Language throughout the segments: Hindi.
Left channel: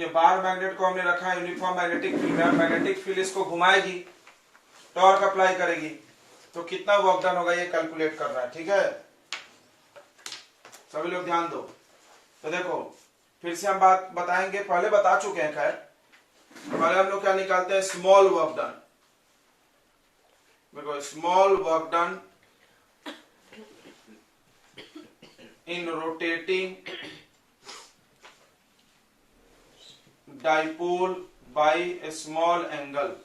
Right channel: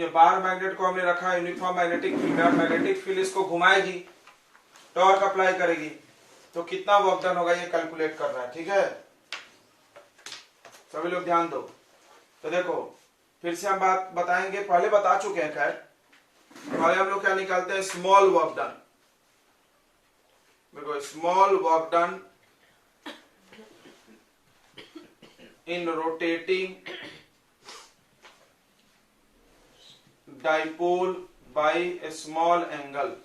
ये बार मैग्नेट को हमने रखा uniform magnetic field, magnetic field इसको घुमाएगी, टॉर्क अप्लाई करेगी, तो कितना वर्क डन होगा ये कैलकुलेट कर रहा है। ठीक है, सभी लोग ध्यान दो। तो देखो फिर से हम बात बताएंगे, पहले बता चुके हैं खैर। पहले हम लोग क्या निकालते हैं, स्मॉल वर्क डन। देखो small work done in rotating dipole by a small angle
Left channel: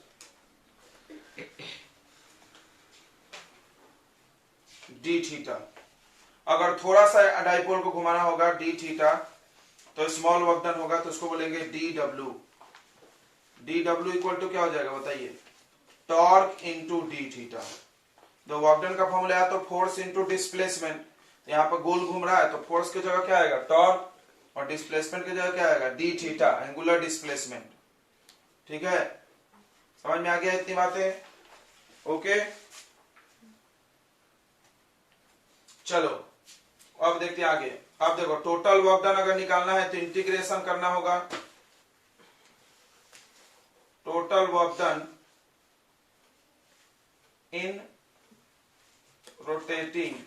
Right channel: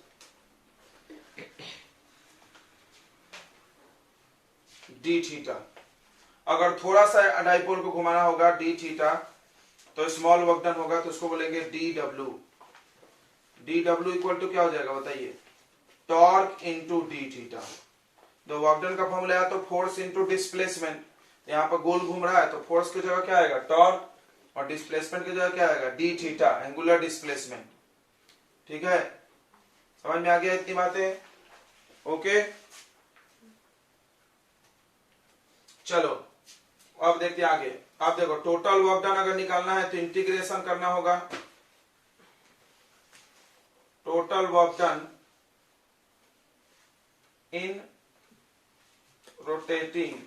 d theta. अगर थोड़ा सा डाइपोल को घुमाना होगा डी थीटा तो स्मॉल वर्क डन होगा, तो उसको बोलेंगे डी डब्ल्यू। डी डब्ल्यू इक्वल टू क्या हो जाएगा बताइए, टॉर्क इंटू डी थीटा। तो वर्क डन का फॉर्मूला है तो फोर्स इंटू डिस्प्लेसमेंट। यहाँ पर गोल घूम रहा है तो फोर्स की जगह क्या आएगा, टॉर्क, और डिस्प्लेसमेंट की जगह क्या आएगा, डी थीटा, एंगुलर डिस्प्लेसमेंट। ठीक है, समझ में आ गया इतनी बातें? ओके, चलो अब देखते हैं आगे। अब देखो टोटल वर्क डन अगर निकालना है तो इंटीग्रेशन करना होगा। Total work done in rotating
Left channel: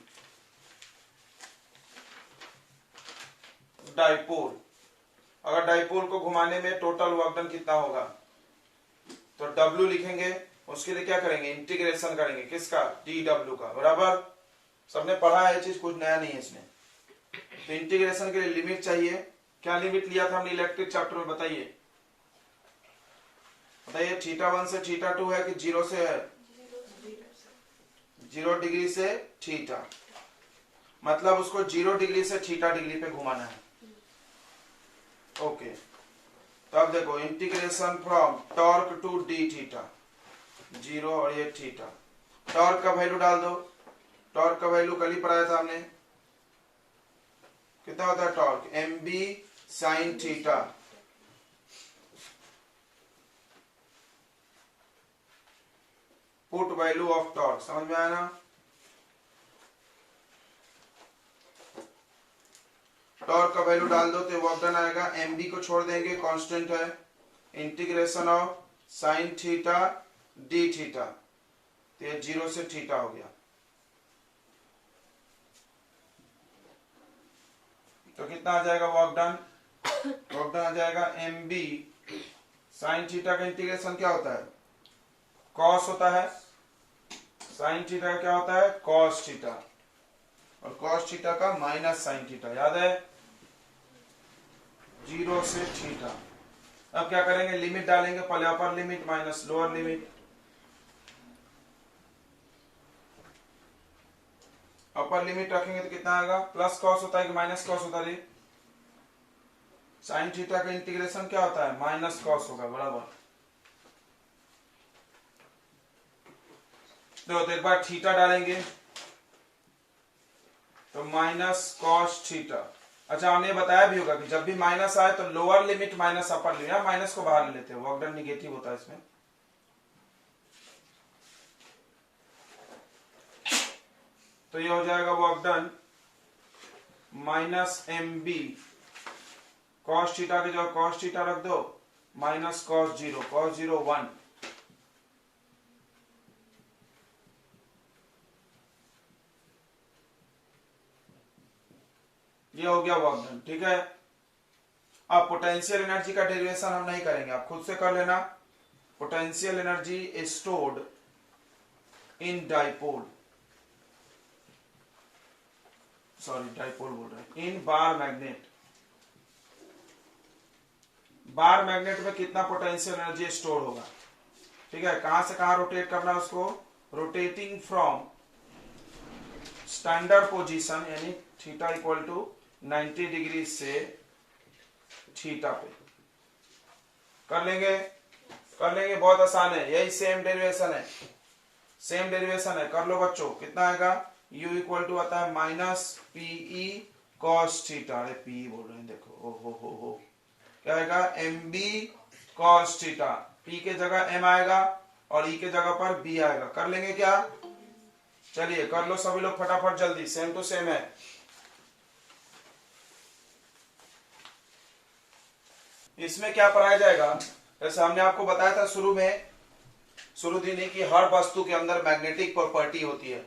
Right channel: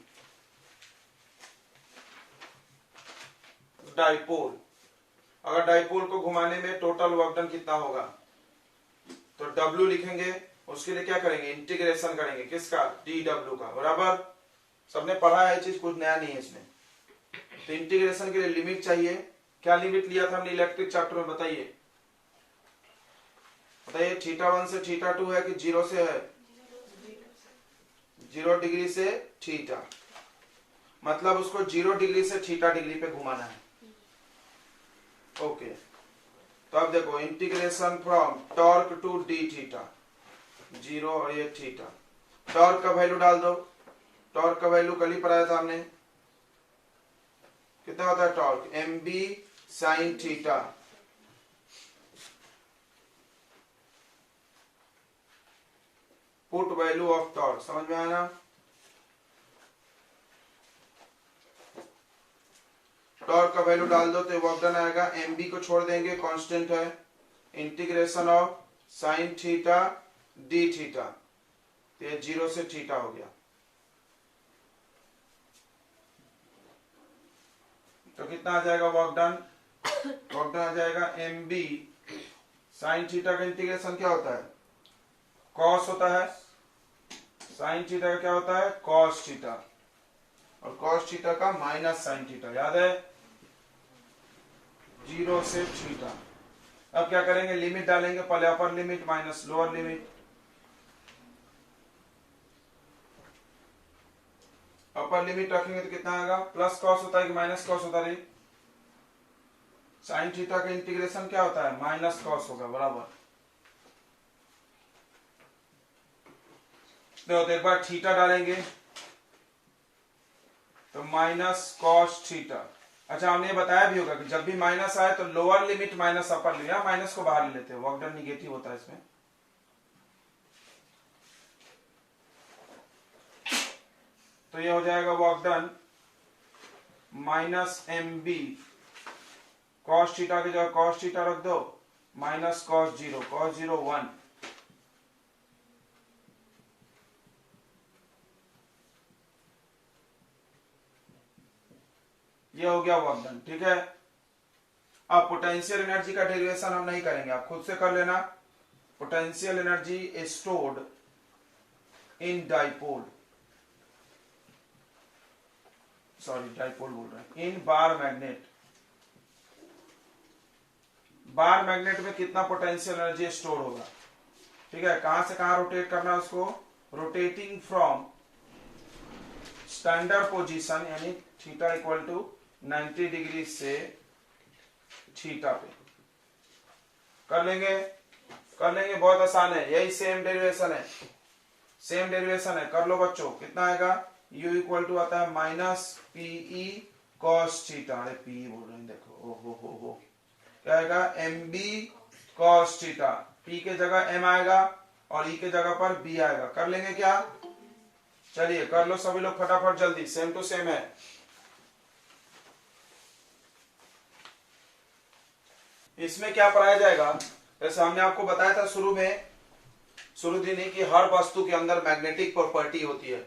dipole. अगर डाइपोल को घुमाने में टोटल वर्क डन कितना होगा, तो W लिखेंगे, उसके लिए क्या करेंगे, इंटीग्रेशन करेंगे, किसका, डी डब्ल्यू का। बराबर, सबने पढ़ा है चीज, कुछ नया नहीं है इसमें। तो इंटीग्रेशन के लिए लिमिट चाहिए। क्या लिमिट लिया था हमने इलेक्ट्रिक चैप्टर में, बताइए बताइए। थीटा 1 से थीटा 2 है कि 0 से है, 0 डिग्री से थीटा, मतलब उसको 0 डिग्री से थीटा डिग्री पे घुमाना है। ओके, तो अब देखो integration from torque to d theta, 0 और ये थीटा। टॉर्क का वैल्यू डाल दो, टॉर्क का वैल्यू कल ही पढ़ाया था हमने, कितना होता है torque, M B sine theta. Put value of torque, समझ में आया ना। टॉर्क का वैल्यू डाल दो तो वर्क डन आएगा, एम बी को छोड़ देंगे, कांस्टेंट है, integration of sine theta D theta, तो ये 0 से थीटा हो गया। तो कितना आ जाएगा वर्क डन, वर्क डन आ जाएगा एम बी साइन थीटा का इंटीग्रेशन क्या होता है, कॉस होता है, साइन थीटा का क्या होता है, कॉस थीटा, और कॉस थीटा का माइनस साइन थीटा, याद है, 0 से थीटा। अब क्या करेंगे, लिमिट डालेंगे, पहले upper limit minus lower limit. Upper limit रखेंगे तो कितना आएगा, प्लस कॉस होता है कि माइनस कॉस होता है, साइन थीटा का इंटीग्रेशन क्या होता है, माइनस कॉस होगा। बराबर, तो एक बार थीटा डालेंगे तो माइनस कॉस थीटा। अच्छा, हमने बताया भी होगा कि जब भी माइनस आए तो lower limit minus upper limit, minus को बाहर ले लेते हैं, वर्क डन निगेटिव होता है इसमें। तो ये हो जाएगा work done minus M B, cos theta की जगह कॉस थीटा रख दो, माइनस कॉस 0, कॉस 0 1, ये हो गया वर्क डन। ठीक है, अब पोटेंशियल एनर्जी का डेरिवेशन हम नहीं करेंगे, आप खुद से कर लेना। Potential energy stored in dipole, sorry dipole बोल रहे हैं, इन बार मैग्नेट। बार मैग्नेट में कितना पोटेंशियल एनर्जी स्टोर होगा, ठीक है, कहां से कहां रोटेट करना है उसको, रोटेटिंग फ्रॉम स्टैंडर्ड पोजीशन यानी थीटा इक्वल टू 90 डिग्री से थीटा पे कर लेंगे, बहुत आसान है, यही सेम डेरिवेशन है, कर लो बच्चों। कितना आएगा, u इक्वल टू आता है माइनस पीई कॉस थीटा, अरे पीई बोल रहे हैं, देखो ओ हो क्या आएगा, M B cos theta, P के जगह एम आएगा और ई के जगह पर बी आएगा। कर लेंगे क्या, चलिए कर लो सभी लोग फटाफट जल्दी, सेम टू सेम है। इसमें क्या पढ़ाया जाएगा, जैसे हमने आपको बताया था शुरू दिन ही कि हर वस्तु के अंदर मैग्नेटिक प्रॉपर्टी होती है।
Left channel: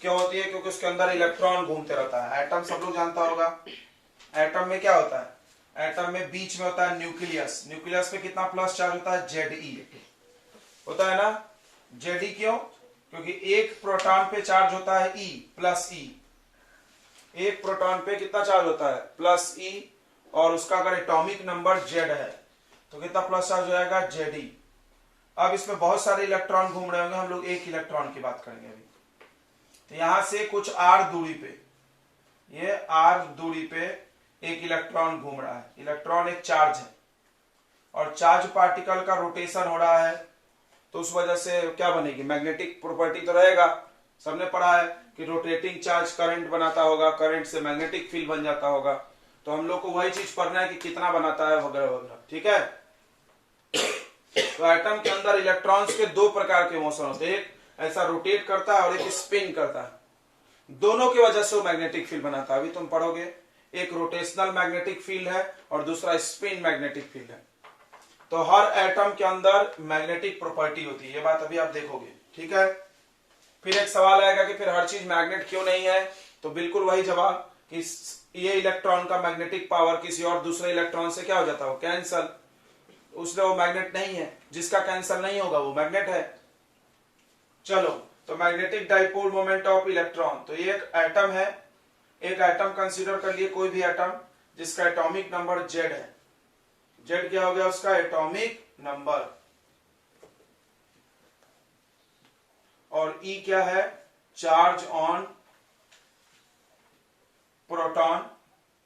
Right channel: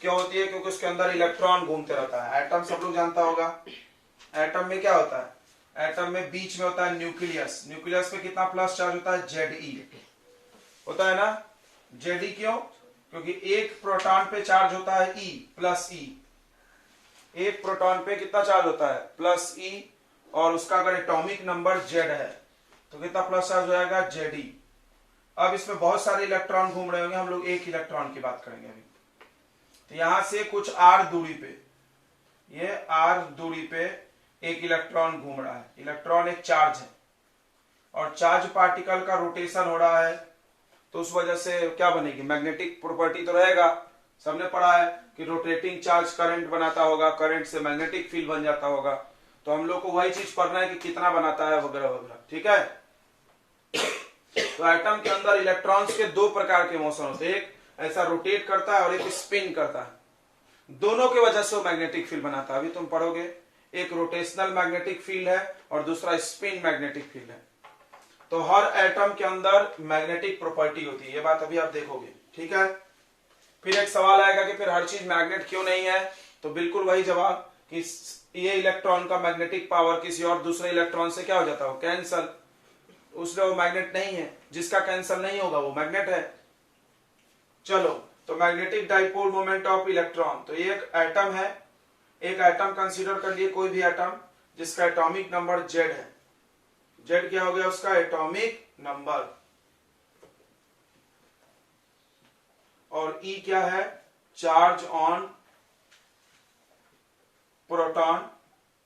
क्यों होती है? क्योंकि उसके अंदर इलेक्ट्रॉन घूमते रहता है। एटम सब लोग जानता होगा। एटम में क्या होता है? एटम में बीच में होता है न्यूक्लियस। न्यूक्लियस पे कितना प्लस चार्ज होता है? Ze होता है ना। Ze क्यों? क्योंकि एक प्रोटॉन पे चार्ज होता है E प्लस E। एक प्रोटॉन पे कितना चार्ज होता है? Plus E। और उसका अगर एटॉमिक नंबर Z है तो कितना प्लस चार्ज हो जाएगा? Ze। अब इसमें बहुत सारे इलेक्ट्रॉन घूम रहे होंगे, हम लोग एक इलेक्ट्रॉन की बात करेंगे अभी। तो यहां से कुछ r दूरी पे, ये r दूरी पे एक इलेक्ट्रॉन घूम रहा है। इलेक्ट्रॉन एक चार्ज है और चार्ज पार्टिकल का रोटेशन हो रहा है, तो उस वजह से क्या बनेगी? मैग्नेटिक प्रॉपर्टी तो रहेगा। सबने पढ़ा है कि रोटेटिंग चार्ज करंट बनाता होगा, करंट से मैग्नेटिक फील्ड बन जाता होगा। तो हम लोग को वही चीज पढ़ना है कि कितना बनाता है वगैरह वगैरह। ठीक है। तो एटम के अंदर इलेक्ट्रॉन्स के दो प्रकार के मोशन होते हैं, एक ऐसा रोटेट करता है और एक स्पिन करता है। दोनों की वजह से वो मैग्नेटिक फील्ड बनाता है। अभी तुम पढ़ोगे, एक रोटेशनल मैग्नेटिक फील्ड है और दूसरा स्पिन मैग्नेटिक फील्ड है। तो हर एटम के अंदर मैग्नेटिक प्रॉपर्टी होती है, ये बात अभी आप देखोगे। ठीक है। फिर एक सवाल आएगा कि फिर हर चीज मैग्नेट क्यों नहीं है? तो बिल्कुल वही जवाब कि ये इलेक्ट्रॉन का मैग्नेटिक पावर किसी और दूसरे इलेक्ट्रॉन से क्या हो जाता है? कैंसल। उसलिए वो मैग्नेट नहीं है। जिसका कैंसल नहीं होगा वो मैग्नेट है। चलो, तो magnetic dipole moment of electron, तो ये एक एटम है। एक एटम कंसीडर कर लिए, कोई भी एटम जिसका एटॉमिक नंबर Z है। Z क्या हो गया? उसका एटॉमिक नंबर। और E क्या है? चार्ज ऑन प्रोटॉन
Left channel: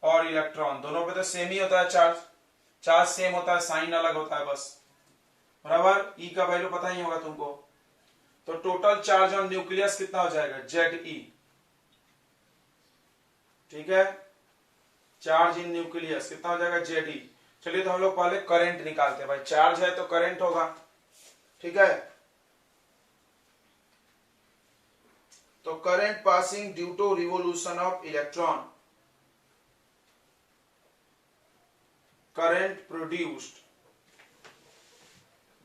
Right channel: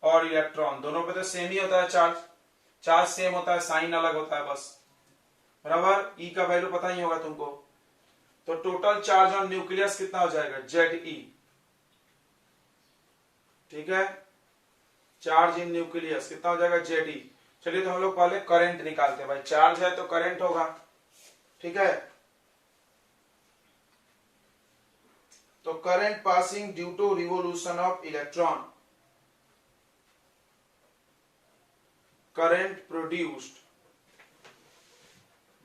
और इलेक्ट्रॉन। दोनों पे तो सेम ही होता है चार्ज। चार्ज सेम होता है, साइन अलग होता है बस। बराबर। E का वैल्यू पता ही होगा तुमको। तो टोटल चार्ज ऑन न्यूक्लियस कितना हो जाएगा? Ze। ठीक है। चार्ज इन न्यूक्लियस कितना हो जाएगा? Ze। चलिए, तो हम लोग पहले करंट निकालते हैं। भाई चार्ज है तो करंट होगा। ठीक है। तो current passing due to revolution of electron, current produced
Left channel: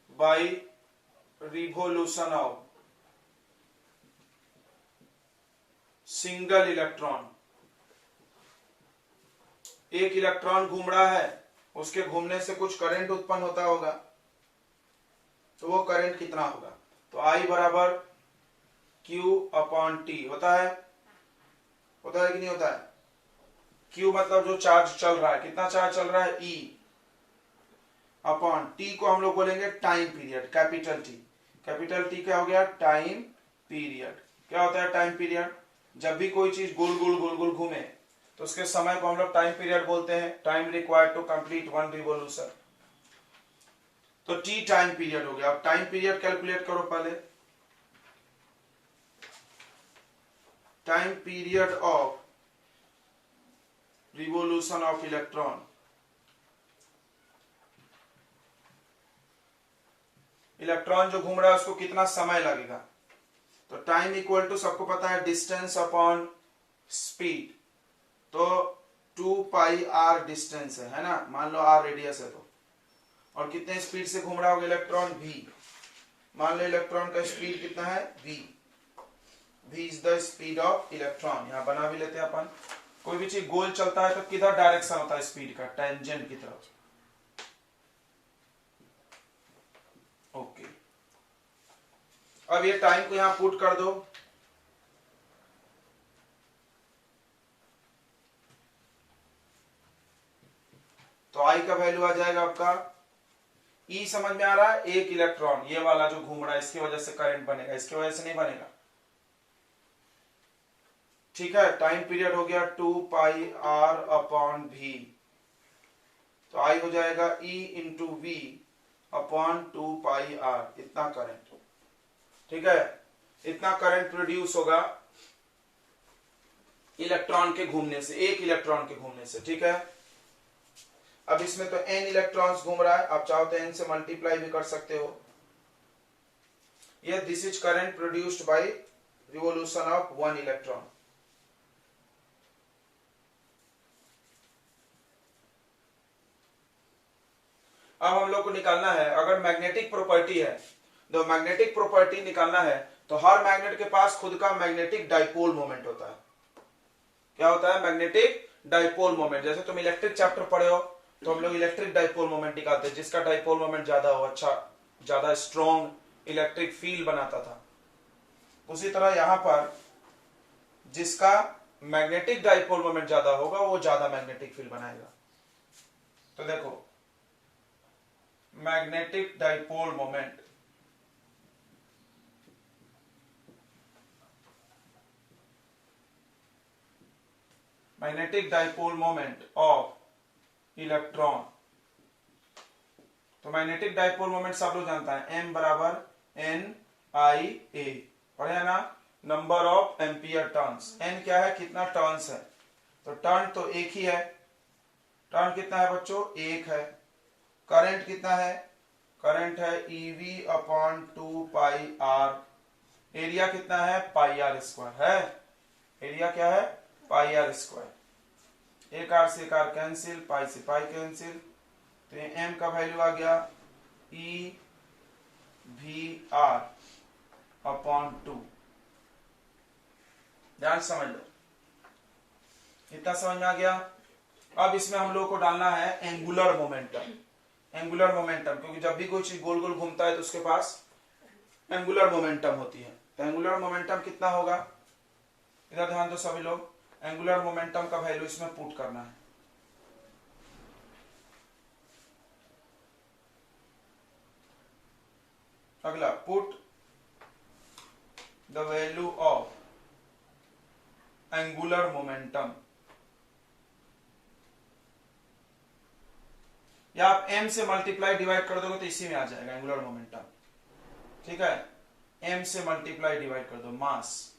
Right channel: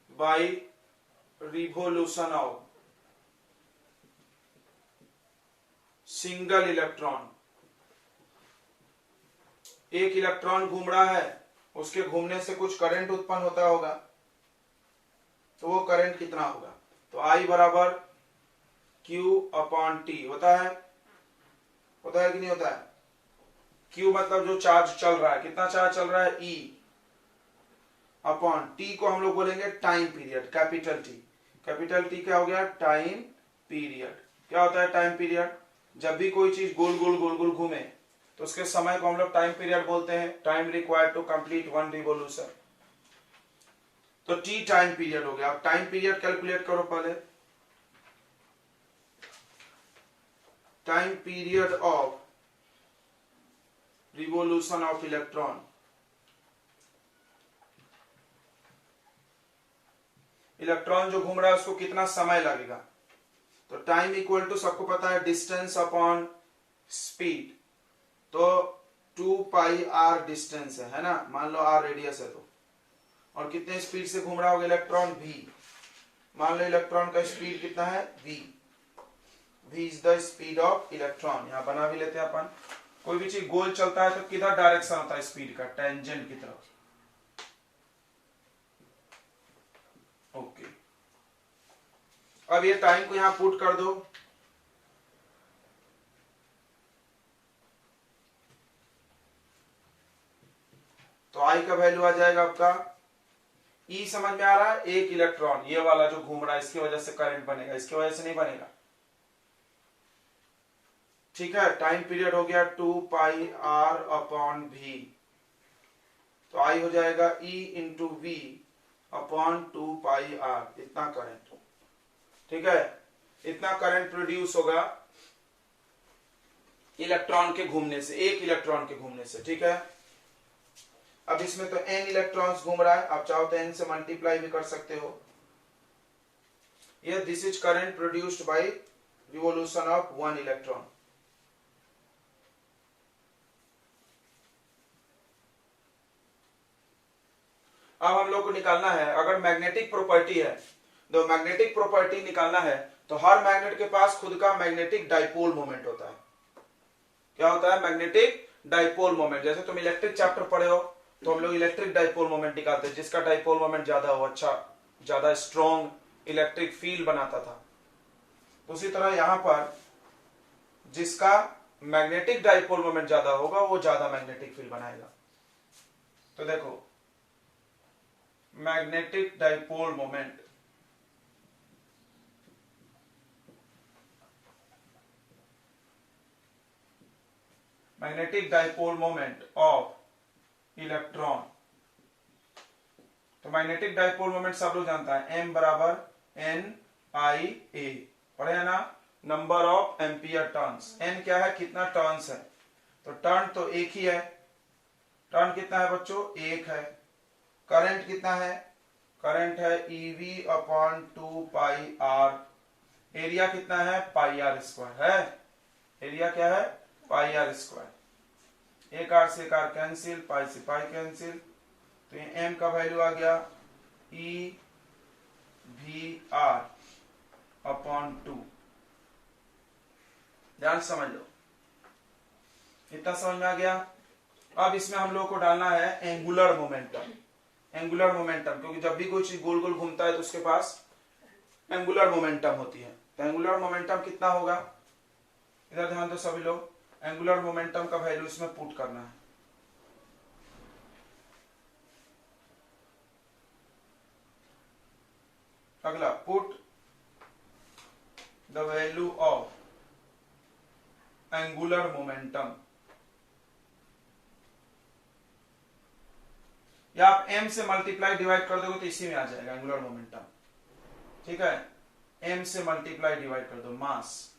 by revolution of single electron. एक इलेक्ट्रॉन घूम रहा है, उसके घूमने से कुछ करंट उत्पन्न होता होगा, तो वो करंट कितना होगा? तो I बराबर Q/T होता है कि नहीं होता है? Q मतलब जो चार्ज चल रहा है, कितना चार्ज चल रहा है? E अपॉन T को हम लोग बोलेंगे time period, capital T। Capital T क्या हो गया? Time period. क्या होता है टाइम पीरियड? जब भी कोई चीज गोल गोल गोल गोल घूमे तो उसके समय को हम लोग टाइम पीरियड बोलते हैं। Time required to complete one revolution. तो T टाइम पीरियड हो गया। अब टाइम पीरियड कैलकुलेट करो पहले। Time period of revolution of electron, electron जो घूम रहा है उसको कितना समय लगेगा? तो टाइम इक्वल टू, सबको पता है, डिस्टेंस अपॉन स्पीड। तो 2πr डिस्टेंस है ना। मान लो r रेडियस है तो, और कितने स्पीड से घूम रहा होगा इलेक्ट्रॉन? v। मान लो इलेक्ट्रॉन का स्पीड कितना है? v। v is the speed of electron. यहां बना भी लेते हैं अपन। कोई भी चीज गोल चलता है तो किधर डायरेक्शन होता है स्पीड का? टेंजेंट की तरफ। ओके। अब ये टाइम को यहां पुट कर दो। तो I का वैल्यू आ जाएगा आपका, E समझ में आ रहा है? एक इलेक्ट्रॉन ये वाला जो घूम रहा है, इसकी वजह से करंट बनेगा, इसकी वजह से नहीं बनेगा। ठीक है। टाइम पीरियड हो गया 2πr/v। तो I हो जाएगा E into V upon 2πr। इतना करंट। ठीक है। इतना करंट प्रोड्यूस होगा इलेक्ट्रॉन के घूमने से, एक इलेक्ट्रॉन के घूमने से। ठीक है। अब इसमें तो n इलेक्ट्रॉन्स घूम रहा है, आप चाहो तो n से मल्टीप्लाई भी कर सकते हो। ये this is current produced by revolution of one electron. अब हम लोग को निकालना है, अगर मैग्नेटिक प्रॉपर्टी है तो मैग्नेटिक प्रॉपर्टी निकालना है तो हर मैग्नेट के पास खुद का मैग्नेटिक डाइपोल मोमेंट होता है। क्या होता है? Magnetic dipole moment. जैसे तुम इलेक्ट्रिक चैप्टर पढ़े हो तो हम लोग इलेक्ट्रिक डाइपोल मोमेंट निकालते हैं, जिसका डाइपोल मोमेंट ज्यादा हो, अच्छा ज्यादा स्ट्रॉन्ग इलेक्ट्रिक फील्ड बनाता था। उसी तरह यहां पर जिसका मैग्नेटिक डाइपोल मोमेंट ज्यादा होगा वो ज्यादा मैग्नेटिक फील्ड बनाएगा। तो देखो magnetic dipole moment, magnetic dipole moment of electron. तो मैग्नेटिक डाइपोल मोमेंट सब लोग जानता है, m बराबर n i a, पढ़े है ना? Number of ampere turns. n क्या है? कितना टर्न्स है। तो टर्न तो एक ही है। टर्न कितना है बच्चों? एक है। करंट कितना है? करंट है EV अपॉन 2 पाई r। एरिया कितना है? पाई r स्क्वायर है। एरिया क्या है? पाई r स्क्वायर। एक r से एक r कैंसिल, पाई से पाई कैंसिल, तो ये m का वैल्यू आ गया EVR अपॉन 2। ध्यान समझ लो, इतना समझ में आ गया। अब इसमें हम लोग को डालना है एंगुलर मोमेंटम। एंगुलर मोमेंटम, क्योंकि जब भी कोई चीज गोल गोल घूमता है तो उसके पास एंगुलर मोमेंटम होती है। तो एंगुलर मोमेंटम कितना होगा? इधर ध्यान दो सभी लोग, एंगुलर मोमेंटम का वैल्यू इसमें पुट करना है। अगला, put the value of angular momentum, या आप m से मल्टीप्लाई डिवाइड कर दोगे तो इसी में आ जाएगा एंगुलर मोमेंटम। ठीक है, m से मल्टीप्लाई डिवाइड कर दो मास,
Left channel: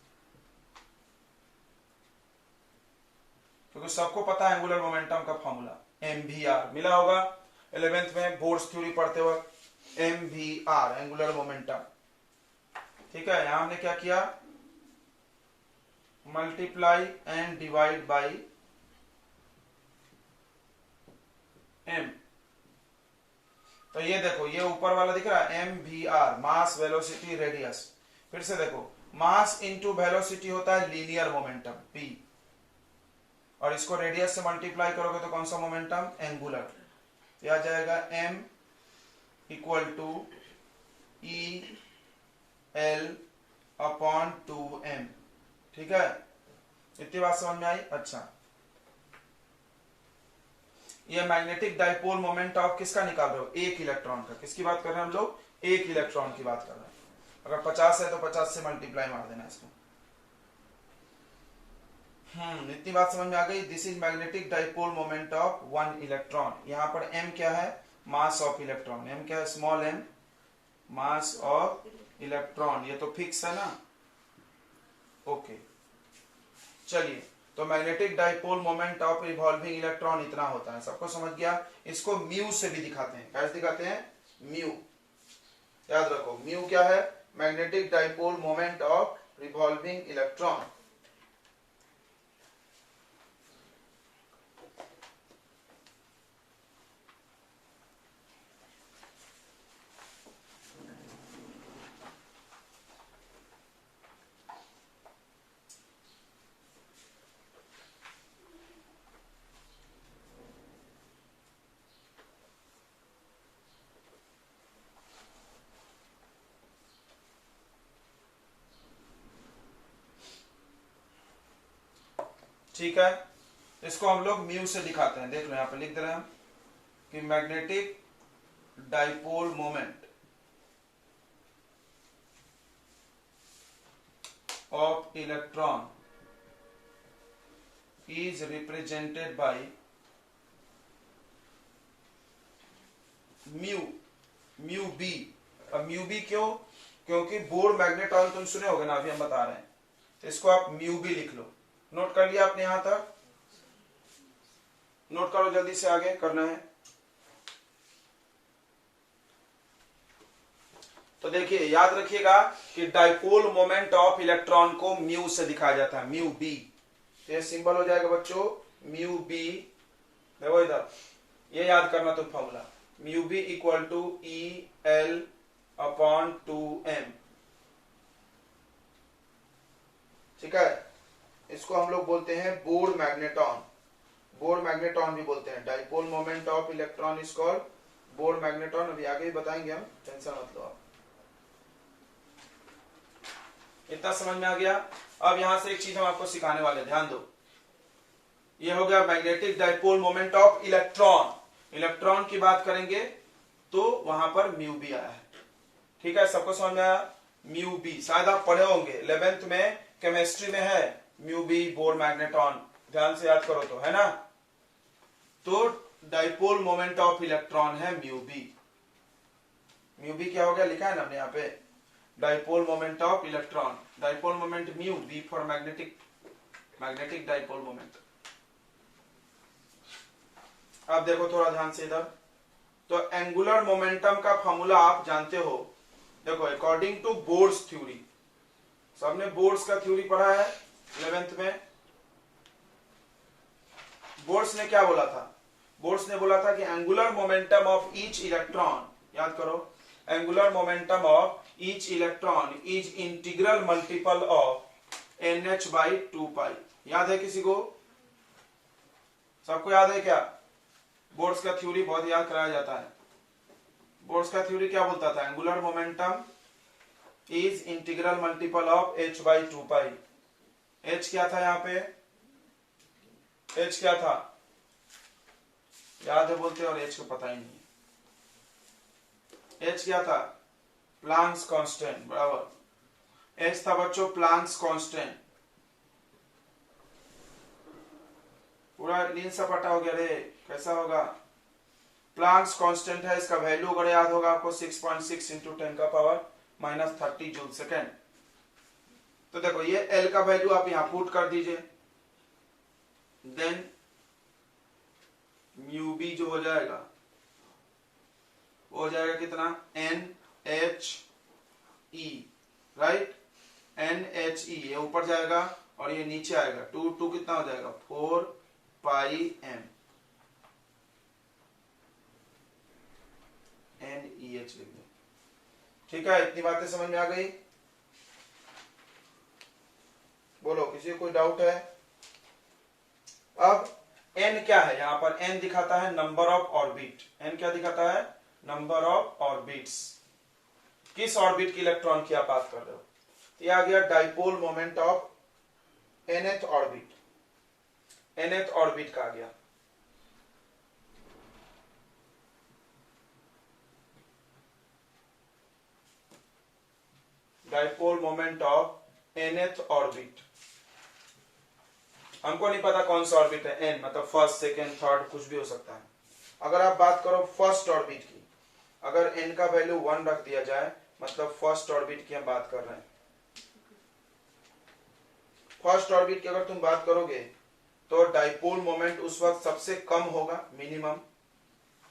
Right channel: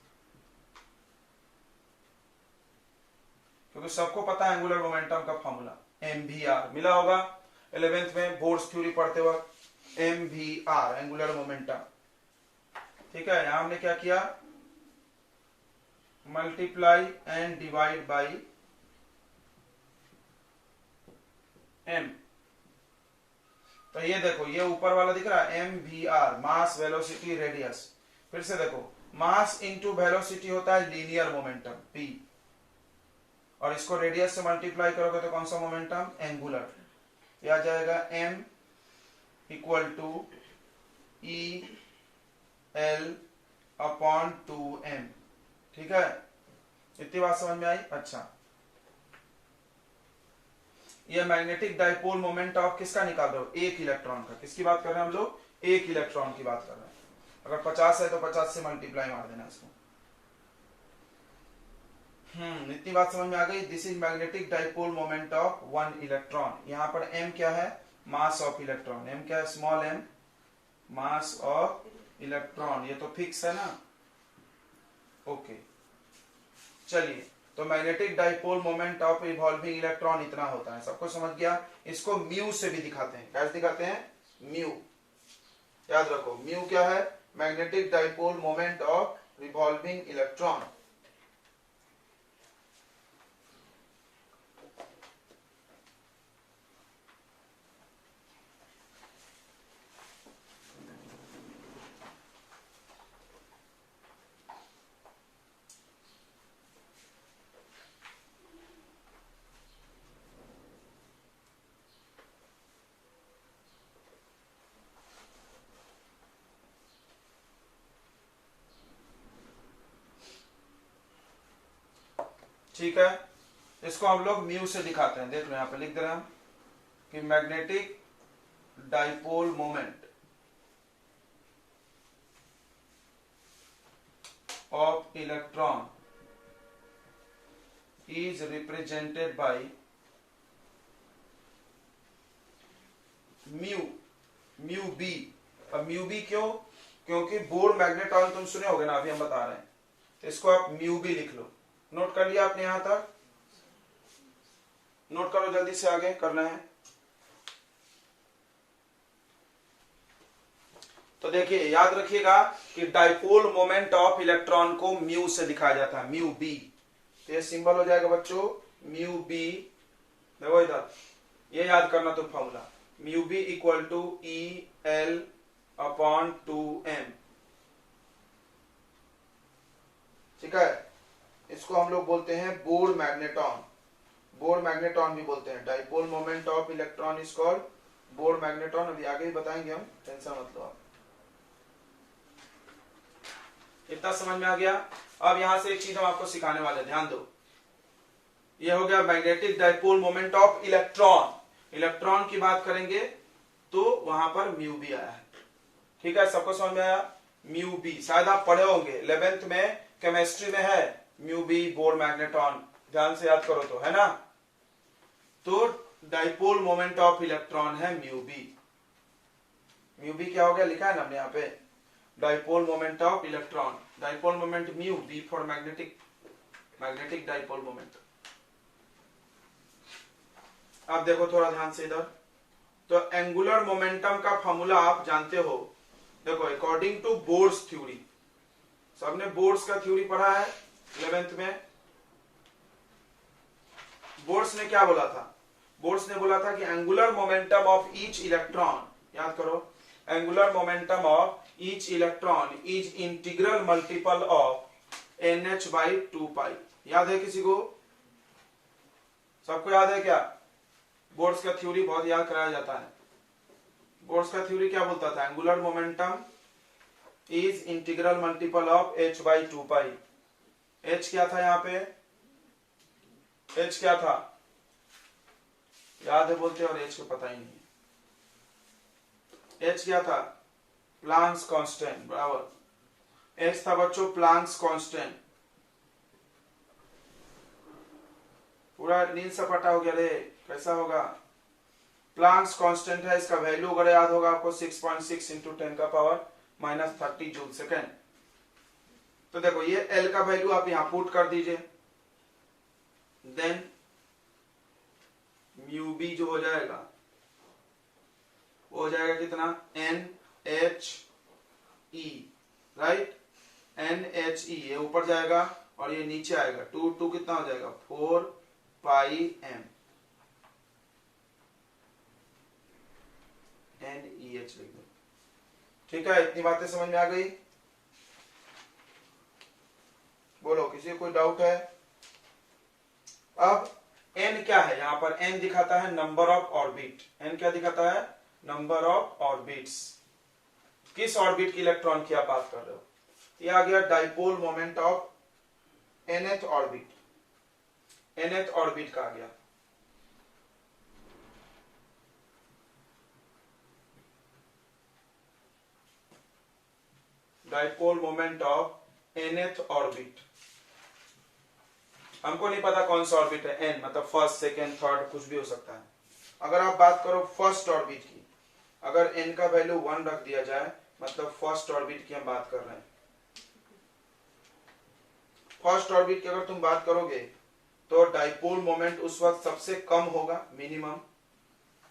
क्योंकि सबको पता है एंगुलर मोमेंटम का फॉर्मूला mvr, मिला होगा 11th में बोर्ड्स थ्योरी पढ़ते वक्त, mvr एंगुलर मोमेंटम। ठीक है, यहां हमने क्या किया? Multiply and divide by m। तो ये देखो, ये ऊपर वाला दिख रहा है mvr, मास वेलोसिटी रेडियस। फिर से देखो, मास इंटू वेलोसिटी होता है लीनियर मोमेंटम p, और इसको रेडियस से मल्टीप्लाई करोगे तो कौन सा मोमेंटम? एंगुलर। ये आ जाएगा m equal to e l upon 2m। ठीक है, इतनी बात समझ में आई? अच्छा, ये मैग्नेटिक डाइपोल मोमेंट ऑफ किसका निकाल रहे हो? एक इलेक्ट्रॉन का। किसकी बात कर रहे हैं हम लोग? एक इलेक्ट्रॉन की बात कर रहे हैं। अगर 50 है तो 50 से मल्टीप्लाई मार देना इसको। इतनी बात समझ में आ गई। This is magnetic dipole moment of one electron. यहां पर m क्या है? Mass of electron. m क्या है? Small m, mass of electron. ये तो फिक्स है ना? ओके, चलिए, तो magnetic dipole moment of revolving electron इतना होता है, सबको समझ गया। इसको म्यू से भी दिखाते हैं। कैसे दिखाते हैं? म्यू, याद रखो, म्यू क्या है? Magnetic dipole moment of revolving electron. ठीक है, इसको हम लोग म्यू से दिखाते हैं। देख लो, यहां पे लिख दे रहे हैं हम कि magnetic dipole moment of electron is represented by mu, mu B. अब म्यू बी क्यों? क्योंकि बोर्ड मैग्नेट ऑयल तुम सुने होगे ना, अभी हम बता रहे हैं। तो इसको आप म्यू बी लिख लो। नोट कर लिया आपने? यहां तक नोट करो, जल्दी से आगे करना है। तो देखिए, याद रखिएगा कि डाइपोल मोमेंट ऑफ इलेक्ट्रॉन को म्यू से दिखाया जाता है, म्यू बी। तो ये सिंबल हो जाएगा बच्चों म्यू बी। देखो इधर, ये याद करना तो formula. Mu B equal to E L upon 2m। ठीक है, इसको हम लोग बोलते हैं बोर मैग्नेटॉन। बोर मैग्नेटॉन भी बोलते हैं। Dipole moment of electron is called bore magneton. अभी आगे भी बताएंगे हम, टेंशन मत लो आप। इतना समझ में आ गया। अब यहां से एक चीज हम आपको सिखाने वाले, ध्यान दो। ये हो गया magnetic dipole moment of electron. Electron की बात करेंगे तो वहां पर म्यू बी आया है। ठीक है, सबको समझ में आया? म्यू बी शायद आप पढ़े होंगे 11th में, केमिस्ट्री में है म्यू बी बोर मैग्नेटॉन। ध्यान से याद करो तो, है ना? तो डाइपोल मोमेंट ऑफ इलेक्ट्रॉन है म्यू बी। म्यू बी क्या हो गया, लिखा है ना हमने यहाँ पे, dipole moment of electron. Dipole moment mu, B for magnetic, magnetic dipole moment. अब देखो थोड़ा ध्यान से इधर। तो एंगुलर मोमेंटम का फॉर्मूला आप जानते हो। देखो अकॉर्डिंग टू बोर्स थ्योरी, सबने बोर्स का थ्योरी पढ़ा है 11th में। बोर्स ने क्या बोला था? बोर्स ने बोला था कि angular momentum of each electron, याद करो, angular momentum of each electron is integral multiple of NH/2π। याद है किसी को? सबको याद है क्या? बोर्स का थ्योरी बहुत याद कराया जाता है। बोर्स का थ्योरी क्या बोलता था? Angular momentum is integral multiple of H/2π। H क्या था यहाँ पे? H क्या था? याद है बोलते और H को पता ही नहीं। H क्या था? प्लांक्स कांस्टेंट, बराबर। H था बच्चों प्लांक्स कांस्टेंट। पूरा नींद सपाटा हो गया रे, कैसा होगा? प्लांक्स कांस्टेंट है, इसका वैल्यू अगर याद होगा आपको 6.6 इंटू 10⁻³ जूल सेकेंड। तो देखो ये L का वैल्यू आप यहां पुट कर दीजिए, देन म्यू बी जो हो जाएगा वो हो जाएगा कितना? NHE, right? NHE ये ऊपर जाएगा और ये नीचे आएगा। 2 कितना हो जाएगा? 4πm NEH लिख दो। ठीक है, इतनी बातें समझ में आ गई? बोलो, किसी को कोई डाउट है? अब n क्या है? यहां पर n दिखाता है नंबर ऑफ ऑर्बिट। n क्या दिखाता है? Number of orbits. किस ऑर्बिट की इलेक्ट्रॉन की आप बात कर रहे हो? ये आ गया dipole moment of nth orbit. nth orbit का आ गया। Dipole moment of nth orbit. हमको नहीं पता कौन सा ऑर्बिट है, n मतलब फर्स्ट, सेकेंड, थर्ड, कुछ भी हो सकता है। अगर आप बात करो फर्स्ट ऑर्बिट की, अगर n का वैल्यू 1 रख दिया जाए, मतलब फर्स्ट ऑर्बिट की हम बात कर रहे हैं। फर्स्ट ऑर्बिट की अगर तुम बात करोगे तो डाइपोल मोमेंट उस वक्त सबसे कम होगा, मिनिमम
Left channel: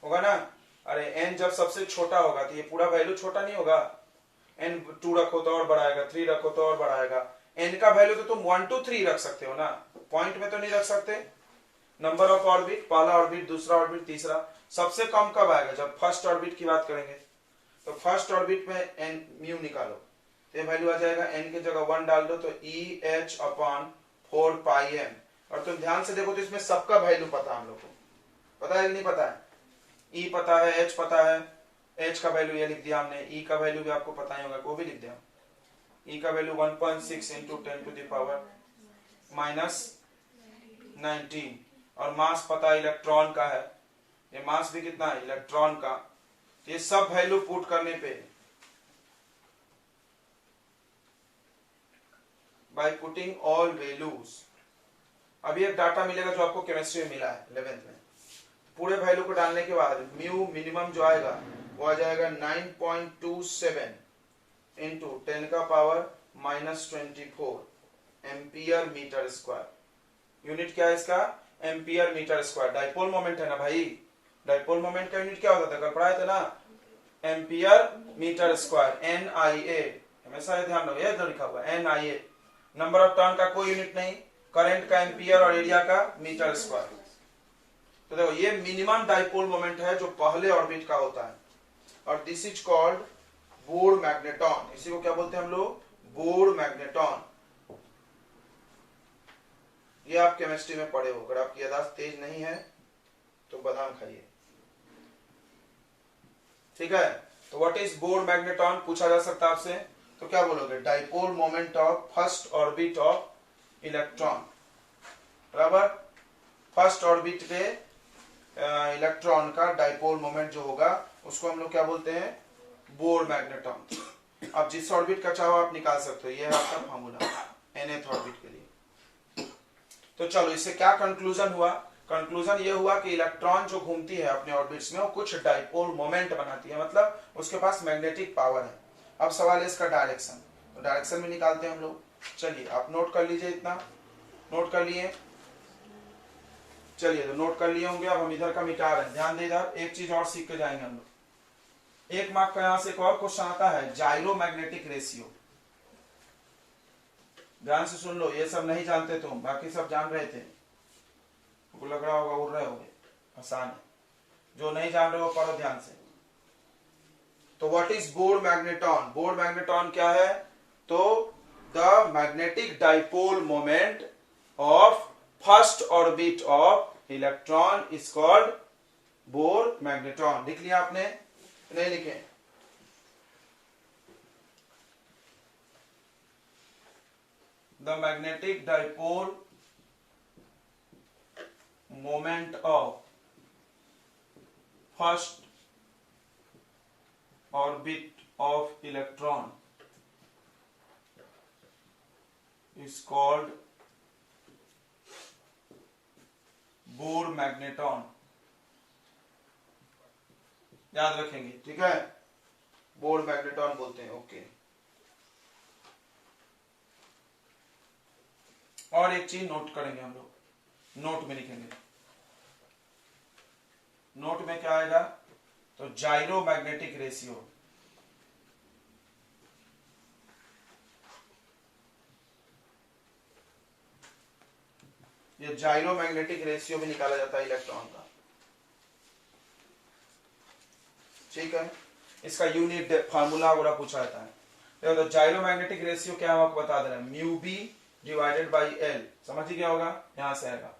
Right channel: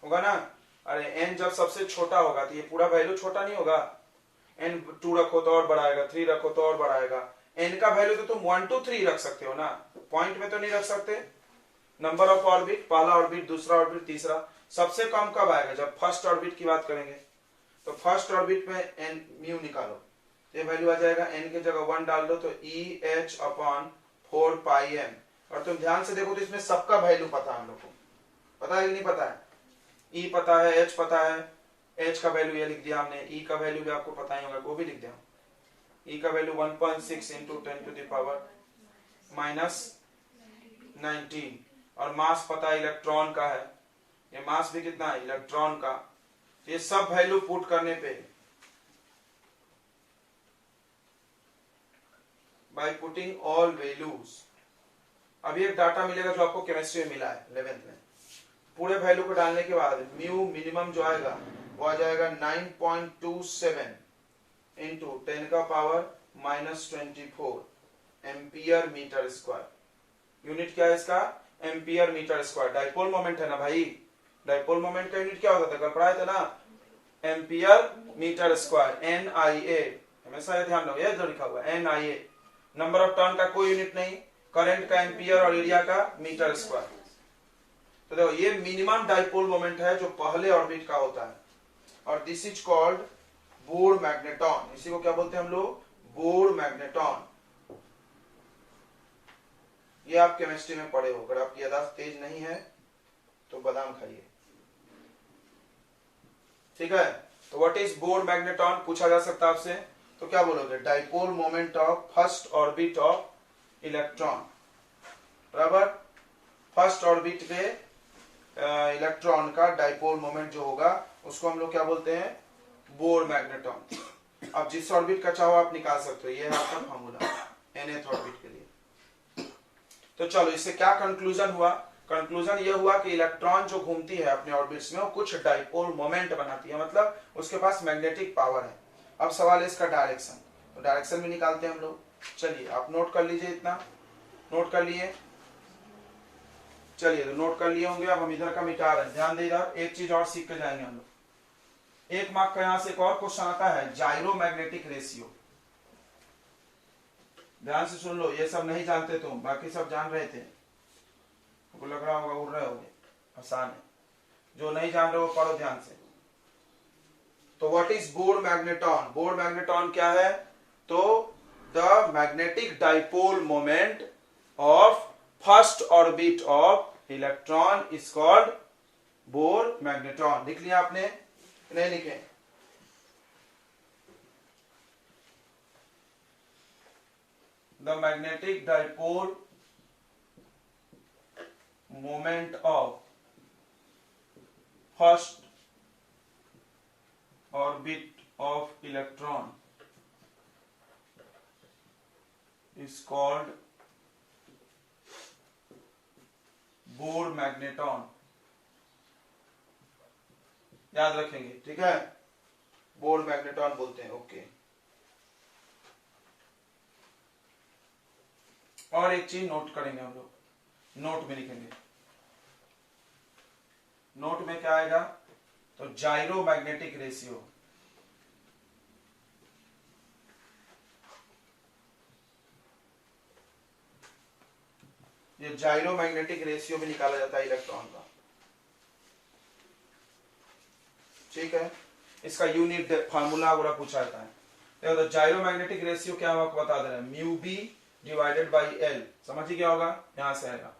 होगा ना। अरे n जब सबसे छोटा होगा तो ये पूरा वैल्यू छोटा नहीं होगा। n 2 रखो तो और बढ़ाएगा, 3 रखो तो और बढ़ाएगा। n का वैल्यू तो तुम 1 to 3 रख सकते हो ना, पॉइंट में तो नहीं रख सकते। नंबर ऑफ ऑर्बिट, पहला ऑर्बिट, दूसरा ऑर्बिट, तीसरा। सबसे कम कब आएगा? जब फर्स्ट ऑर्बिट की बात करेंगे। तो फर्स्ट ऑर्बिट में n म्यू निकालो, ये वैल्यू आ जाएगा। n की जगह 1 डाल दो तो EH/4πm। और तुम ध्यान से देखो तो इसमें सबका वैल्यू पता है हम लोग को, पता है कि नहीं पता है? E पता है, H पता है, H का वैल्यू ये लिख दिया हमने, E का वैल्यू भी आपको पता ही होगा, वो भी लिख दिया। E का वैल्यू 1.6 इंटू 10⁻⁻19 और मास पता इलेक्ट्रॉन का है, ये मास भी कितना है इलेक्ट्रॉन का। ये सब वैल्यू पुट करने पे, बाय पुटिंग ऑल वैल्यूज। अभी एक डाटा मिलेगा जो आपको केमिस्ट्री में मिला है 11th में। पूरे वैल्यू को डालने के बाद म्यू मिनिमम जो आएगा वो आ जाएगा 9.27 into 10⁻⁻24 ampere metre square. Unit क्या है इसका? Ampere metre square. Dipole moment है ना भाई, डाइपोल मोमेंट का यूनिट क्या होता था? कल पढ़ाए थे ना, एम्पियर मीटर स्क्वायर, NIA। हमेशा ये ध्यान रखो, ये जो लिखा हुआ है NIA। नंबर ऑफ टर्न का कोई यूनिट नहीं, करंट का एम्पियर और एरिया का मीटर स्क्वायर। तो देखो ये मिनिमम डाइपोल मोमेंट है जो पहले ऑर्बिट का होता है, और this is called bore magneton. इसी को क्या बोलते हैं हम लोग? Bore magneton. ये आप केमिस्ट्री में पढ़े हो, अगर आपकी याददाश्त तेज नहीं है तो बादाम खाइए, ठीक है। तो व्हाट इज बोर मैग्नेटॉन पूछा जा सकता है आपसे, तो क्या बोलोगे? Dipole moment of first orbit of electron, बराबर। फर्स्ट ऑर्बिट पे इलेक्ट्रॉन का डाइपोल मोमेंट जो होगा उसको हम लोग क्या बोलते हैं? Bore magneton. अब जिस ऑर्बिट का चाहो आप निकाल सकते हो, ये है आपका फार्मूला nth ऑर्बिट के लिए। तो चलो इससे क्या कंक्लूजन हुआ? कंक्लूजन ये हुआ कि इलेक्ट्रॉन जो घूमती है अपने ऑर्बिट्स में वो कुछ डाइपोल मोमेंट बनाती है, मतलब उसके पास मैग्नेटिक पावर है। अब सवाल है इसका डायरेक्शन, तो डायरेक्शन भी निकालते हैं हम लोग। चलिए आप नोट कर लीजिए, इतना नोट कर लिए। चलिए तो नोट कर लिए होंगे, अब हम इधर का मिटा रहे हैं। ध्यान दे, इधर एक चीज और सीख के जाएंगे हम लोग। एक मार्क का यहां से एक और क्वेश्चन आता है, जाइरो मैग्नेटिक रेशियो। ध्यान से सुन लो, ये सब नहीं जानते तुम, बाकी सब जान रहे थे, आपको लग रहा होगा उड़ रहे होंगे, आसान है। जो नहीं जान रहे हो पढ़ो ध्यान से। तो what is bore magneton? Bore magneton क्या है? तो the magnetic dipole moment of first orbit of electron is called bore magneton. लिख लिया आपने? नहीं लिखे? The magnetic dipole moment of first orbit of electron is called bore magneton. याद रखेंगे, ठीक है? बोर मैग्नेटॉन बोलते हैं, ओके। और एक चीज नोट करेंगे हम लोग, नोट में लिखेंगे। नोट में क्या आएगा? तो जाइरो मैग्नेटिक रेशियो। ये जाइरो मैग्नेटिक रेशियो भी निकाला जाता है इलेक्ट्रॉन का, ठीक है। इसका यूनिट फार्मूला वगैरह पूछा जाता है। देखो तो जाइरो मैग्नेटिक रेशियो क्या होगा आपको बता दे रहे हैं, mu B divided by L. समझिए क्या होगा? यहां से आएगा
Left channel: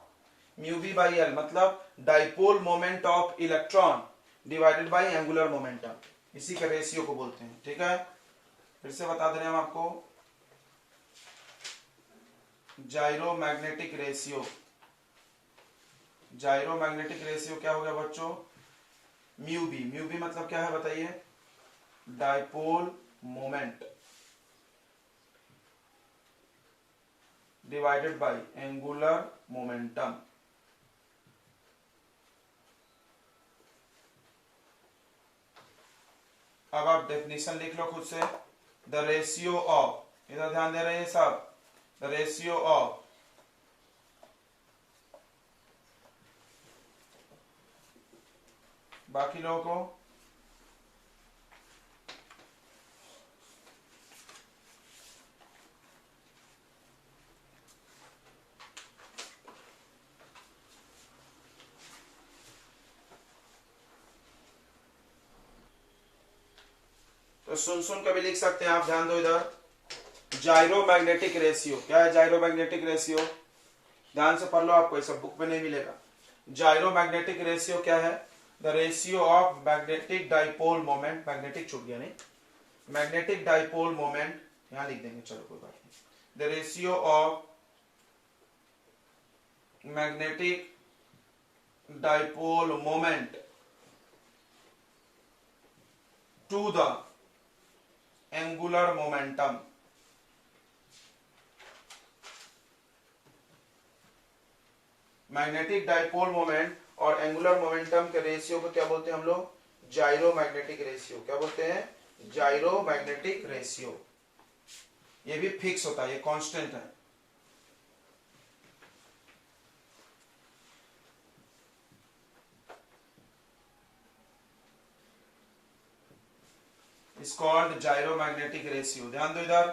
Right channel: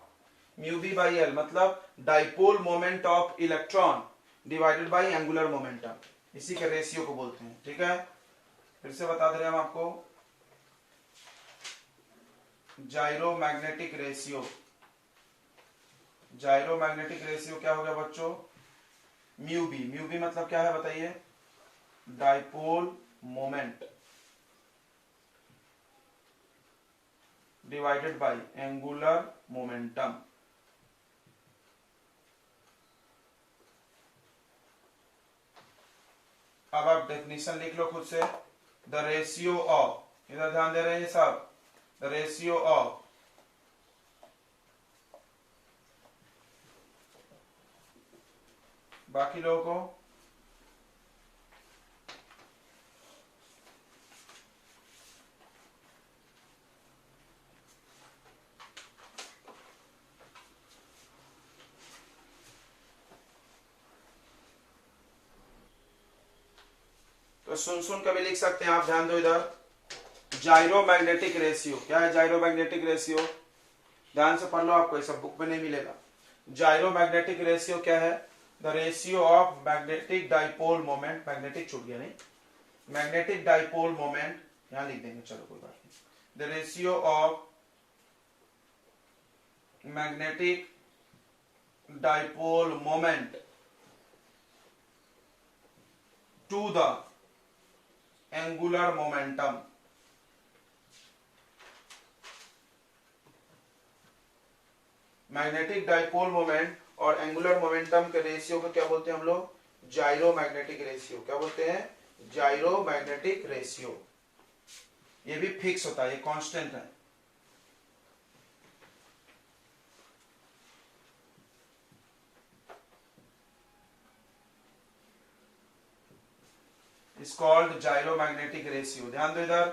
म्यू बी बाई एल, मतलब dipole moment of electron divided by angular momentum, इसी के रेशियो को बोलते हैं, ठीक है। फिर से बता दे रहे हैं हम आपको, जाइरो मैग्नेटिक रेशियो। जाइरो मैग्नेटिक रेशियो क्या हो गया बच्चों? Mu B. म्यू बी मतलब क्या है बताइए? Dipole moment divided by angular momentum. अब आप डेफिनेशन लिख लो खुद से। द रेशियो ऑफ, इधर ध्यान दे रहे हैं सब, द रेशियो ऑफ बाकी लोगों को तो सुन सुन कभी लिख सकते हैं आप, ध्यान दो इधर। जाइरो मैग्नेटिक रेशियो क्या है? जाइरो मैग्नेटिक रेशियो ध्यान से पढ़ लो, आपको ये सब बुक में नहीं मिलेगा। जाइरो मैग्नेटिक रेशियो क्या है? The ratio of magnetic dipole moment, magnetic छूट गया नहीं, मैग्नेटिक डाइपोल मोमेंट यहां लिख देंगे, चलो कोई बात नहीं। The ratio of magnetic dipole moment to the angular momentum. Magnetic dipole moment और एंगुलर मोमेंटम के रेशियो को क्या बोलते हैं हम लोग? Gyromagnetic ratio. क्या बोलते हैं? Gyromagnetic ratio. ये भी फिक्स होता है, ये कांस्टेंट है। Is called gyromagnetic ratio. ध्यान दो इधर,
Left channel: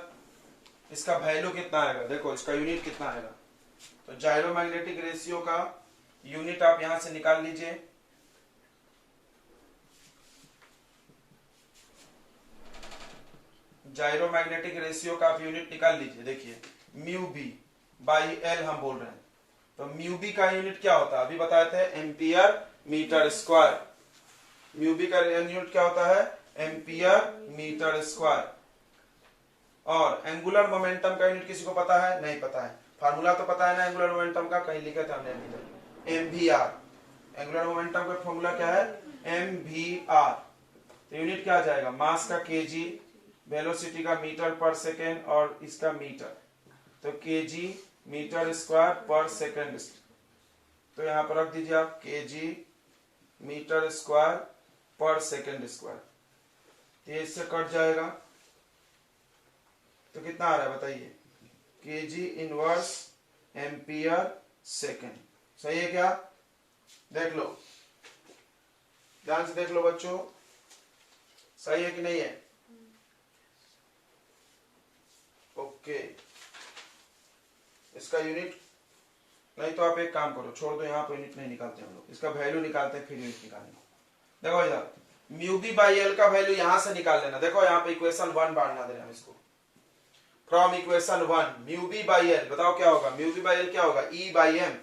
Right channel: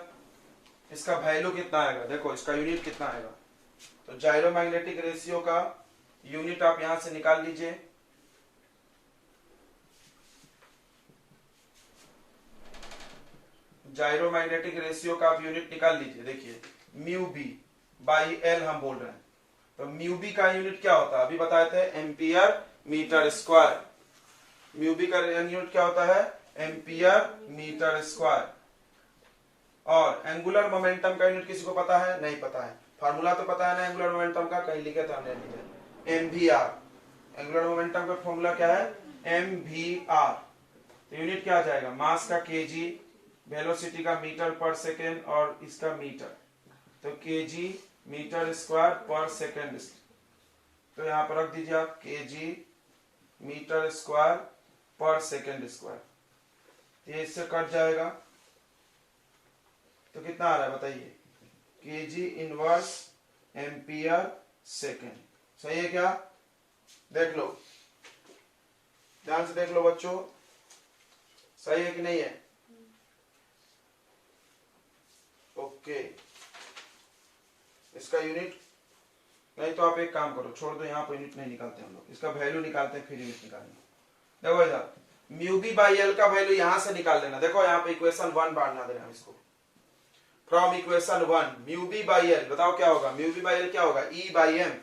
इसका वैल्यू कितना आएगा? देखो इसका यूनिट कितना आएगा। तो जाइरो मैग्नेटिक रेशियो का यूनिट आप यहां से निकाल लीजिए। जायरोमैग्नेटिक रेशियो का आप यूनिट निकाल लीजिए। देखिए म्यू बी बाई एल हम बोल रहे हैं, तो म्यू बी का यूनिट क्या होता है, अभी बताए थे ampere metre square. Mu B का यूनिट क्या होता है, एम्पियर मीटर स्क्वायर। और एंगुलर मोमेंटम का यूनिट किसी को पता है, नहीं पता है, फार्मूला तो पता है ना एंगुलर मोमेंटम का, कहीं लिखे था हमने, M V R. Angular momentum का फॉर्मूला क्या है, एम वी आर। यूनिट क्या आ जाएगा, मास का केजी, वेलोसिटी का मीटर पर सेकेंड और इसका मीटर, तो केजी मीटर स्क्वायर पर सेकेंड। तो यहां पर रख दीजिए आप केजी मीटर स्क्वायर पर सेकेंड स्क्वायर। ये इससे कट जाएगा तो कितना आ रहा है बताइए, केजी इनवर्स एम्पियर सेकेंड। सही है क्या, देख लो, ध्यान से देख लो बच्चों, सही है कि नहीं है। ओके, इसका यूनिट नहीं तो आप एक काम करो, छोड़ दो, यहाँ पे यूनिट नहीं निकालते हम लोग, इसका वैल्यू निकालते हैं फिर यूनिट निकालेंगे। देखो इधर म्यू बी बाई एल का वैल्यू यहां से निकाल लेना। देखो यहाँ पे इक्वेशन 1 बांटना देना इसको, from equation 1 mu B by L, बताओ क्या होगा, म्यू बी बाई एल क्या होगा, E by M,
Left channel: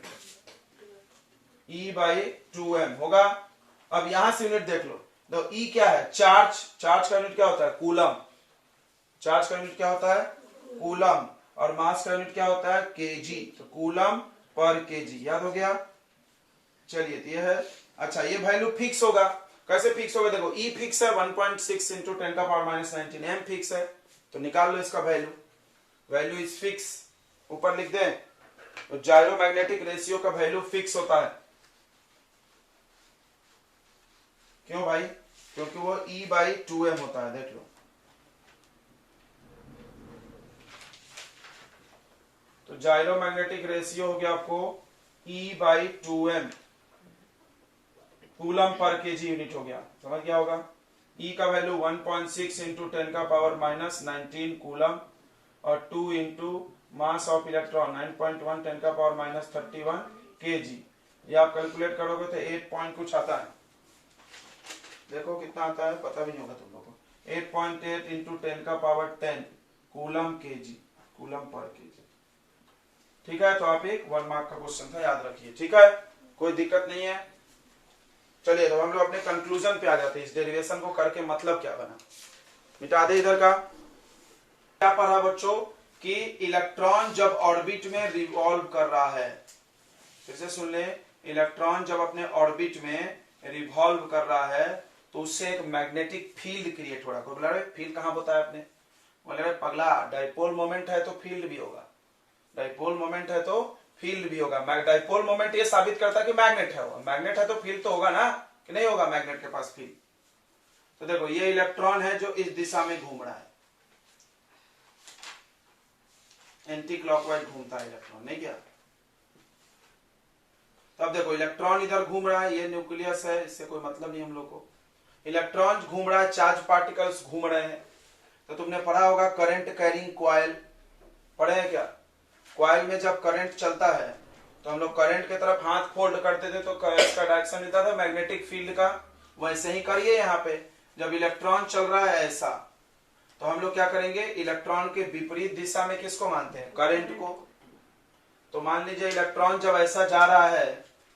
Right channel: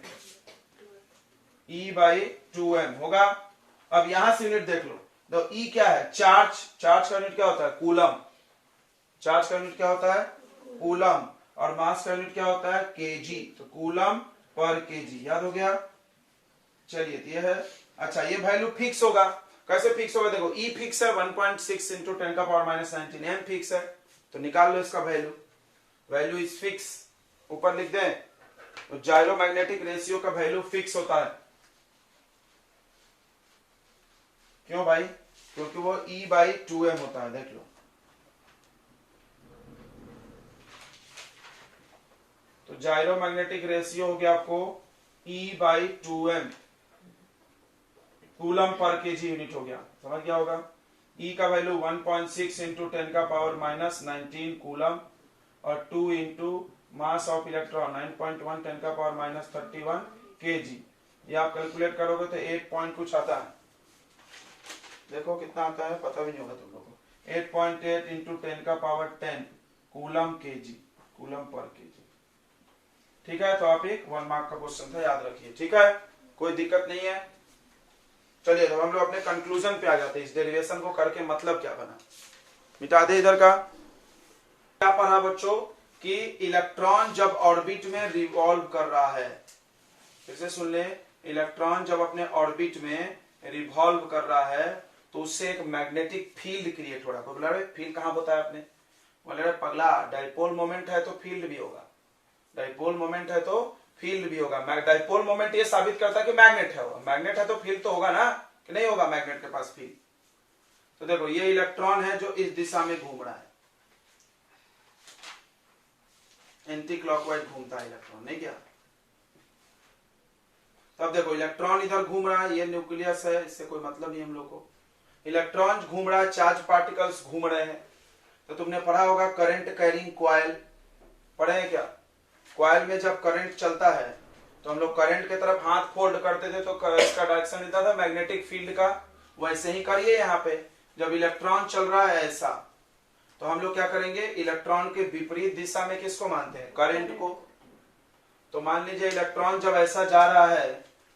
E by 2m होगा। अब यहां से यूनिट देख लो, तो ई क्या है, चार्ज, चार्ज का यूनिट क्या होता है, कूलम, चार्ज का यूनिट क्या होता है, कूलम, और मास का यूनिट क्या होता है, केजी, तो कूलम पर केजी, याद हो गया। चलिए ये है, अच्छा ये वैल्यू फिक्स होगा, कैसे फिक्स होगा, देखो ई फिक्स है 1.6 इंटू 10 का पावर माइनस 19, एम फिक्स है, तो निकाल लो इसका वैल्यू, वैल्यू इज फिक्स, ऊपर लिख दें, तो जायरोमैग्नेटिक रेशियो का वैल्यू फिक्स होता है। क्यों भाई, क्योंकि वो E बाई 2m होता है, देख लो। तो जायरोमैग्नेटिक रेशियो हो गया आपको E by 2m, coulomb per KG unit हो गया, समझ क्या होगा। E का वैल्यू 1.6 इंटू 10 का पावर माइनस 19 कूलम, और 2 इंटू मास ऑफ इलेक्ट्रॉन 9.1 10 का पावर माइनस 31 केजी। ये आप कैलकुलेट करोगे तो 8 पॉइंट कुछ आता है, देखो कितना आता है, पता भी नहीं होगा तुम लोगों को, 8.8 इंटू 10 का power 10 coulomb KG, coulomb per KG. ठीक है, तो आप एक 1 मार्क का क्वेश्चन था, याद रखिए, ठीक है, कोई दिक्कत नहीं है। चलिए तो हम लोग अपने कंक्लूजन पे आ जाते हैं, इस डेरिवेशन को करके मतलब क्या बना, मिटा दे इधर का। क्या पढ़ा बच्चों कि इलेक्ट्रॉन जब ऑर्बिट में रिवॉल्व कर रहा है, फिर से सुन ले, इलेक्ट्रॉन जब अपने ऑर्बिट में रिवॉल्व कर रहा है तो उससे एक मैग्नेटिक फील्ड क्रिएट हो रहा है। बोला फील्ड कहां होता है आपने, बोले पगला डाइपोल मोमेंट है तो फील्ड भी होगा, डाइपोल मोमेंट है तो फील्ड भी होगा। डाइपोल मोमेंट ये साबित करता है कि मैग्नेट है, मैग्नेट है तो फील्ड तो होगा ना, कि नहीं होगा मैग्नेट के पास फील्ड। तो देखो ये इलेक्ट्रॉन है जो इस दिशा में घूम रहा है, एंटी क्लॉकवाइज घूमता है इलेक्ट्रॉन, नहीं क्या। तब देखो इलेक्ट्रॉन इधर घूम रहा है, ये न्यूक्लियस है, इससे कोई मतलब नहीं हम लोग को। इलेक्ट्रॉन घूम रहा है, चार्ज पार्टिकल्स घूम रहे हैं। तो तुमने पढ़ा होगा करंट कैरिंग कॉइल, पढ़े हैं क्या। कॉइल में जब करंट चलता है तो हम लोग करंट की तरफ हाथ फोल्ड करते थे तो इसका डायरेक्शन मिलता था मैग्नेटिक फील्ड का। वैसे ही करिए यहाँ पे, जब इलेक्ट्रॉन चल रहा है ऐसा, तो हम लोग क्या करेंगे, इलेक्ट्रॉन के विपरीत दिशा में किसको मानते हैं, करंट को। तो मान लीजिए इलेक्ट्रॉन जब ऐसा जा रहा है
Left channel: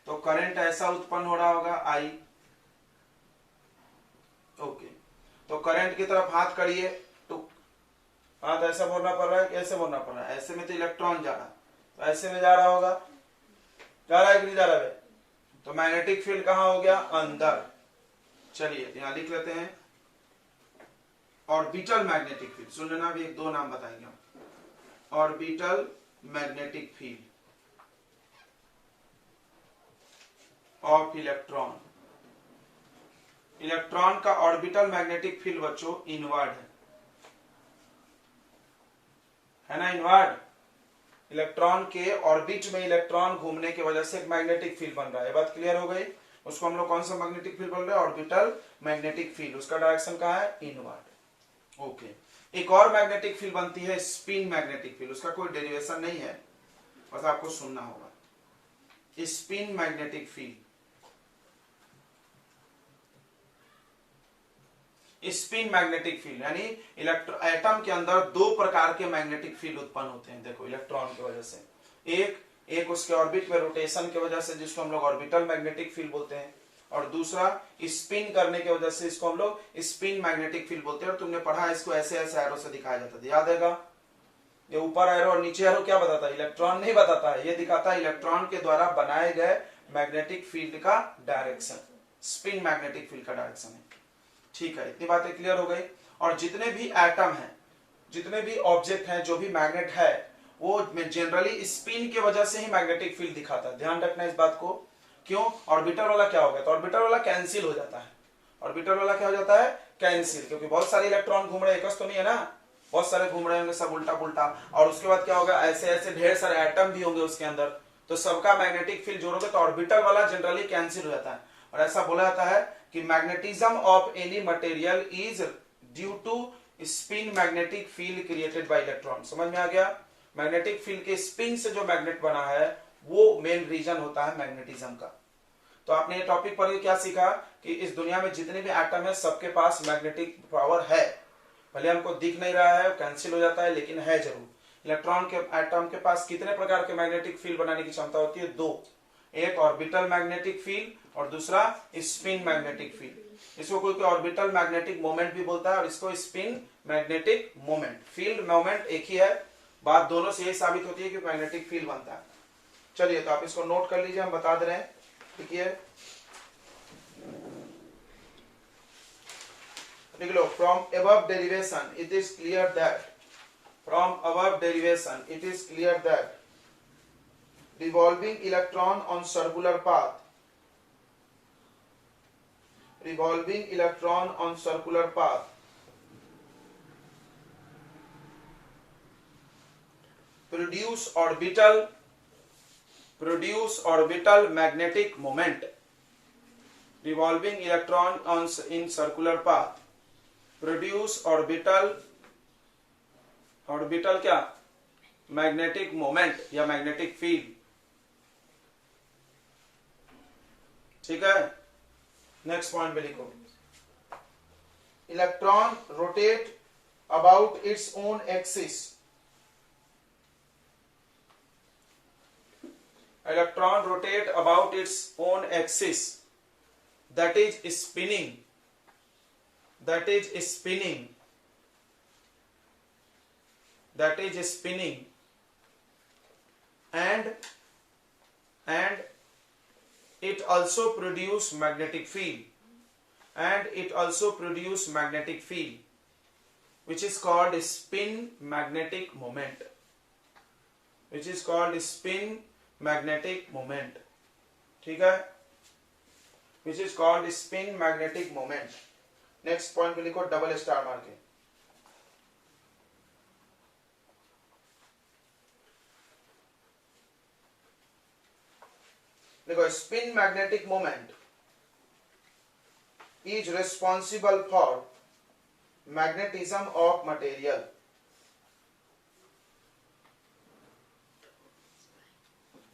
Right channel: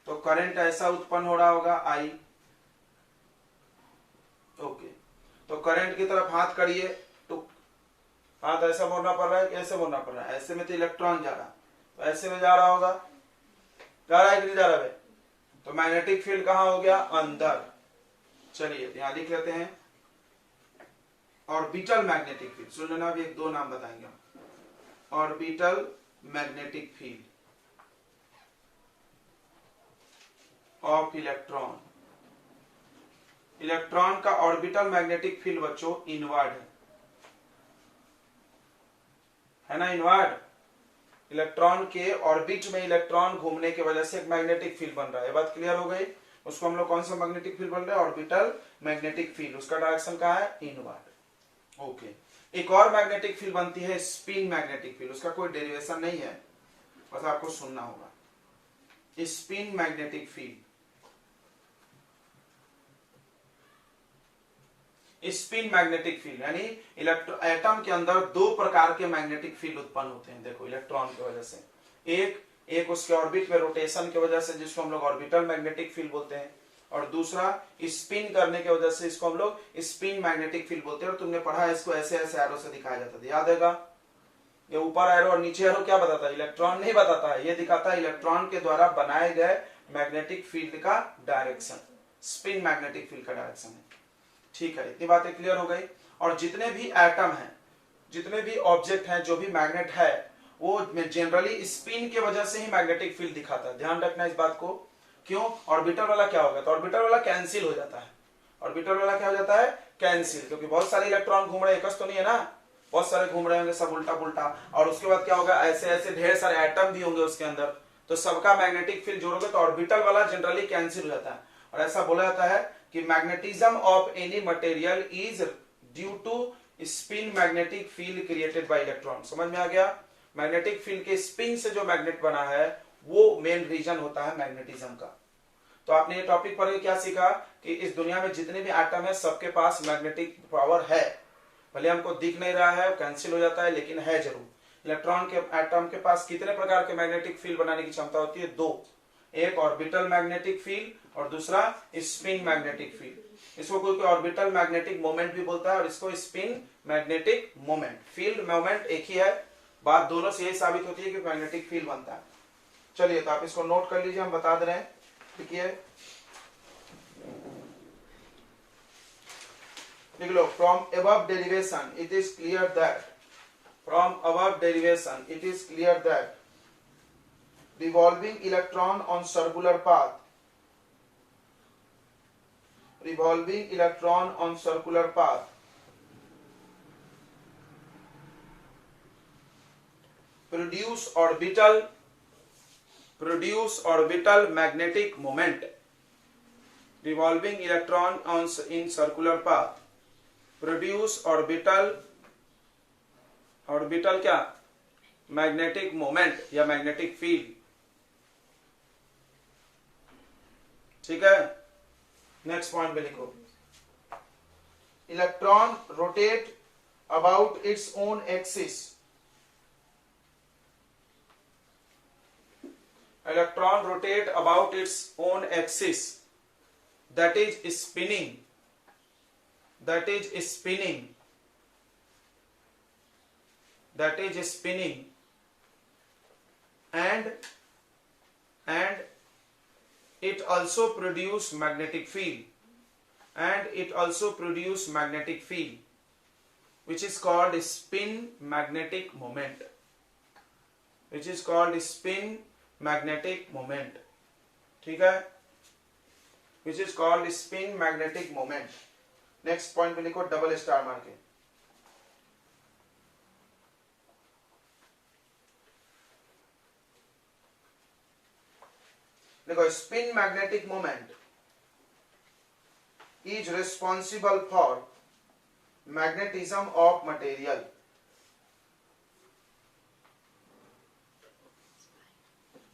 तो करंट ऐसा उत्पन्न हो रहा होगा आई, ओके। तो करंट की तरफ हाथ करिए, तो हाथ ऐसा मोड़ना पड़ रहा है, कैसे मोड़ना पड़ रहा है, ऐसे में तो इलेक्ट्रॉन जा रहा, तो ऐसे में जा रहा होगा, जा रहा है कि नहीं जा रहा है। तो मैग्नेटिक फील्ड कहां हो गया, अंदर। चलिए यहां लिख लेते हैं ऑर्बिटल मैग्नेटिक फील्ड, सुन लेना, अभी एक दो नाम बताएंगे हम। Orbital magnetic field of electron. Electron का ऑर्बिटल मैग्नेटिक फील्ड बच्चों इनवर्ड है ना, इनवर्ड। इलेक्ट्रॉन के ऑर्बिट में इलेक्ट्रॉन घूमने की वजह से एक मैग्नेटिक फील्ड बन रहा है, ये बात क्लियर हो गई। उसको हम लोग कौन सा मैग्नेटिक फील्ड बोल रहे हैं, ऑर्बिटल मैग्नेटिक फील्ड, उसका डायरेक्शन कहाँ है, इनवर्ड, ओके। एक और मैग्नेटिक फील्ड बनती है स्पिन मैग्नेटिक फील्ड, उसका कोई डेरिवेशन नहीं है, बस आपको सुनना होगा। Spin magnetic field. Spin magnetic field यानी एटम के अंदर दो प्रकार के मैग्नेटिक फील्ड उत्पन्न होते हैं। देखो इलेक्ट्रॉन की वजह से, एक उसके ऑर्बिट में रोटेशन की वजह से जिसको हम लोग ऑर्बिटल मैग्नेटिक फील्ड बोलते हैं, और दूसरा स्पिन करने की वजह से इसको हम लोग स्पिन मैग्नेटिक फील्ड बोलते हैं। और तुमने पढ़ा है इसको ऐसे ऐसे एरो से दिखाया जाता था, याद है? ये ऊपर एरो और नीचे एरो क्या बताता है? इलेक्ट्रॉन नहीं बताता है, ये दिखाता है इलेक्ट्रॉन के द्वारा बनाए गए मैग्नेटिक फील्ड का डायरेक्शन, स्पिन मैग्नेटिक फील्ड का डायरेक्शन है। ठीक है, इतनी बातें क्लियर हो गई। और जितने भी एटम हैं, जितने भी ऑब्जेक्ट हैं, जो भी मैग्नेट है, वो जनरली स्पिन की वजह से ही मैग्नेटिक फील्ड दिखाता है। ध्यान रखना इस बात को। क्यों? ऑर्बिटल वाला क्या होगा? तो ऑर्बिटल वाला कैंसिल हो जाता है। ऑर्बिटल वाला क्या हो जाता है? कैंसिल, क्योंकि बहुत सारे इलेक्ट्रॉन घूम रहे हैं, एकच तो नहीं है ना, बहुत सारे घूम रहे होंगे सब उल्टा पुल्टा। और उसके बाद क्या होगा? ऐसे ऐसे ढेर सारे एटम भी होंगे उसके अंदर, तो सबका मैग्नेटिक फील्ड जोड़ोगे तो ऑर्बिटल वाला जनरली कैंसिल हो जाता है। और ऐसा बोला जाता है कि magnetism of any material is due to spin magnetic field created by electron. समझ में आ गया? मैग्नेटिक फील्ड के स्पिन से जो मैग्नेट बना है वो मेन रीजन होता है मैग्नेटिज्म का। तो आपने ये टॉपिक पढ़ के क्या सीखा कि इस दुनिया में जितने भी एटम है सबके पास मैग्नेटिक पावर है, भले हमको दिख नहीं रहा है, कैंसिल हो जाता है, लेकिन है जरूर। इलेक्ट्रॉन के एटम के पास कितने प्रकार के मैग्नेटिक फील्ड बनाने की क्षमता होती है? दो, एक ऑर्बिटल मैग्नेटिक फील्ड और दूसरा स्पिन मैग्नेटिक फील्ड। इसको कोई ऑर्बिटल मैग्नेटिक मोमेंट भी बोलता है और इसको spin magnetic moment. Field moment एक ही है, बात दोनों से यही साबित होती है कि मैग्नेटिक फील्ड बनता है। चलिए, तो आप इसको नोट कर लीजिए, हम बता दे रहे हैं। ठीक है, लिख लो। From above derivation it is clear that, from above derivation it is clear that revolving electron on circular path, revolving electron on circular path produce orbital magnetic moment. Revolving electron on in circular path produce orbital क्या? मैग्नेटिक मोमेंट या मैग्नेटिक फील्ड। ठीक है, नेक्स्ट पॉइंट पे लिखो। Electron rotate about its own axis, electron rotate about its own axis, that is spinning, that is spinning and it also produce magnetic field, which is called spin magnetic moment, ठीक है, which is called spin magnetic moment। Next point पे लिखो डबल स्टार मार के। देखो, spin magnetic moment is responsible for magnetism of material.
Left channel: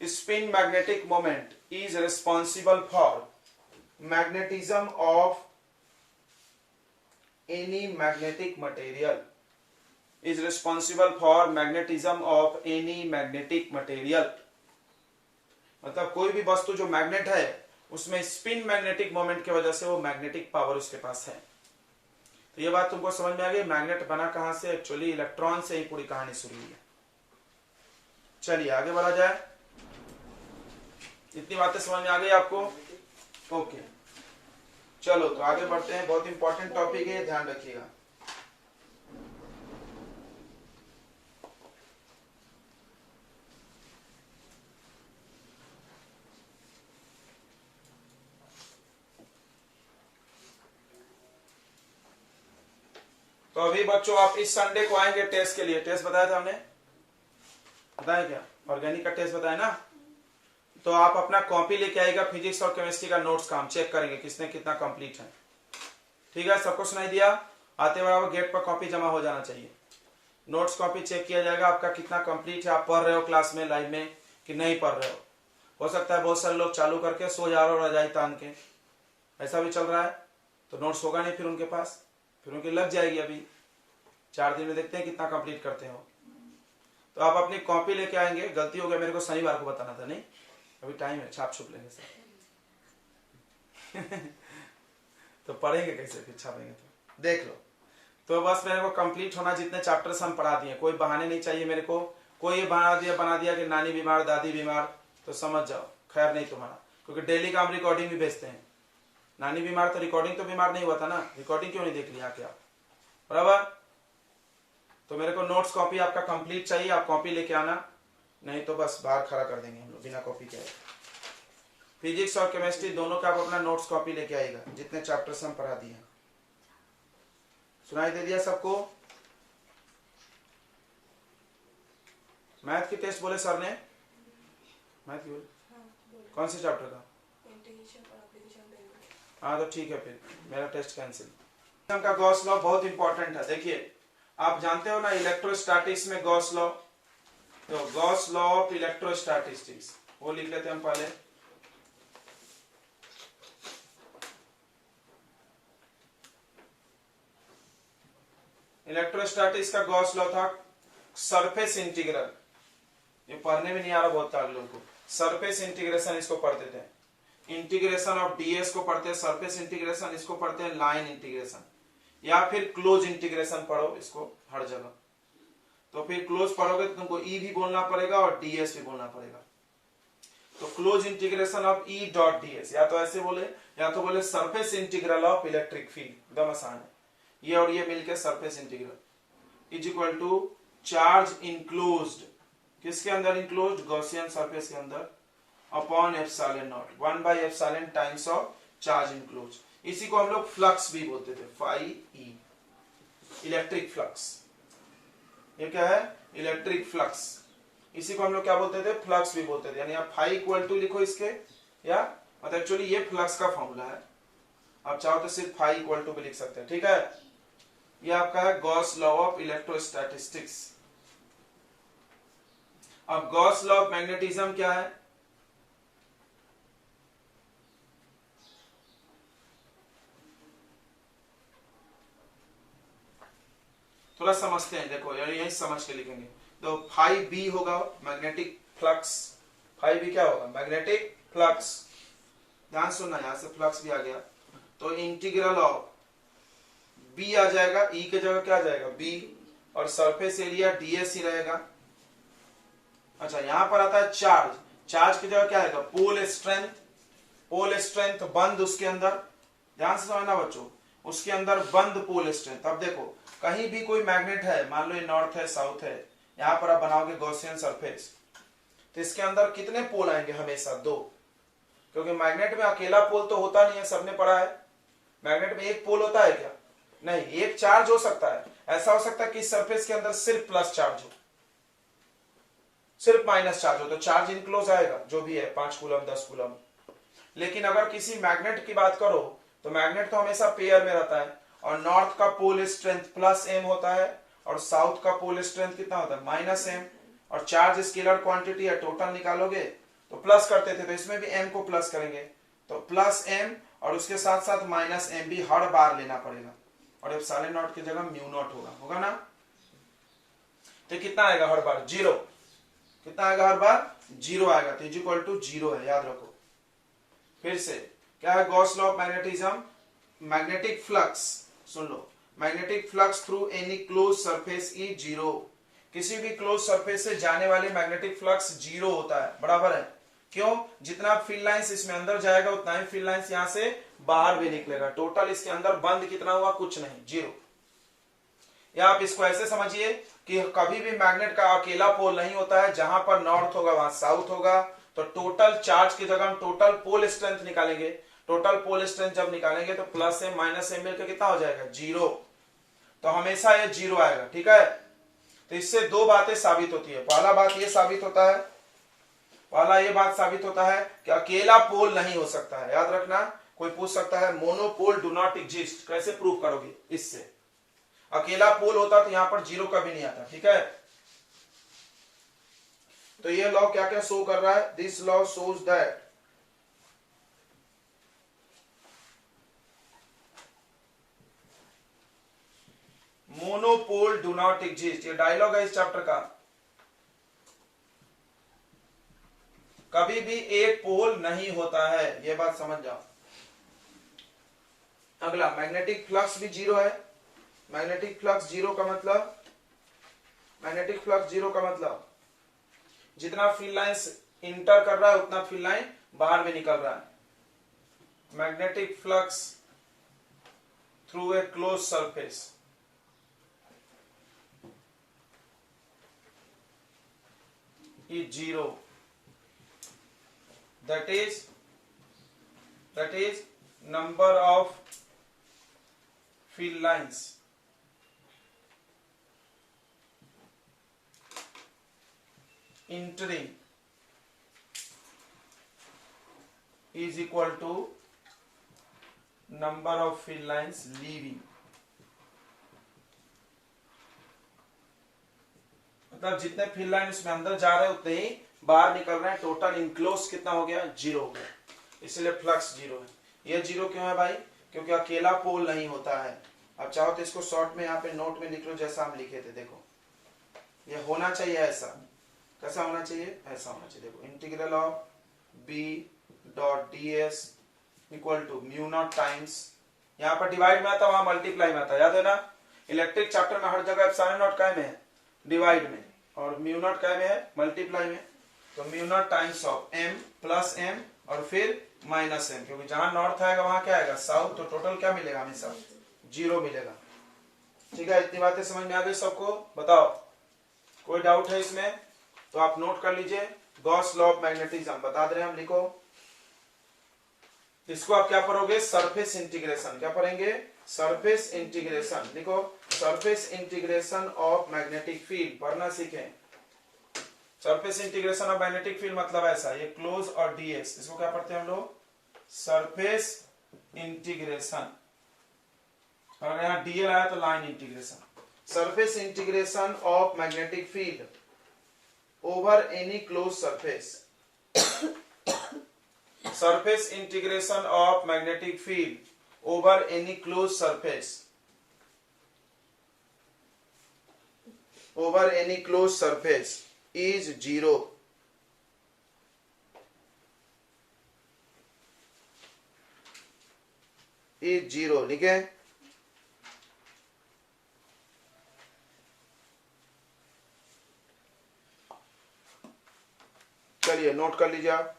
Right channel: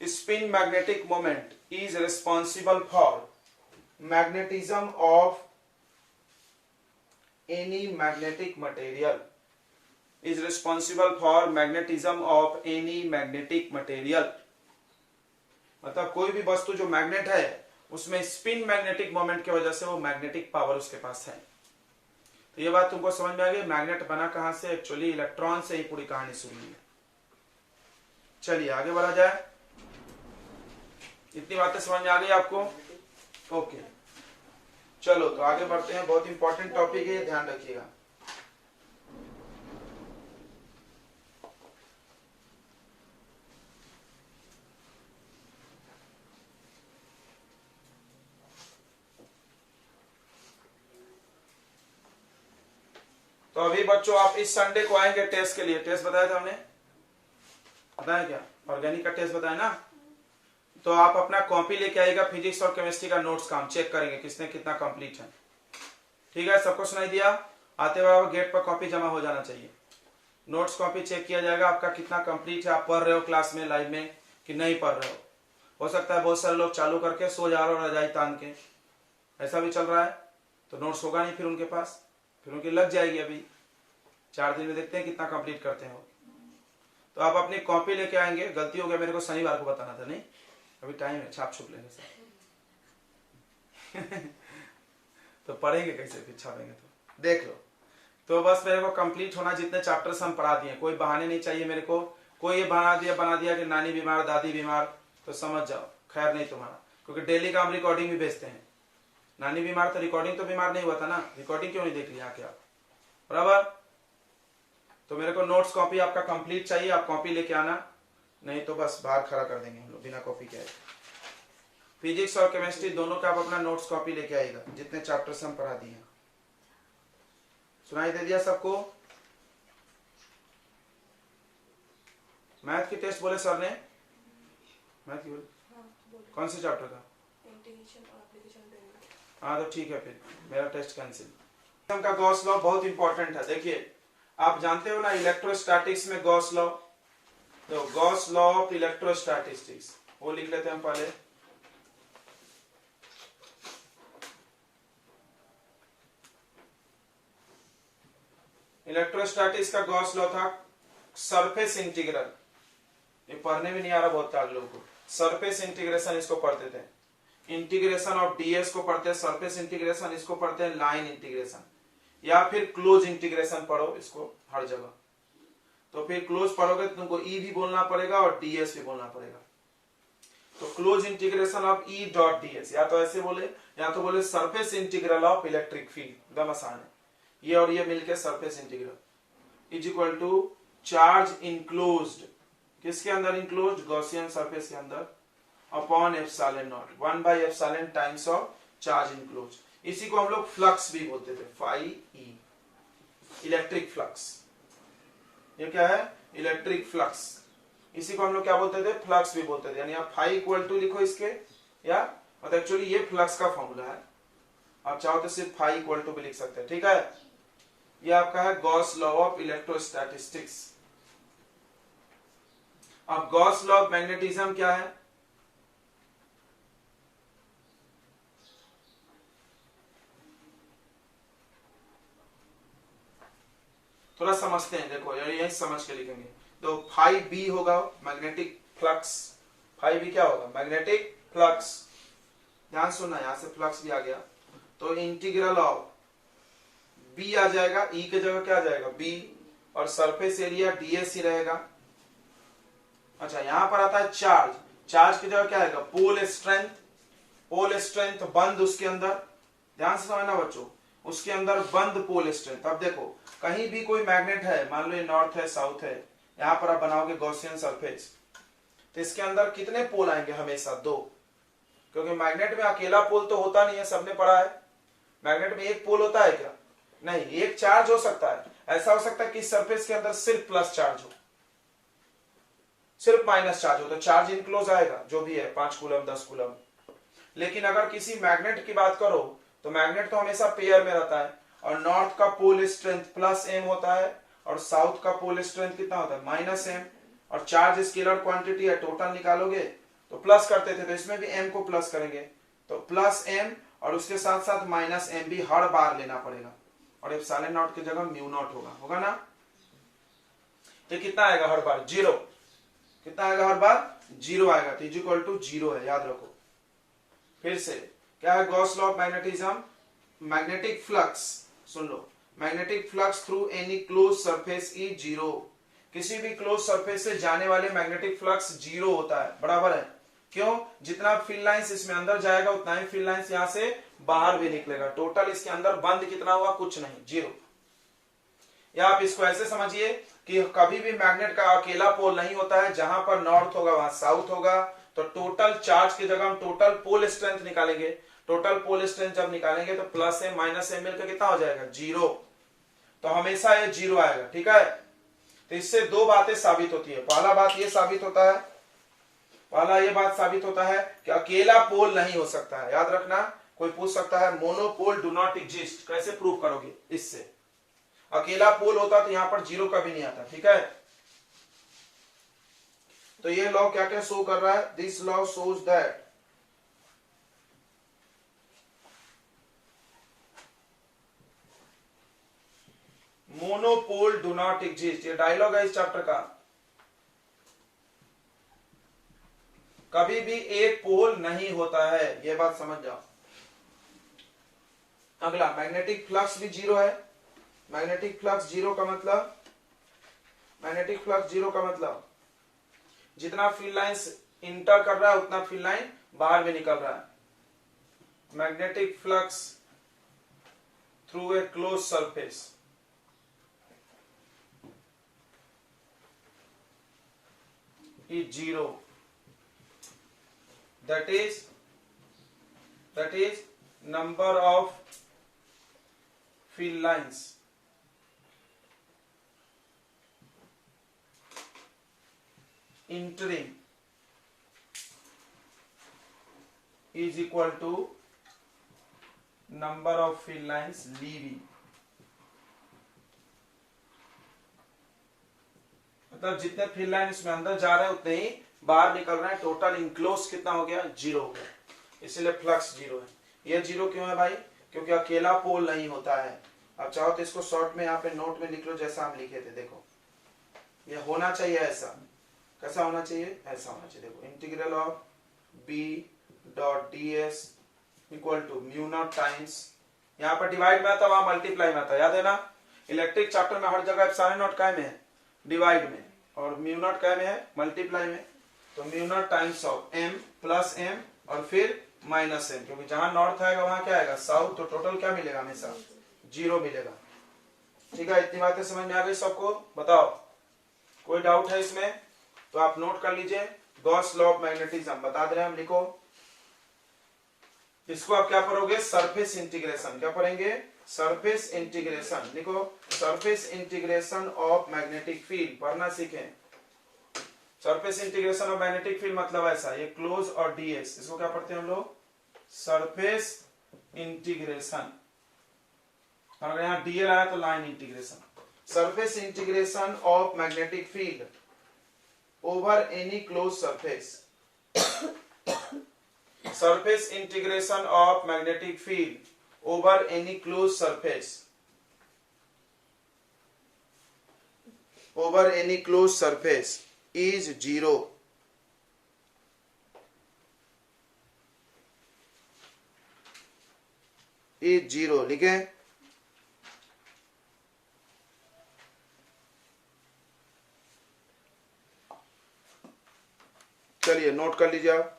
Spin magnetic moment is responsible for magnetism of any magnetic material, is responsible for magnetism of any magnetic material। मतलब कोई भी वस्तु जो मैग्नेट है उसमें स्पिन मैग्नेटिक मोमेंट की वजह से वो मैग्नेटिक पावर उसके पास है। तो ये बात तुमको समझ में आ गई। मैग्नेट बना कहां से? एक्चुअली इलेक्ट्रॉन से ही पूरी कहानी शुरू हुई है। चलिए आगे बढ़ा जाए। इतनी बातें समझ में आ गई आपको? ओके, चलो तो आगे बढ़ते हैं। बहुत इंपॉर्टेंट टॉपिक है, ध्यान रखिएगा। तो अभी बच्चों आप इस संडे को आएंगे टेस्ट के लिए। टेस्ट बताया था हमने, बताया क्या? ऑर्गेनिक का टेस्ट बताया ना। तो आप अपना कॉपी लेके आएगा, फिजिक्स और केमिस्ट्री का नोट्स का हम चेक करेंगे किसने कितना कंप्लीट है। ठीक है, सबको सुनाई दिया? आते बराबर गेट पर कॉपी जमा हो जाना चाहिए। नोट्स कॉपी चेक किया जाएगा आपका कितना कंप्लीट है, आप पढ़ रहे हो क्लास में लाइव में कि नहीं पढ़ रहे हो सकता है बहुत सारे लोग चालू करके सो जा रहे हो रजाई तान के, ऐसा भी चल रहा है, तो नोट्स होगा नहीं फिर उनके पास, फिर उनकी लग जाएगी। अभी 4 दिन में देखते हैं कितना कंप्लीट करते हो। तो आप अपनी कॉपी लेके आएंगे। गलती हो गया, मेरे को शनिवार को बताना था, नहीं अभी टाइम है, छाप छुप लेंगे सर। तो पढ़ेंगे कैसे फिर छापेंगे, तो देख लो। तो बस मेरे को कंप्लीट होना, जितने चैप्टर्स हम पढ़ा दिए, कोई बहाने नहीं चाहिए मेरे को। कोई ये बना दिया कि नानी बीमार दादी बीमार, तो समझ जाओ खैर नहीं तुम्हारा, क्योंकि डेली का हम रिकॉर्डिंग भी भेजते हैं। नानी बीमार तो रिकॉर्डिंग तो बीमार नहीं हुआ था ना, रिकॉर्डिंग क्यों नहीं देख लिया क्या, बराबर। तो मेरे को नोट्स कॉपी आपका कंप्लीट चाहिए, आप कॉपी लेके आना, नहीं तो बस बाहर खड़ा कर देंगे हम लोग बिना कॉपी के। फिजिक्स और केमिस्ट्री दोनों का आप अपना नोट्स कॉपी लेके आएगा, जितने चैप्टर्स हम पढ़ा दिए हैं। सुनाई दे दिया सबको? मैथ की टेस्ट बोले सर ने, मैथ की बोले कौन से चैप्टर का? हाँ तो ठीक है, फिर मेरा टेस्ट कैंसिल। का गॉस लॉ बहुत इंपॉर्टेंट है। देखिए आप जानते हो ना इलेक्ट्रोस्टैटिक्स में गॉस लॉ, तो गॉस लॉ ऑफ इलेक्ट्रोस्टैटिस्टिक्स वो लिख लेते हैं हम पहले। इलेक्ट्रोस्टैटिक्स का गॉस लॉ था सरफेस इंटीग्रल, ये पढ़ने में नहीं आ रहा बहुत सारे लोगों को। सरफेस इंटीग्रेशन इसको पढ़ते थे, इंटीग्रेशन ऑफ डीएस को पढ़ते हैं सरफेस इंटीग्रेशन, इसको पढ़ते हैं लाइन इंटीग्रेशन, या फिर क्लोज इंटीग्रेशन पढ़ो इसको हर जगह। तो फिर क्लोज पढ़ोगे तो तुमको ई भी बोलना पड़ेगा और डीएस भी बोलना पड़ेगा। तो close integration of E dot D S, या तो ऐसे बोले या तो बोले surface integral of electric field, एकदम आसान है। ये और ये मिलकर surface integral is equal to charge enclosed, किसके अंदर इनक्लोज्ड? गॉसियन सरफेस के अंदर, upon epsilon naught 1 by epsilon times of charge enclosed. इसी को हम लोग फ्लक्स भी बोलते थे, फाई ई, इलेक्ट्रिक फ्लक्स। ये क्या है? Electric flux. इसी को हम लोग क्या बोलते थे? फ्लक्स भी बोलते थे। यानी आप फाई इक्वल टू लिखो इसके, या मतलब एक्चुअली ये फ्लक्स का फॉर्मूला है, आप चाहो तो सिर्फ फाई इक्वल टू भी लिख सकते हैं, ठीक है। ये आपका है गॉस लॉ ऑफ इलेक्ट्रोस्टैटिस्टिक्स। अब गॉस लॉ ऑफ मैग्नेटिज्म क्या है? थोड़ा समझते हैं, देखो यही समझ के लिखेंगे। तो फाई बी होगा मैग्नेटिक फ्लक्स, फाई बी क्या होगा? Magnetic flux. ध्यान सुनना, यहां से फ्लक्स भी आ गया, तो इंटीग्रल ऑफ बी आ जाएगा, ई के जगह क्या आ जाएगा? बी, और सरफेस एरिया डीएस ही रहेगा। अच्छा यहां पर आता है चार्ज, चार्ज की जगह क्या आएगा? पोल स्ट्रेंथ, पोल स्ट्रेंथ बंद उसके अंदर, ध्यान से समझना बच्चों, उसके अंदर बंद पोल स्ट्रेंथ। अब देखो कहीं भी कोई मैग्नेट है, मान लो ये नॉर्थ है साउथ है, यहां पर आप बनाओगे गॉसियन सरफेस, तो इसके अंदर कितने पोल आएंगे? हमेशा 2, क्योंकि मैग्नेट में अकेला पोल तो होता नहीं है, सबने पढ़ा है। मैग्नेट में एक पोल होता है क्या? नहीं, एक चार्ज हो सकता है। ऐसा हो सकता है कि सरफेस के अंदर सिर्फ प्लस चार्ज हो, सिर्फ माइनस चार्ज हो, तो चार्ज इनक्लोज आएगा जो भी है, 5 कूलम 10 कूलम। लेकिन अगर किसी मैग्नेट की बात करो तो मैग्नेट तो हमेशा पेयर में रहता है, और नॉर्थ का पोल स्ट्रेंथ प्लस एम होता है, और साउथ का पोल स्ट्रेंथ कितना होता है? Minus M. और चार्ज स्केलर क्वांटिटी है, टोटल निकालोगे तो प्लस करते थे, तो इसमें भी एम को प्लस करेंगे, तो प्लस एम, और उसके साथ साथ माइनस एम भी हर बार लेना पड़ेगा, और एप्सिलॉन नॉट की जगह म्यू नॉट होगा ना। तो कितना आएगा हर बार? 0। कितना आएगा हर बार? 0 आएगा, तो इज इक्वल टू 0 है, याद रखो। फिर से क्या है Gauss law of magnetism? Magnetic flux, soon low, magnetic flux through any close surface is 0। किसी भी क्लोज सरफेस से जाने वाले मैग्नेटिक फ्लक्स 0 होता है, बराबर है। क्यों? जितना फील्ड लाइंस इसमें अंदर जाएगा उतना ही फील्ड लाइंस यहां से बाहर भी निकलेगा। टोटल इसके अंदर बंद कितना हुआ? कुछ नहीं, 0। या आप इसको ऐसे समझिए कि कभी भी मैग्नेट का अकेला पोल नहीं होता है, जहां पर नॉर्थ होगा वहां साउथ होगा, तो टोटल चार्ज की जगह हम टोटल पोल स्ट्रेंथ निकालेंगे। टोटल पोल स्ट्रेंथ जब निकालेंगे तो प्लस एम माइनस एम मिलकर कितना हो जाएगा? 0। तो हमेशा ये 0 आएगा, ठीक है। तो इससे 2 बातें साबित होती है। पहला बात ये साबित होता है, पहला ये बात साबित होता है कि अकेला पोल नहीं हो सकता है। याद रखना, कोई पूछ सकता है मोनोपोल डू नॉट एग्जिस्ट, कैसे प्रूव करोगे? इससे अकेला पोल होता तो यहां पर 0 कभी नहीं आता, ठीक है। तो ये लॉ क्या क्या शो कर रहा है? This law shows that monopole do not exist. ये डायलॉग है इस चैप्टर का। कभी भी एक पोल नहीं होता है, ये बात समझ जाओ। अगला, मैग्नेटिक फ्लक्स भी जीरो है। मैग्नेटिक फ्लक्स जीरो का मतलब, मैग्नेटिक फ्लक्स जीरो का मतलब जितना फील्ड लाइंस इंटर कर रहा है उतना फील्ड लाइन बाहर भी निकल रहा है। Magnetic flux through a close surface is zero. That is number of field lines entering is equal to number of field lines leaving। मतलब जितने फील्ड लाइन इसमें अंदर जा रहे हैं उतने ही बाहर निकल रहे हैं। टोटल इनक्लोज कितना हो गया? जीरो हो गया, इसलिए फ्लक्स जीरो है। ये जीरो क्यों है भाई? क्योंकि अकेला पोल नहीं होता है। अब चाहो तो इसको शॉर्ट में यहाँ पे नोट में लिख लो जैसा हम लिखे थे। देखो ये होना चाहिए ऐसा। कैसा होना चाहिए? ऐसा होना चाहिए। देखो integral of B dot D S equal to mu naught times, यहाँ पर डिवाइड में आता, वहां मल्टीप्लाई में आता, याद है ना? इलेक्ट्रिक चैप्टर में हर जगह एप्सिलॉन नॉट काय में है? डिवाइड में, और म्यू नॉट काय में है? मल्टीप्लाई में। तो mu naught times of M plus M और फिर माइनस एम, क्योंकि जहां नॉर्थ आएगा वहां क्या आएगा? साउथ। तो टोटल क्या मिलेगा? हमेशा जीरो मिलेगा। ठीक है, इतनी बातें समझ में आ गई सबको? बताओ कोई डाउट है इसमें? तो आप नोट कर लीजिए। गॉस लॉ ऑफ मैग्नेटिज्म बता दे रहे हैं हम, लिखो। इसको आप क्या पढ़ोगे? Surface integration. क्या पढ़ेंगे? Surface integration. लिखो, surface integration of magnetic field पढ़ना सीखें। Surface integration of magnetic field मतलब ऐसा, ये क्लोज और डीएस, इसको क्या पढ़ते हैं हम लोग? Surface integration. और अगर यहाँ डीएल आया तो line integration. Surface integration of magnetic field over any close surface. surface integration of magnetic field over any closed surface, over any closed surface is zero। is zero लिखे। चलिए नोट कर लीजिए आप।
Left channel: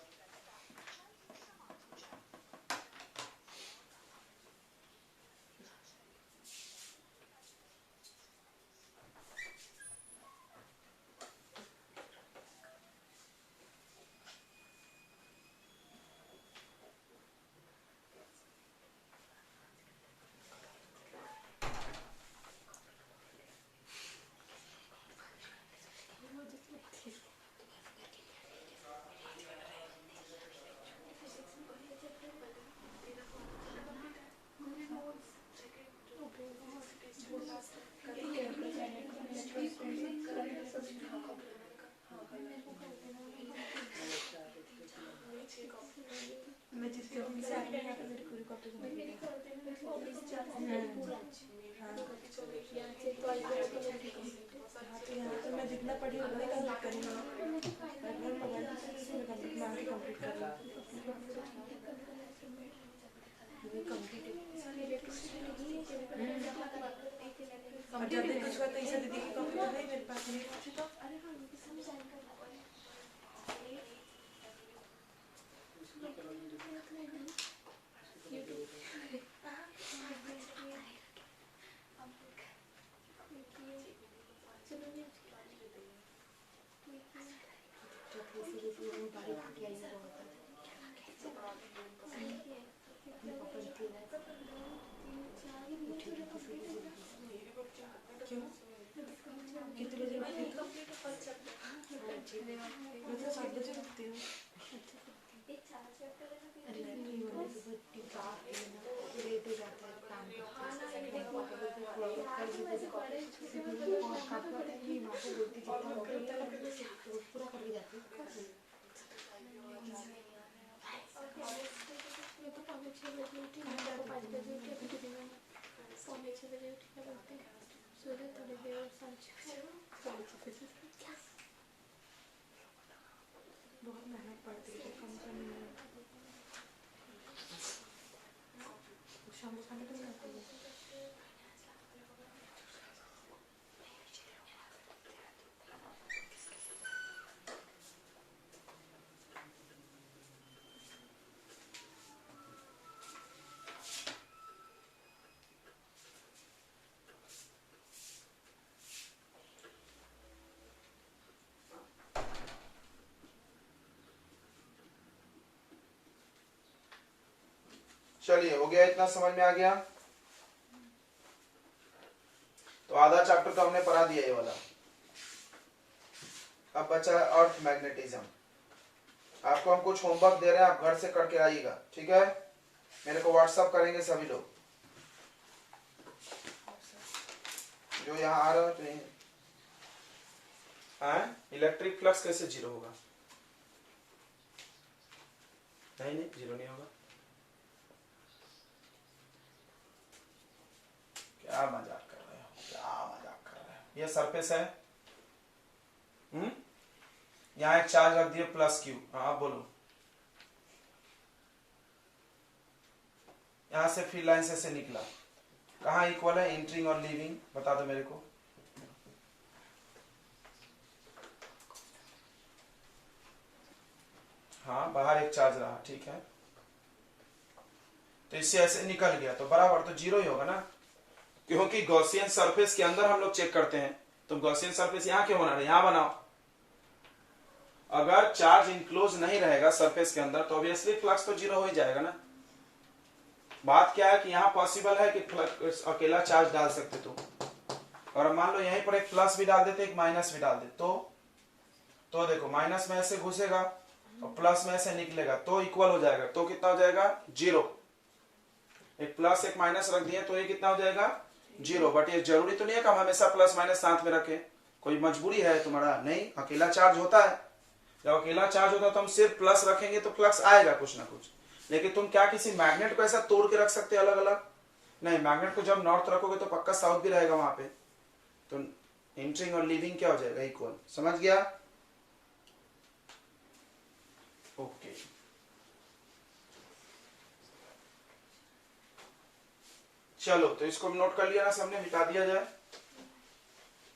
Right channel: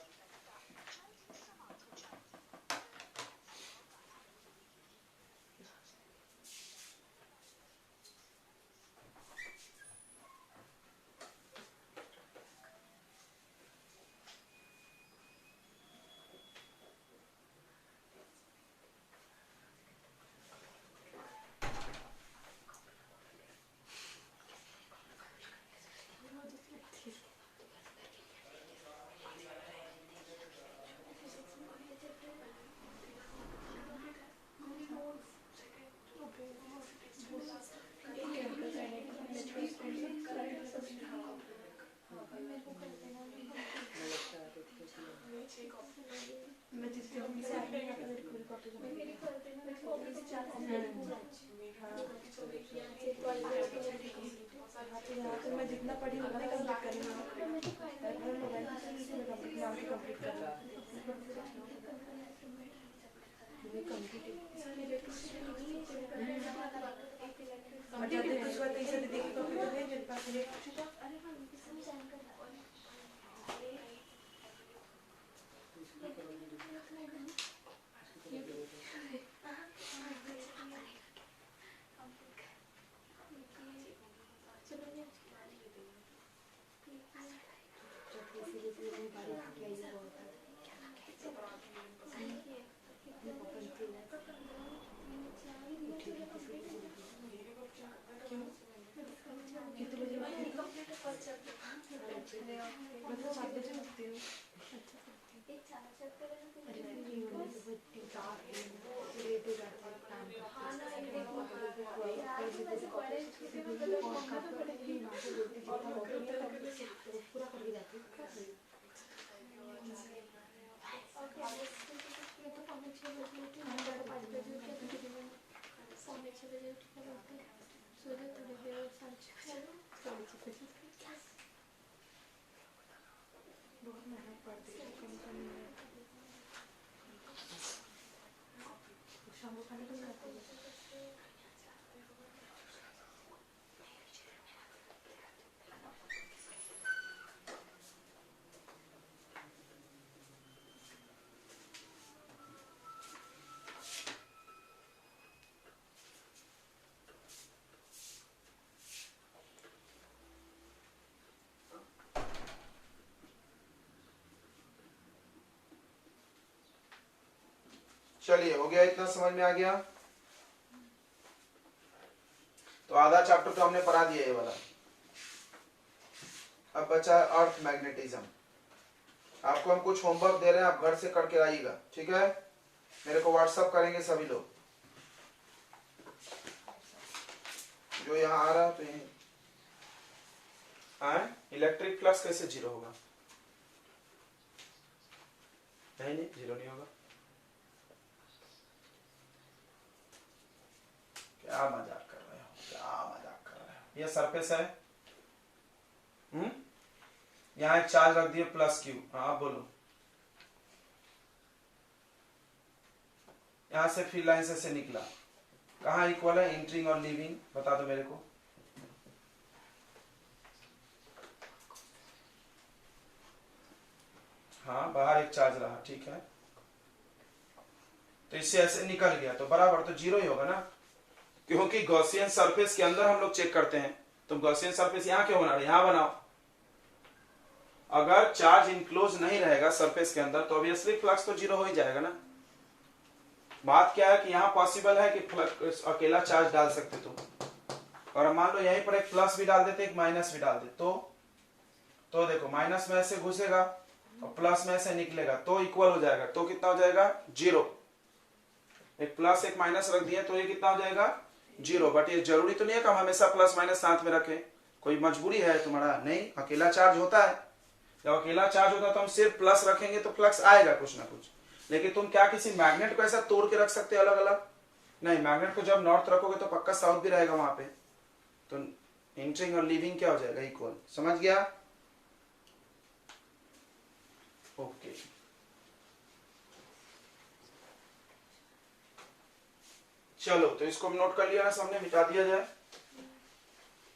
मैं जितना पढ़ी उतना कंप्लीट करना। चलिए हो गया, इतना समझ में आ गया। तो आधा चैप्टर तो हमने पढ़ा दिया ये वाला। अब बचा है अर्थ मैग्नेटिज्म। आपको हम कुछ होमवर्क दे रहे हैं, आप घर से करके आइएगा, ठीक है? मेरे को व्हाट्सअप करेंगे सभी लोग जो यहाँ आ रहा है। तो इलेक्ट्रिक फ्लक्स कैसे जीरो होगा? नहीं जीरो नहीं होगा। क्या मजाक कर रहे हो, क्या मजाक कर रहे हो? ये सरफेस है, यहाँ एक चार्ज रख दिए प्लस क्यू। हाँ आप बोलो। यहां से फ्री लाइन से निकला, कहाँ इक्वल है? एंट्रिंग और लीविंग, बता दो मेरे को। हाँ बाहर एक चार्ज रहा, ठीक है, तो इससे ऐसे निकल गया तो बराबर तो जीरो ही होगा ना, क्योंकि गॉसियन सरफेस के अंदर हम लोग चेक करते हैं। तो गॉसियन सरफेस यहाँ क्यों बना रहे? यहाँ बनाओ। अगर चार्ज इनक्लोज नहीं रहेगा सरफेस के अंदर तो ऑब्वियसली फ्लक्स तो जीरो हो ही जाएगा ना। बात क्या है कि यहाँ पॉसिबल है कि फ्लक्स अकेला चार्ज डाल सकते तुम, और मान लो यहीं पर एक प्लस भी डाल देते एक माइनस भी डाल दे तो देखो माइनस में ऐसे घुसेगा और प्लस में ऐसे निकलेगा तो इक्वल हो जाएगा। तो कितना हो जाएगा? जीरो। एक प्लस एक माइनस रख दिए तो ये कितना हो जाएगा? जीरो। बट ये जरूरी तो नहीं है कि हम हमेशा प्लस माइनस साथ में रखें, कोई मजबूरी है तुम्हारा? नहीं, अकेला चार्ज होता है। जब अकेला चार्ज होता है तो हम सिर्फ प्लस रखेंगे तो फ्लक्स आएगा कुछ ना कुछ। लेकिन तुम क्या किसी मैग्नेट को ऐसा तोड़ के रख सकते अलग अलग? नहीं, मैग्नेट को जब नॉर्थ रखोगे तो पक्का साउथ भी रहेगा वहां पे। तो एंट्रिंग और लीविंग क्या हो जाएगा? इक्वल। समझ गया? ओके। चलो तो इसको नोट कर लिया ना सबने, मिटा दिया जाए।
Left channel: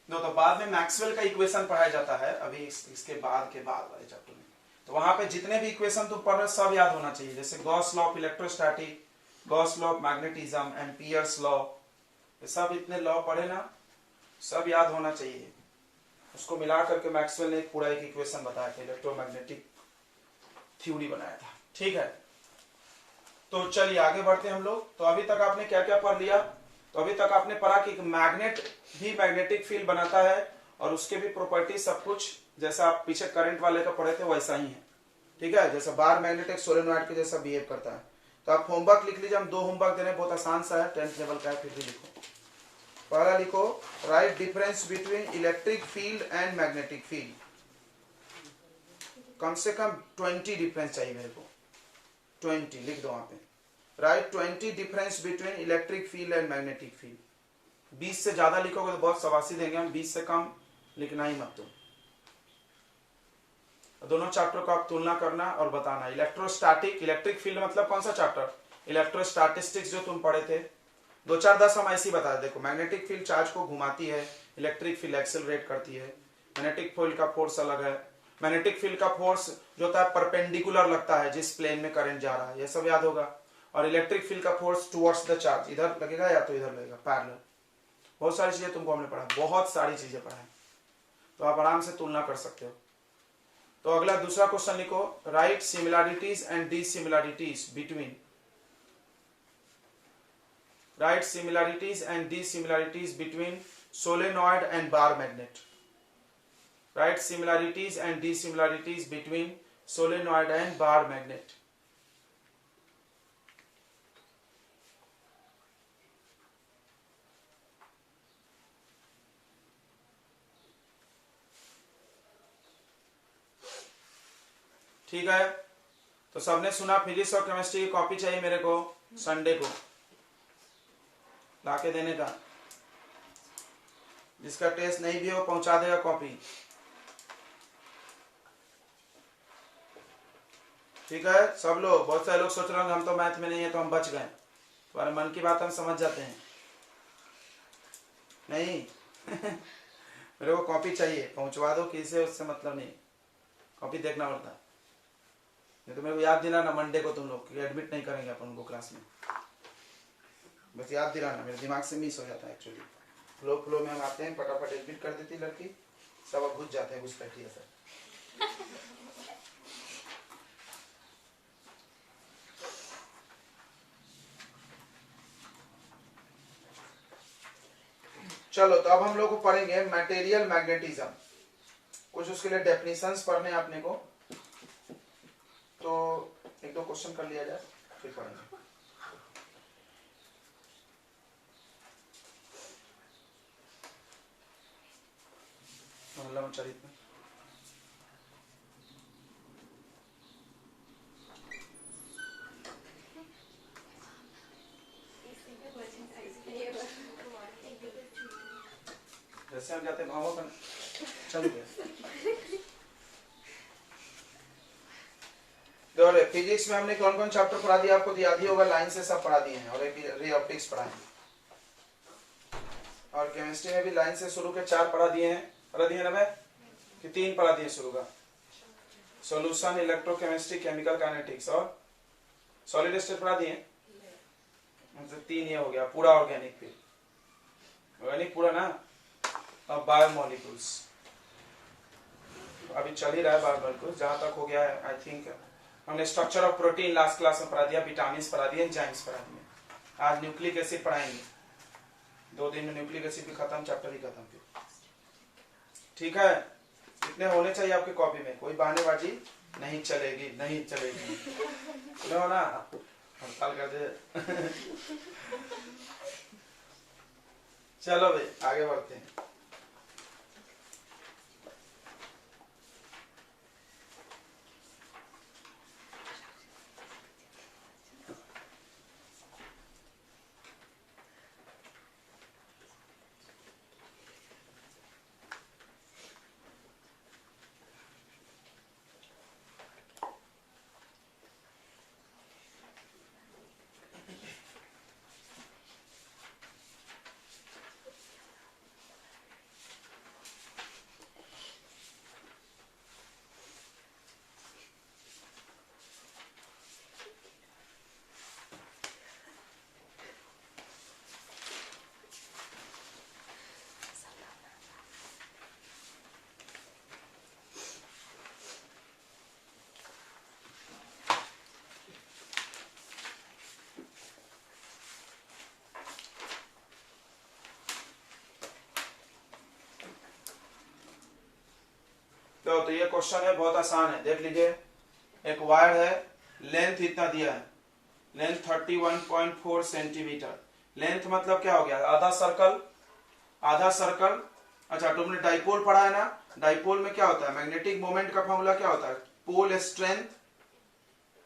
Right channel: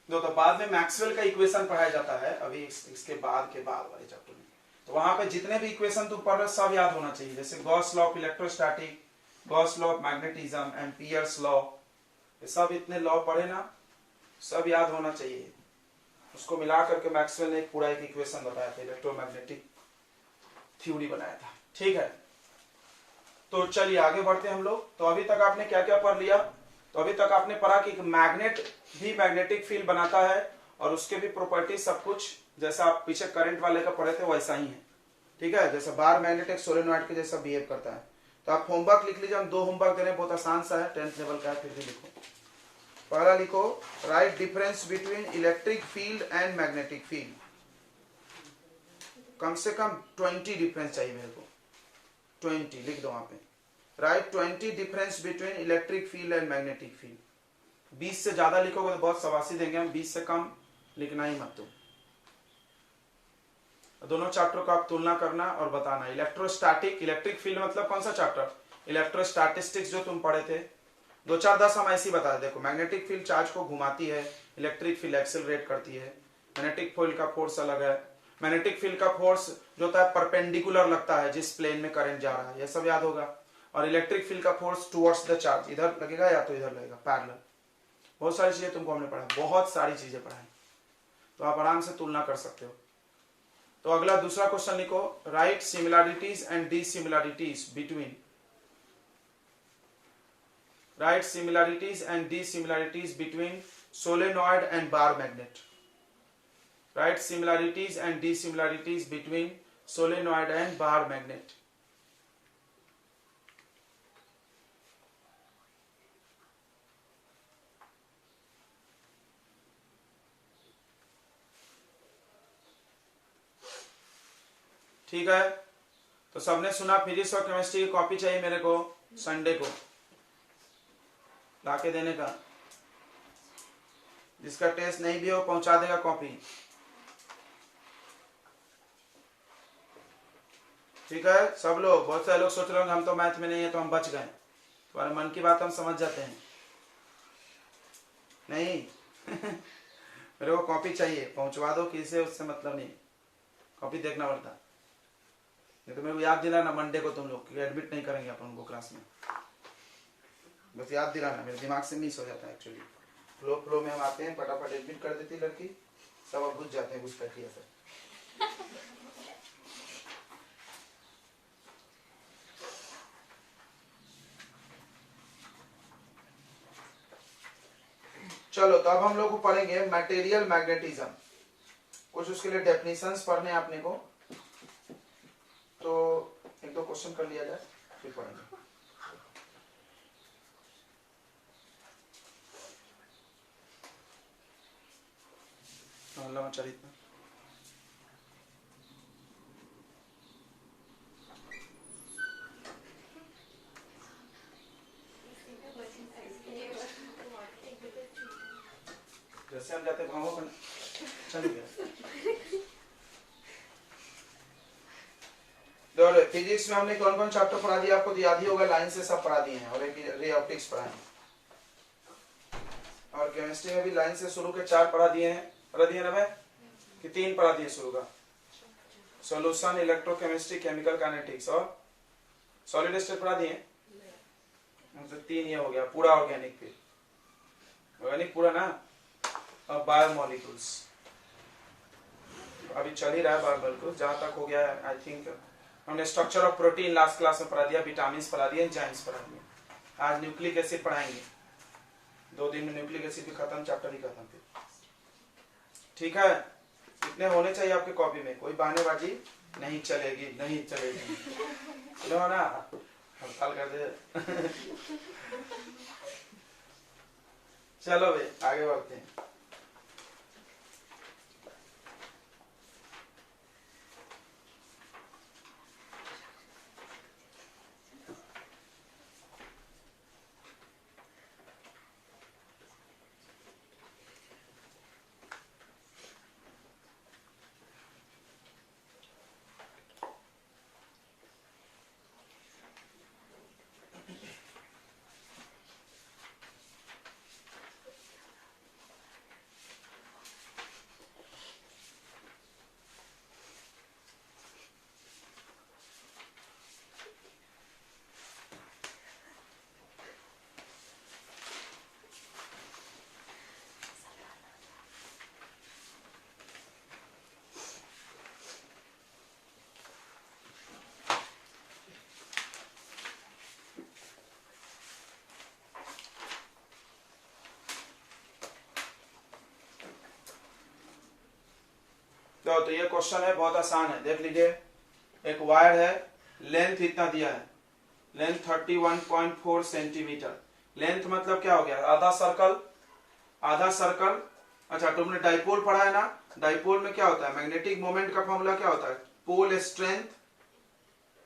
तो बाद में मैक्सवेल का इक्वेशन पढ़ाया जाता है अभी इसके बाद वाले चैप्टर में। तो वहां पे जितने भी इक्वेशन तुम पढ़ रहे हो सब याद होना चाहिए, जैसे Gauss law of electrostatic, Gauss law of magnetism, Ampere's law, ये सब इतने लॉ पढ़े ना, सब याद होना चाहिए। उसको मिला करके मैक्सवेल ने पूरा एक इक्वेशन बताया था, इलेक्ट्रोमैग्नेटिक थ्योरी बनाया था। ठीक है, तो चलिए आगे बढ़ते हैं हम लोग। तो अभी तक आपने क्या क्या पढ़ लिया? तो अभी तक आपने पढ़ा कि मैग्नेट भी मैग्नेटिक फील्ड बनाता है और उसके भी प्रॉपर्टी सब कुछ जैसा आप पीछे करंट वाले का पढ़े थे वैसा ही है। ठीक है, जैसा बार मैग्नेट एक सोलेनॉइड के जैसा बिहेव करता है। तो आप होमवर्क लिख लीजिए, हम 2 होमवर्क दे रहे हैं, बहुत आसान सा है, 10th लेवल का है, फिर भी लिखो। पहला लिखो, write difference between electric field and magnetic field. कम से कम 20 डिफरेंस चाहिए मेरे को, 20 लिख दो वहां पे। Right 20 difference between electric field and magnetic field. 20 से ज्यादा लिखोगे तो बहुत शाबाशी देंगे हम, 20 से कम लिखना ही मत तुम। दोनों चैप्टर को आप तुलना करना और बताना। इलेक्ट्रोस्टैटिक, इलेक्ट्रिक फील्ड मतलब कौन सा चैप्टर? इलेक्ट्रोस्टैटिस्टिक्स जो तुम पढ़े थे, 2 4 10 हम ऐसी बता देखो। मैग्नेटिक फील्ड चार्ज को घुमाती है, इलेक्ट्रिक फील्ड एक्सेलरेट करती है। मैग्नेटिक फील्ड का फोर्स अलग है। मैग्नेटिक फील्ड का फोर्स जो होता है परपेंडिकुलर लगता है जिस प्लेन में करंट जा रहा है, यह सब याद होगा। और इलेक्ट्रिक फील्ड का फोर्स टुवर्ड्स द चार्ज, इधर लगेगा या तो इधर लगेगा, पैरेलल। बहुत सारी चीजें तुमको हमने पढ़ा, बहुत सारी चीजें पढ़ाई, तो आप आराम से तुलना कर सकते हो। तो अगला दूसरा क्वेश्चन लिखो, right similarities and dissimilarities between, right similarities and dissimilarities between solenoid and bar magnet. Right similarities and dissimilarities between solenoid and bar magnet. ठीक है, तो सबने सुना फिजिक्स और केमिस्ट्री की कॉपी चाहिए मेरे को संडे को लाके देने का। जिसका टेस्ट नहीं भी हो पहुंचा देगा कॉपी। ठीक है सब लोग। बहुत सारे लोग सोच रहे होंगे हम तो मैथ में नहीं है तो हम बच गए। तुम्हारे मन की बात हम समझ जाते हैं। नहीं मेरे को कॉपी चाहिए, पहुंचवा दो किसे, उससे मतलब नहीं, कॉपी देखना पड़ता। नहीं तो मेरे को याद दिलाना मंडे को तुम लोग, क्योंकि एडमिट नहीं करेंगे अपन उनको क्लास में। बस याद दिलाना, मेरे दिमाग से मिस हो जाता है एक्चुअली। फ्लो में हम आते हैं, फटाफट एडमिट कर देती लड़की, सब घुस जाते हैं घुसपैठी ऐसा। चलो तो अब हम लोग को पढ़ेंगे मटेरियल मैग्नेटिज्म। कुछ उसके लिए डेफिनेशंस पढ़ने आपने को, तो एक दो क्वेश्चन कर लिया जाए फिर पढ़ेंगे। चरित में जैसे हम जाते भावों में चलिए। फिजिक्स में हमने कौन कौन चैप्टर पढ़ा दिया आपको याद ही होगा, लाइन से सब पढ़ा दिए हैं, और रे ऑप्टिक्स पढ़ा है। और केमिस्ट्री में भी लाइन से शुरू के 4 पढ़ा दिए हैं। पढ़ा दिए ना भाई कि 3 पढ़ा दिए शुरू का, सॉल्यूशन, इलेक्ट्रोकेमिस्ट्री, केमिकल काइनेटिक्स और सॉलिड स्टेट पढ़ा दिए। मतलब 3 ये हो गया पूरा ऑर्गेनिक। फिर ऑर्गेनिक पूरा ना। अब बायोमोलिक्यूल्स अभी चल ही रहा है। बायोमोलिक्यूल्स जहां तक हो गया है आई थिंक हमने structure of protein last class में पढ़ा दिया, विटामिन पढ़ा दिए, एंजाइम्स पढ़ा दिए। आज न्यूक्लिक एसिड पढ़ाएंगे, 2 दिन में न्यूक्लिक एसिड भी खत्म, चैप्टर भी खत्म। फिर ठीक है, इतने होने चाहिए आपके कॉपी में, कोई बहानेबाजी नहीं चलेगी, नहीं चलेगी। सुनो ना, हड़ताल कर दे। चलो भाई आगे बढ़ते हैं। तो ये क्वेश्चन है, बहुत आसान है, देख लीजिए। एक वायर है, लेंथ इतना दिया है, लेंथ 31.4 सेंटीमीटर। लेंथ मतलब क्या हो गया, आधा सर्कल, आधा सर्कल। अच्छा तुमने डाइपोल पढ़ा है ना, डाइपोल में क्या होता है, मैग्नेटिक मोमेंट का फॉर्मूला क्या होता है, पोल स्ट्रेंथ,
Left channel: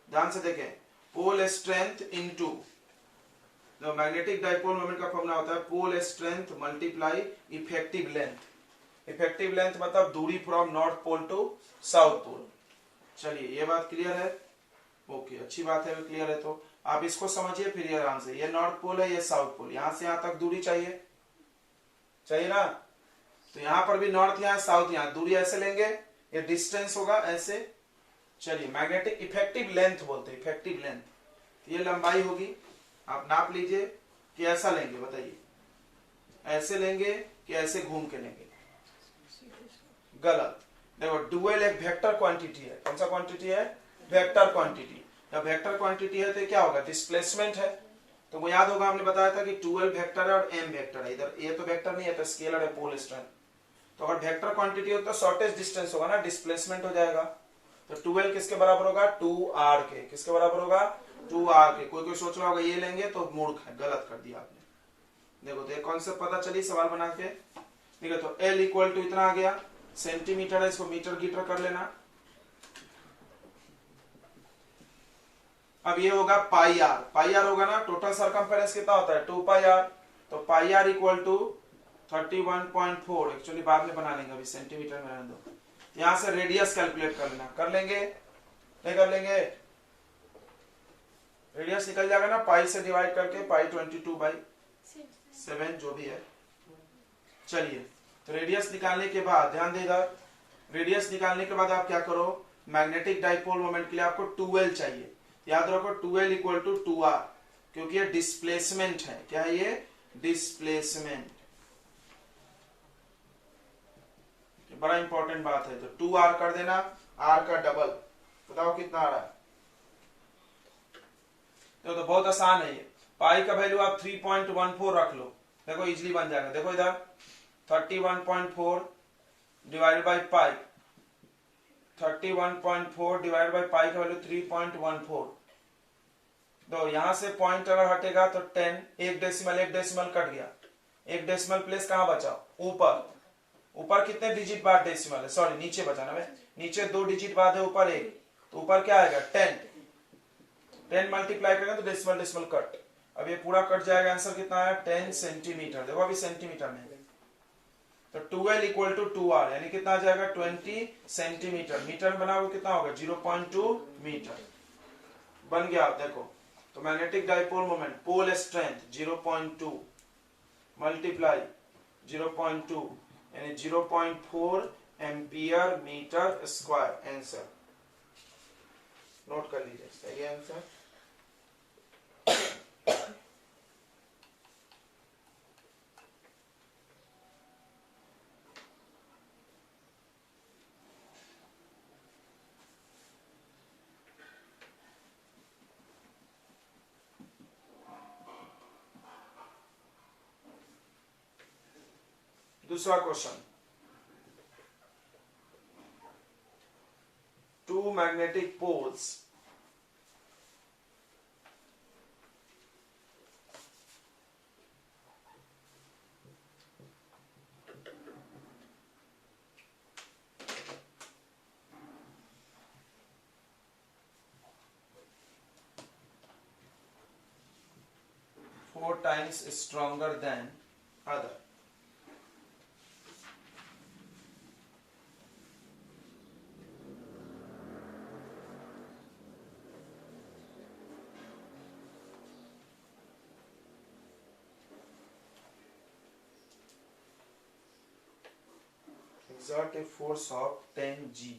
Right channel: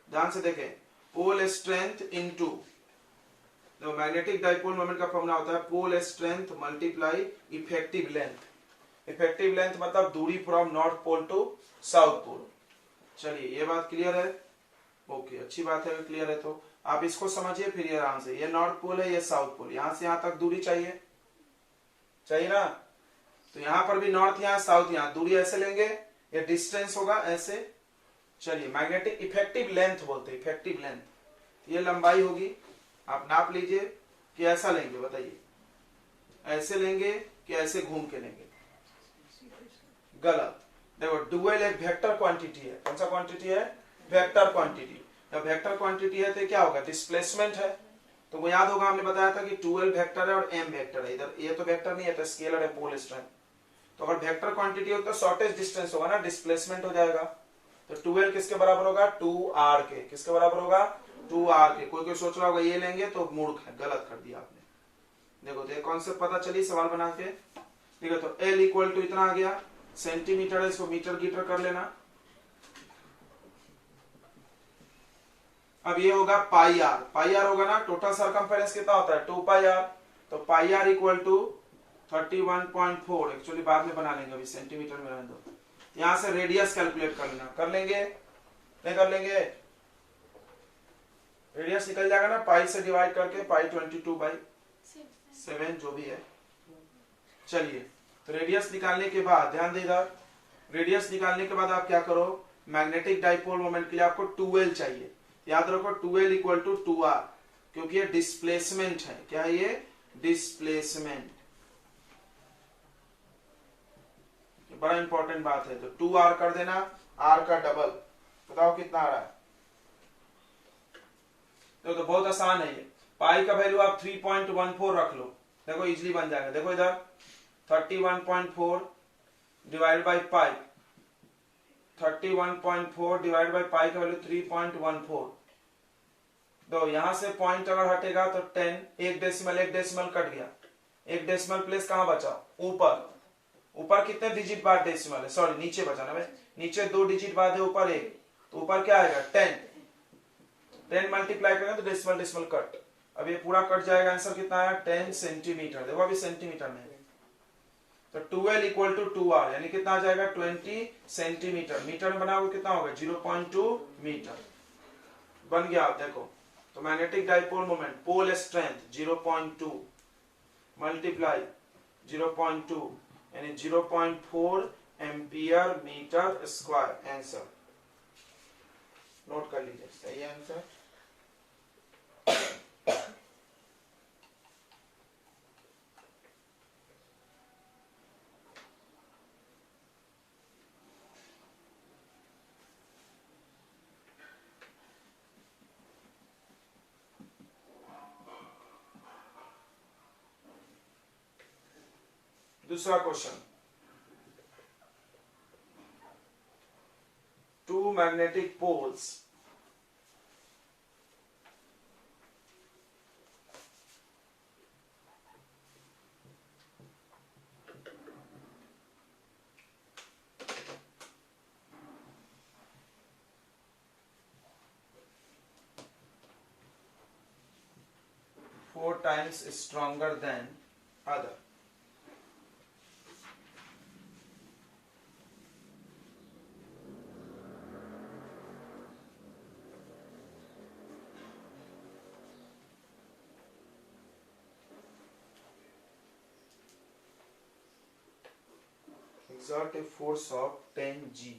ध्यान से देखें, पोल स्ट्रेंथ इनटू, जो मैग्नेटिक डाइपोल मोमेंट का फॉर्मूला होता है pole strength multiply effective length. Effective length मतलब दूरी from north pole to south pole. चलिए ये बात क्लियर है, ओके अच्छी बात है, क्लियर है। तो आप इसको समझिए फिर ये आराम से, ये नॉर्थ पोल है, ये साउथ पोल, यहां से यहां तक दूरी चाहिए, चाहिए ना। तो यहां पर भी नॉर्थ यहां साउथ यहां, दूरी ऐसे लेंगे, ये डिस्टेंस होगा ऐसे। चलिए मैग्नेटिक इफेक्टिव लेंथ बोलते हैं, इफेक्टिव लेंथ, ये लंबाई होगी। आप नाप लीजिए कि ऐसा लेंगे, बताइए ऐसे लेंगे कि ऐसे घूम के लेंगे, गलत। देखो डुअल एक वेक्टर क्वांटिटी है, कौन सा क्वांटिटी है, वेक्टर क्वांटिटी। जब वेक्टर क्वांटिटी है तो क्या होगा, डिस्प्लेसमेंट है। तो वो याद होगा हमने बताया था कि 12 वेक्टर है और m वेक्टर है, इधर ये तो वेक्टर नहीं है तो स्केलर है, पोल स्ट्रेंथ। तो अगर वेक्टर क्वांटिटी हो तो शॉर्टेस्ट डिस्टेंस होगा ना, डिस्प्लेसमेंट हो जाएगा। तो 12 किसके बराबर होगा, 2r के, किसके बराबर होगा, 2r के। कोई सोच रहा होगा ये लेंगे तो मूर्ख है, गलत कर दिया आपने। देखो तो कॉन्सेप्ट पता चली सवाल बना के, ठीक है। तो L इक्वल टू इतना आ गया, सेंटीमीटर है, इसको मीटर गीटर कर लेना। अब ये होगा पाई आर होगा ना, टोटल सरकमफेरेंस कितना होता है 2 पाई आर, तो पाई आर इक्वल टू 31.4, एक्चुअली बाद में बना लेंगे, अभी सेंटीमीटर में रहने दो। यहां से रेडियस कैलकुलेट कर लेना, कर लेंगे नहीं कर लेंगे, रेडियस निकल जाएगा ना पाई से डिवाइड करके, पाई 22/7 जो भी है। चलिए, तो रेडियस निकालने के बाद ध्यान देगा, रेडियस निकालने के बाद आप क्या करो, मैग्नेटिक डाइपोल मोमेंट के लिए आपको 2L चाहिए, याद रखो 2L इक्वल टू 2R, क्योंकि ये डिस्प्लेसमेंट है। क्या है ये? डिस्प्लेसमेंट, बड़ा इंपॉर्टेंट बात है। तो 2R कर देना, R का डबल, बताओ कितना आ रहा है। तो बहुत आसान है ये, पाई का वैल्यू आप 3.14 रख लो, देखो इजिली बन जाएगा। देखो इधर 31.4 divide by pi, 31.4 divide by pi का वैल्यू 3.14। तो यहां से पॉइंट अगर हटेगा तो 10, एक डेसिमल कट गया, एक डेसिमल प्लेस कहां बचा? ऊपर। ऊपर कितने डिजिट बाद डेसिमल है, सॉरी नीचे बचा ना, नीचे 2 डिजिट बाद है, ऊपर 1, तो ऊपर क्या आएगा 10 मल्टीप्लाई करेंगे तो डेसिमल कट। अब ये पूरा कट जाएगा, आंसर कितना आया 10 सेंटीमीटर। देखो अभी सेंटीमीटर में, तो 2L इक्वल टू 2R, यानी कितना आ जाएगा 20 सेंटीमीटर। मीटर में बनाओगे कितना होगा 0.2 मीटर बन गया। आप देखो, तो magnetic dipole moment, pole strength 0.2 multiply 0.2 यानी 0.4 ampere metre square. Answer note कर लीजिए, सही है आंसर। दूसरा question, two magnetic poles four times stronger than other. Exert a force of 10 G.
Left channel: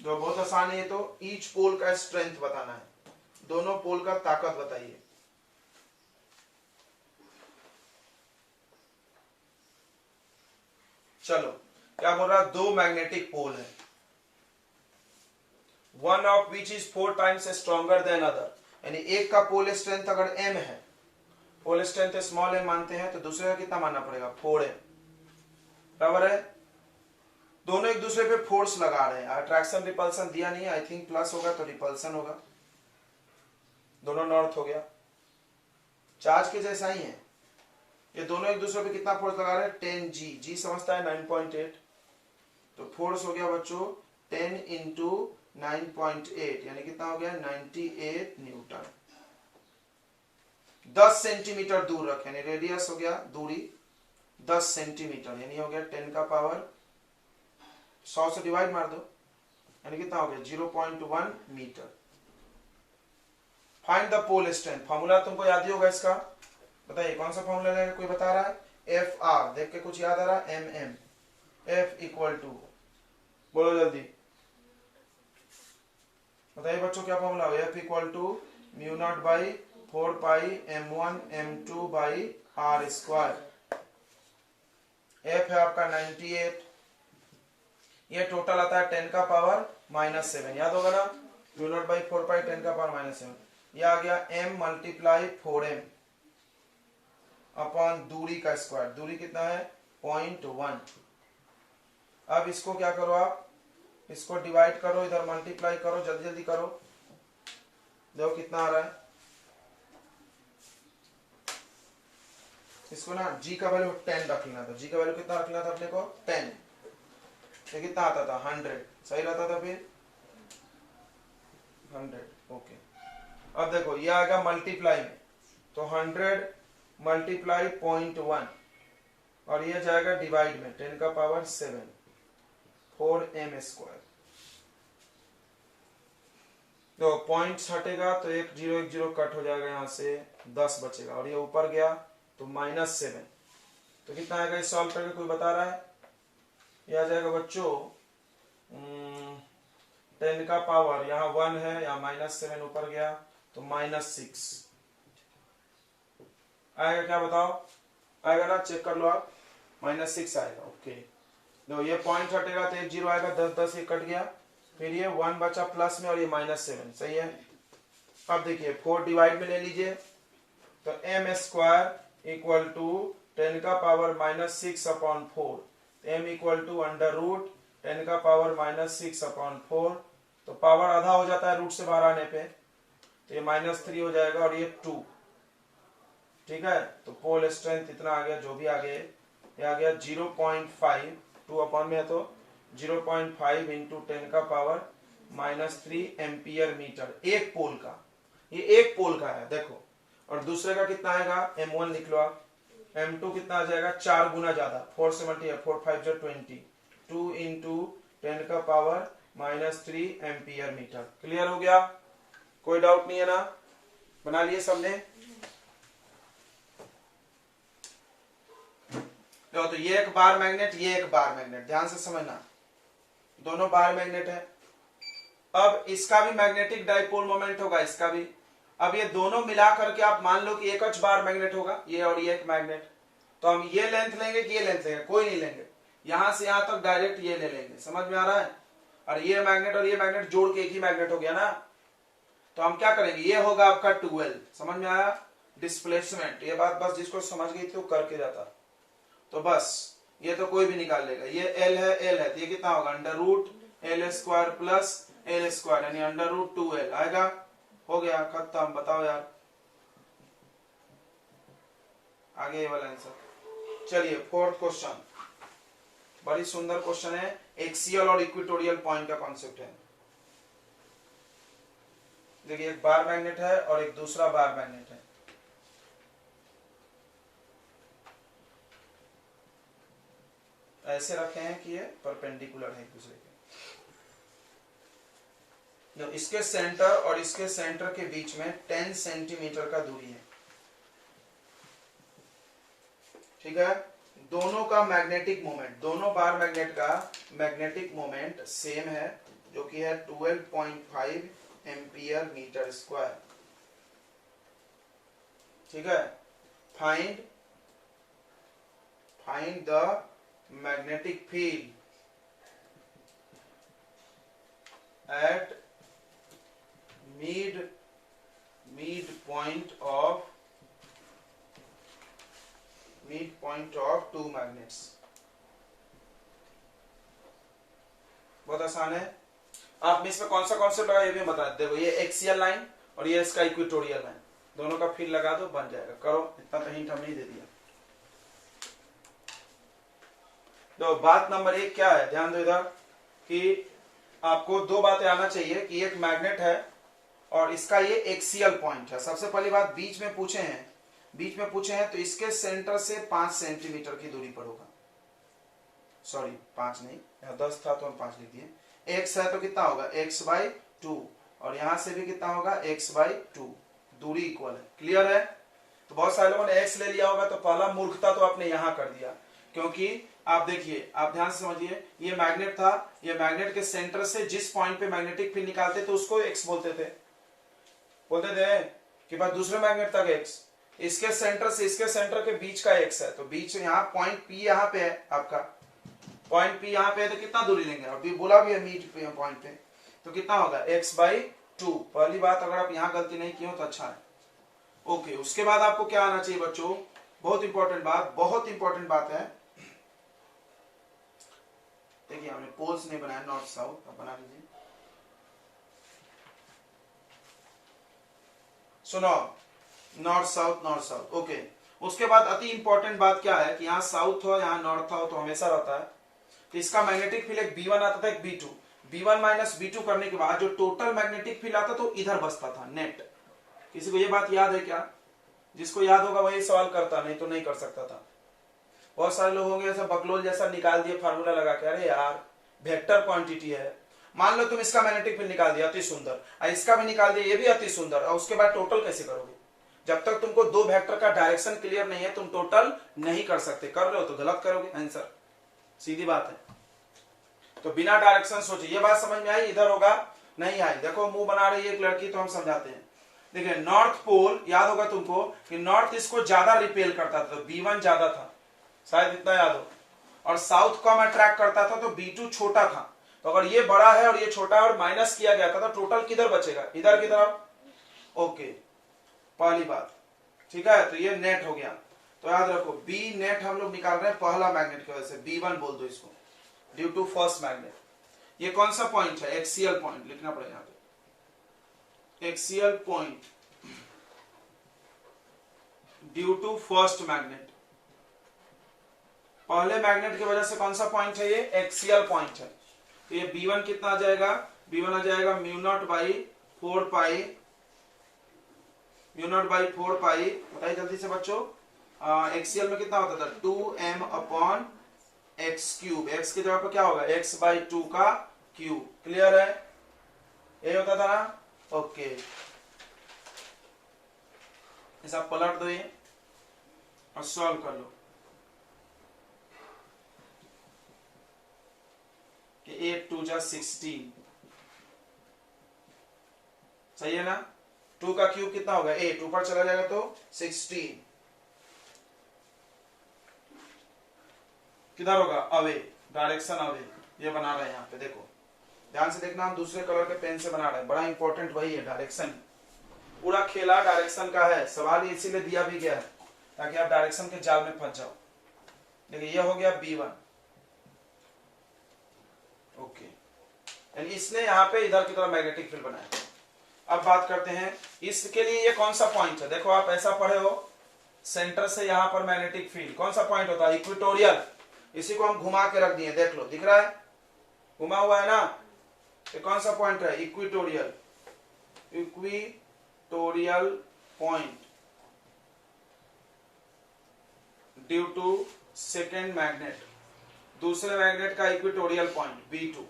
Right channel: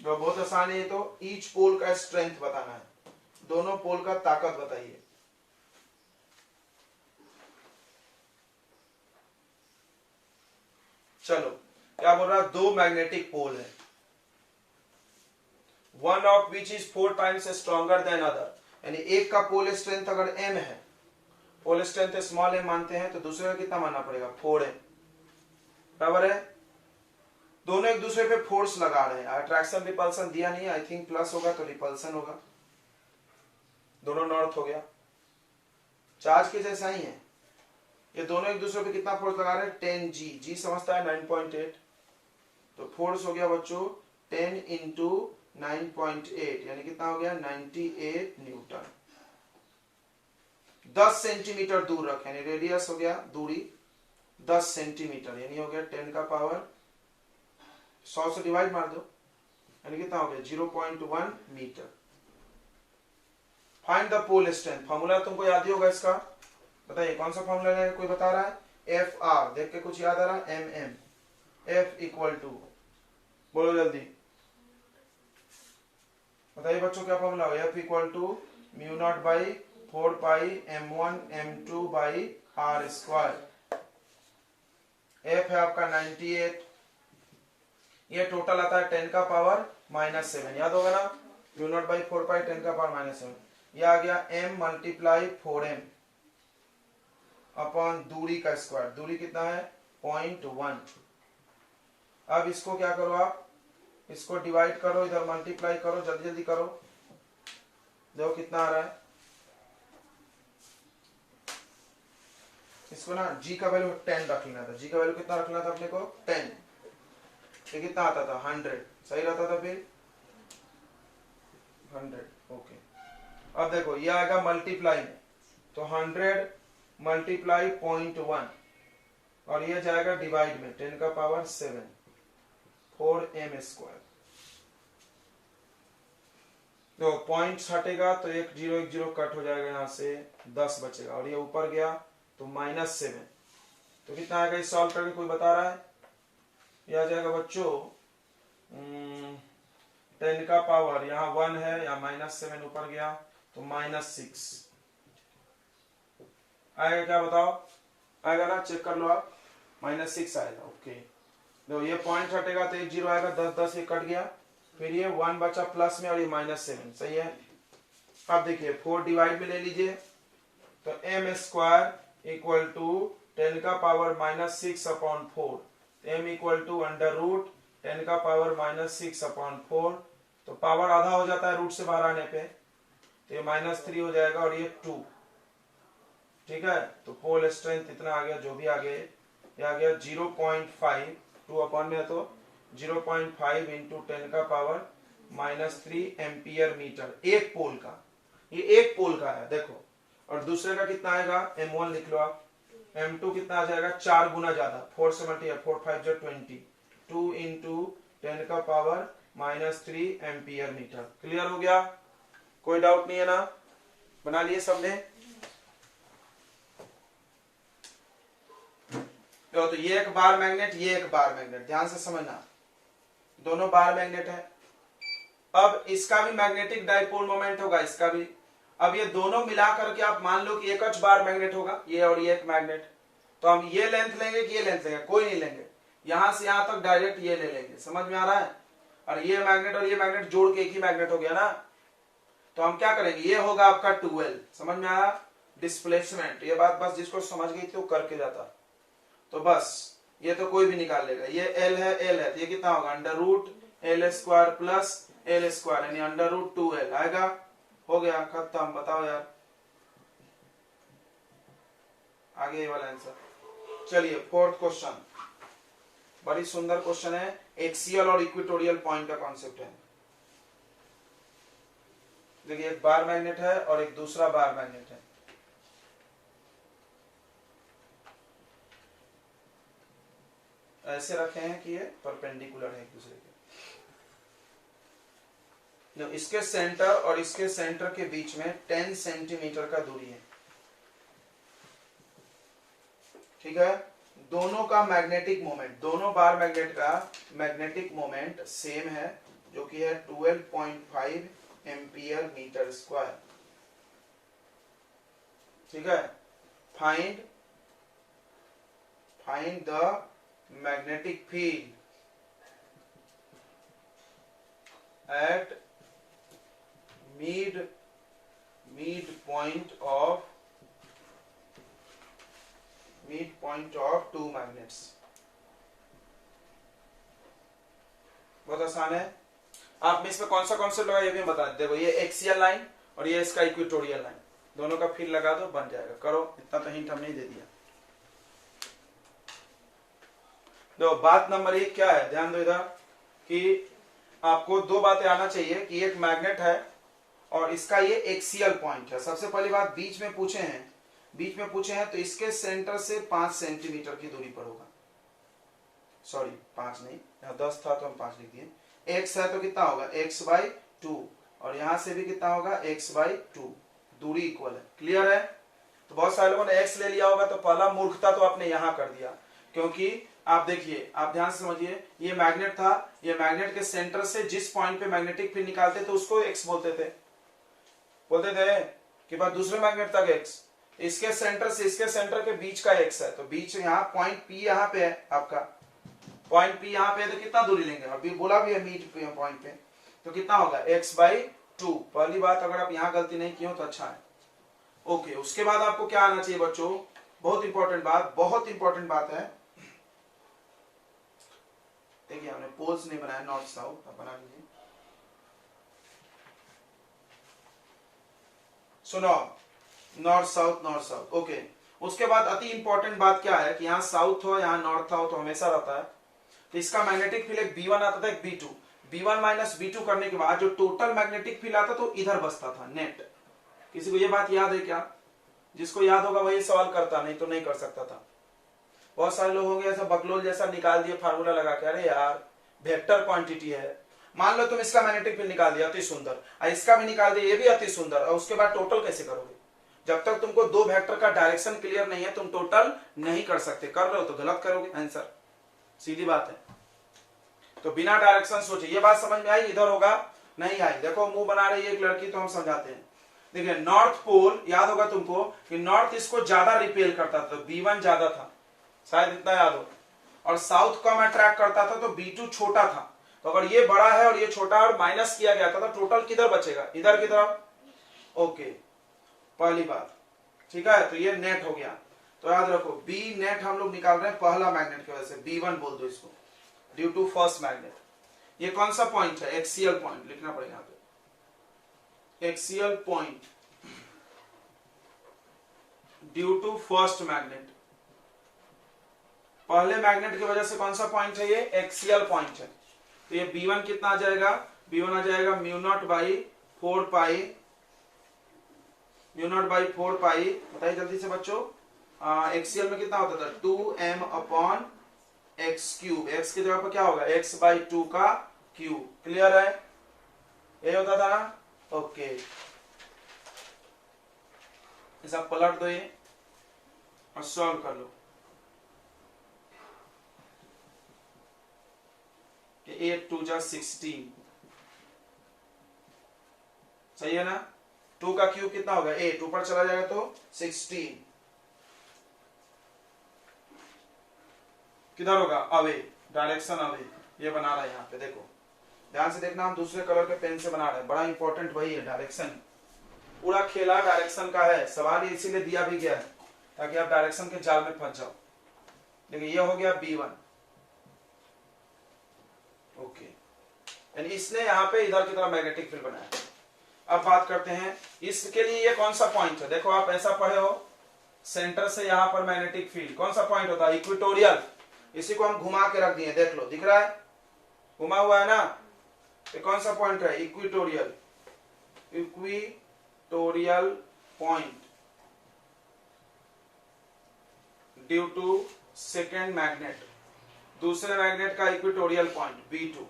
तो बहुत आसान है, तो ईच पोल का स्ट्रेंथ बताना है, दोनों पोल का ताकत बताइए। चलो, क्या बोल रहा है, दो मैग्नेटिक पोल है, one of which is 4 times stronger than other, यानी एक का पोल स्ट्रेंथ अगर m है, पोल स्ट्रेंथ स्मॉल m मानते हैं, तो दूसरे का कितना मानना पड़ेगा 4m, बराबर है। दोनों एक दूसरे पे फोर्स लगा रहे हैं, अट्रैक्शन रिपल्सन दिया नहीं है, आई थिंक प्लस होगा तो रिपल्सन होगा, दोनों नॉर्थ हो गया, चार्ज के जैसा ही है। ये दोनों एक दूसरे पे कितना फोर्स लगा रहे हैं 10G, G समझता है 9.8, तो फोर्स हो गया बच्चों 10 इंटू 9.8 यानी कितना हो गया 98 न्यूटन। 10 सेंटीमीटर दूर रखें, यानी रेडियस हो गया दूरी 10 सेंटीमीटर, यानी हो गया 10 का पावर 100 से डिवाइड मार दो, यानी कितना हो गया 0.1 metre. Find the pole strength, formula तुमको याद ही होगा इसका, बताइए कौन सा फॉर्मूला रहेगा, कोई बता रहा है? FR, देख के कुछ याद आ रहा है? MM, F इक्वल टू, बोलो जल्दी बताइए बच्चों क्या फॉर्मूला हो? F equal to mu naught by 4 pi M1 M2 by R square. F है आपका 98, ये टोटल आता है 10 का पावर -7, याद होगा ना, म्यू नॉट बाई 4 पाई 10 का पावर -7, ये आ गया m मल्टीप्लाई 4m अपॉन दूरी का स्क्वायर। दूरी कितना है 0.1। अब इसको क्या करो आप, इसको डिवाइड करो, इधर मल्टीप्लाई करो, जल्दी जल्दी करो, देखो कितना आ रहा है। इसको ना g का वैल्यू 10 रख लेना था। g का वैल्यू कितना रखना था अपने को 10। ये कितना आता था 100, सही रहता था फिर 100। ओके, अब देखो ये आएगा मल्टीप्लाई में, तो 100 मल्टीप्लाई 0.1 और ये जाएगा डिवाइड में 10 का पावर 7 4m स्क्वायर। देखो पॉइंट्स हटेगा तो एक जीरो कट हो जाएगा, यहाँ से 10 बचेगा और ये ऊपर गया तो -7। तो कितना आएगा इस सॉल्व करके कोई बता रहा है? ये आ जाएगा बच्चों 10 का पावर, यहाँ 1 है, यहाँ -7 ऊपर गया तो -6 आएगा। क्या बताओ आएगा ना, चेक कर लो आप, -6 आएगा। ओके, देखो ये पॉइंट हटेगा तो एक जीरो आएगा, 10 ये कट गया, फिर ये 1 बचा प्लस में और ये -7, सही है। अब देखिए 4 डिवाइड में ले लीजिए, तो m स्क्वायर इक्वल टू 10 का power -6 upon 4, m equal to under root 10 का पावर -6 अपॉन 4, तो पावर आधा हो जाता है रूट से बाहर आने पे, तो ये -3 हो जाएगा और ये 2, ठीक है। तो पोल स्ट्रेंथ इतना आ गया, जो भी आ गया ये आ गया 0.5, 2 अपॉन में है तो 0.5 इंटू 10 का पावर -3 एम्पियर मीटर, एक पोल का, ये एक पोल का है देखो। और दूसरे का कितना आएगा, m1 लिख लो आप, m2 कितना आ जाएगा 4 गुना ज्यादा, 4 से मल्टीप्लाई 4 5 जो 20, 2 इंटू 10 का पावर -3 एम्पियर मीटर। क्लियर हो गया, कोई डाउट नहीं है ना, बना लिए सबने। तो ये एक बार मैग्नेट, ये एक बार मैग्नेट, ध्यान से समझना, दोनों बार मैग्नेट है। अब इसका भी मैग्नेटिक डाइपोल मोमेंट होगा, इसका भी। अब ये दोनों मिला करके आप मान लो कि एक और बार मैग्नेट होगा, ये और ये एक मैग्नेट। तो हम ये लेंथ लेंगे कि ये लेंथ लेंगे, कोई नहीं लेंगे, यहां से यहां तक डायरेक्ट ये ले लेंगे, समझ में आ रहा है। और ये मैग्नेट और ये मैग्नेट जोड़ के एक ही मैग्नेट हो गया ना। तो हम क्या करेंगे, ये होगा आपका 12, समझ में आया, डिस्प्लेसमेंट। ये बात बस जिसको समझ गई थी वो करके जाता, तो बस ये तो कोई भी निकाल लेगा। ये L है तो ये कितना होगा under root L square plus L square यानी अंडर रूट 2L आएगा। हो गया, खत्म। बताओ यार, आगे ये वाला आंसर। चलिए फोर्थ क्वेश्चन, बड़ी सुंदर क्वेश्चन है, एक्सियल और इक्वेटोरियल पॉइंट का कॉन्सेप्ट है। देखिए एक बार मैग्नेट है और एक दूसरा बार मैग्नेट है। ऐसे रखे हैं कि ये परपेंडिकुलर है एक दूसरे के। इसके सेंटर और इसके सेंटर के बीच में 10 सेंटीमीटर का दूरी है, ठीक है। दोनों का मैग्नेटिक मोमेंट, दोनों बार मैग्नेट का मैग्नेटिक मोमेंट सेम है, जो कि है 12.5 एम्पियर मीटर स्क्वायर, ठीक है। Find the magnetic field at midpoint of two magnets। बहुत आसान है। आप में इसमें कौन सा कॉन्सेप्ट लगा ये भी बता देखो, ये एक्सियल लाइन और ये इसका इक्वेटोरियल लाइन, दोनों का फील्ड लगा दो, बन जाएगा। करो, इतना तो हिंट हमने दे दिया। देखो बात नंबर 1 क्या है, ध्यान दो इधर कि आपको दो बातें आना चाहिए कि एक मैग्नेट है और इसका ये एक्सियल पॉइंट है। सबसे पहली बात बीच में पूछे हैं तो इसके सेंटर से 5 सेंटीमीटर की दूरी पर होगा। सॉरी 5 नहीं, यहाँ 10 था तो हम 5 लिख दिए। x है तो कितना होगा x/2 और यहां से भी कितना होगा x/2, दूरी इक्वल है। क्लियर है। तो बहुत सारे लोगों ने x ले लिया होगा, तो पहला मूर्खता तो आपने यहां कर दिया, क्योंकि आप देखिए, आप ध्यान से समझिए, ये मैग्नेट था, ये मैग्नेट के सेंटर से जिस पॉइंट पे मैग्नेटिक फील्ड निकालते तो उसको x बोलते थे कि बस दूसरे मैग्नेट तक x, इसके सेंटर से इसके सेंटर के बीच का x है, तो बीच यहाँ पॉइंट P यहाँ पे है, आपका पॉइंट P यहाँ पे है, तो कितना दूरी लेंगे, अभी बोला भी है मीड पॉइंट पे, तो कितना होगा x/2 2। पहली बात, अगर आप यहां गलती नहीं किए हो तो अच्छा है। ओके, उसके बाद आपको क्या आना चाहिए बच्चों, बहुत इंपॉर्टेंट बात, बहुत इंपॉर्टेंट बात है। देखिए हमने पोल्स नहीं बनाया, नॉर्थ साउथ, अब बना लीजिए। सुनो, north south, north south. Okay, उसके बाद अति इंपॉर्टेंट बात क्या है कि यहाँ साउथ हो यहाँ नॉर्थ हो तो हमेशा रहता है। तो इसका मैग्नेटिक फील्ड एक B1 आता था, एक B2। B1 माइनस B2 करने के बाद जो टोटल मैग्नेटिक फील्ड आता तो इधर बसता था नेट। किसी को ये बात याद है क्या? जिसको याद होगा वही सवाल करता, नहीं तो नहीं कर सकता था। बहुत सारे लोग होंगे ऐसा बकलोल जैसा निकाल दिए फार्मूला लगा के, अरे यार वेक्टर क्वांटिटी है, मान लो तुम इसका मैग्नेटिक फील्ड निकाल दिया, अति सुंदर, और इसका भी निकाल दिया, ये भी अति सुंदर, और उसके बाद टोटल कैसे करोगे? जब तक तुमको दो वेक्टर का डायरेक्शन क्लियर नहीं है तुम टोटल नहीं कर सकते। कर रहे हो तो गलत करोगे आंसर, सीधी बात है। तो बिना डायरेक्शन सोचे, ये बात समझ में आई? इधर होगा नहीं आई, देखो मुंह बना रही है एक लड़की तो हम समझाते हैं। देखिए नॉर्थ पोल याद होगा तुमको कि नॉर्थ इसको ज्यादा रिपेल करता था, तो B1 ज्यादा था, शायद इतना याद हो, और साउथ कम अट्रैक्ट करता था तो B2 छोटा था। तो अगर ये बड़ा है और ये छोटा है और माइनस किया गया था तो टोटल किधर बचेगा? इधर की तरफ। ओके, पहली बात, ठीक है। तो ये नेट हो गया, तो याद रखो बी नेट हम लोग निकाल रहे हैं पहला मैग्नेट की वजह से, B1 बोल दो इसको, ड्यू टू फर्स्ट मैग्नेट। ये कौन सा पॉइंट है? एक्सियल पॉइंट लिखना पड़ेगा यहाँ पे, axial point due to first magnet. पहले मैग्नेट की वजह से कौन सा पॉइंट है? ये एक्सियल पॉइंट है। तो ये B1 कितना आ जाएगा? B1 आ जाएगा mu naught by 4 pi, mu naught by 4 पाई, बताइए जल्दी से बच्चों। एक्सियल में कितना होता था? 2m upon x cube, x की जगह पर क्या होगा? x बाई 2 का क्यूब। क्लियर है? यही होता था ना? ओके, ऐसा पलट दो ये और सॉल्व कर लो। 8 2 जा 16, सही है ना? 2 का क्यूब कितना होगा? 8, ऊपर चला जाएगा तो 16, किधर होगा? Away, direction away. ये बना रहे हैं यहाँ पे, देखो ध्यान से देखना, हम दूसरे कलर के पेन से बना रहे हैं, बड़ा इंपॉर्टेंट वही है, डायरेक्शन। पूरा खेला डायरेक्शन का है, सवाल इसीलिए दिया भी गया है ताकि आप डायरेक्शन के जाल में फंस जाओ। देखिए ये हो गया B1, ओके, यानी इसने यहाँ पे इधर की तरफ मैग्नेटिक फील्ड बनाया। अब बात करते हैं इसके लिए ये कौन सा पॉइंट है? देखो आप ऐसा पढ़े हो, सेंटर से यहां पर मैग्नेटिक फील्ड कौन सा पॉइंट होता है? इक्वेटोरियल। इसी को हम घुमा के रख दिए, देख लो, दिख रहा है घुमा हुआ है ना? ये कौन सा पॉइंट है? Equatorial, equatorial point due to second magnet, दूसरे मैग्नेट का इक्वेटोरियल पॉइंट B2।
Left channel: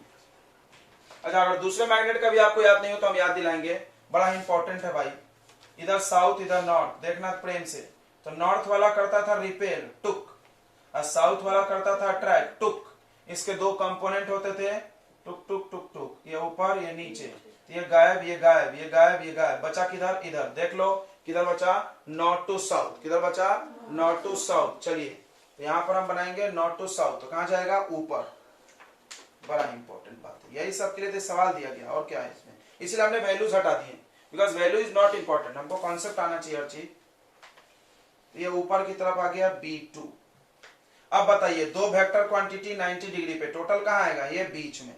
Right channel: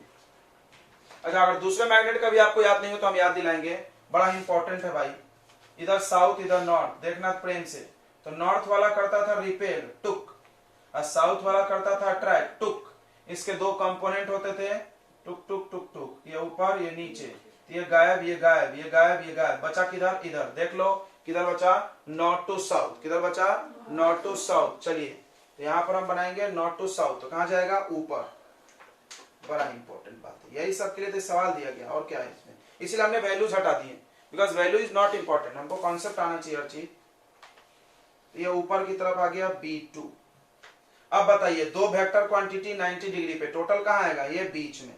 अच्छा, अगर दूसरे मैग्नेट का भी आपको याद नहीं हो तो हम याद दिलाएंगे, बड़ा इंपॉर्टेंट है भाई। इधर साउथ इधर नॉर्थ, देखना प्रेम से। तो नॉर्थ वाला करता था रिपेल, टुक, और साउथ वाला करता था अट्रैक्ट, टुक। इसके दो कंपोनेंट होते थे, टुक टुक टुक टुक, ये ऊपर ये नीचे, ये गायब ये गायब, ये गायब ये गायब, बचा किधर? इधर। देख लो किधर बचा? North to south. किधर बचा? North to south. चलिए तो यहां पर हम बनाएंगे नॉर्थ टू साउथ, तो कहां जाएगा? ऊपर। बड़ा इंपॉर्टेंट बात है, यही सब के लिए तो सवाल दिया गया, और क्या है इसमें, इसलिए हमने वैल्यूज हटा दिए, because value is not important, हमको कॉन्सेप्ट आना चाहिए हर चीज। ये ऊपर की तरफ आ गया B2। अब बताइए दो वेक्टर क्वांटिटी 90 डिग्री पे, टोटल कहां आएगा? ये बीच में।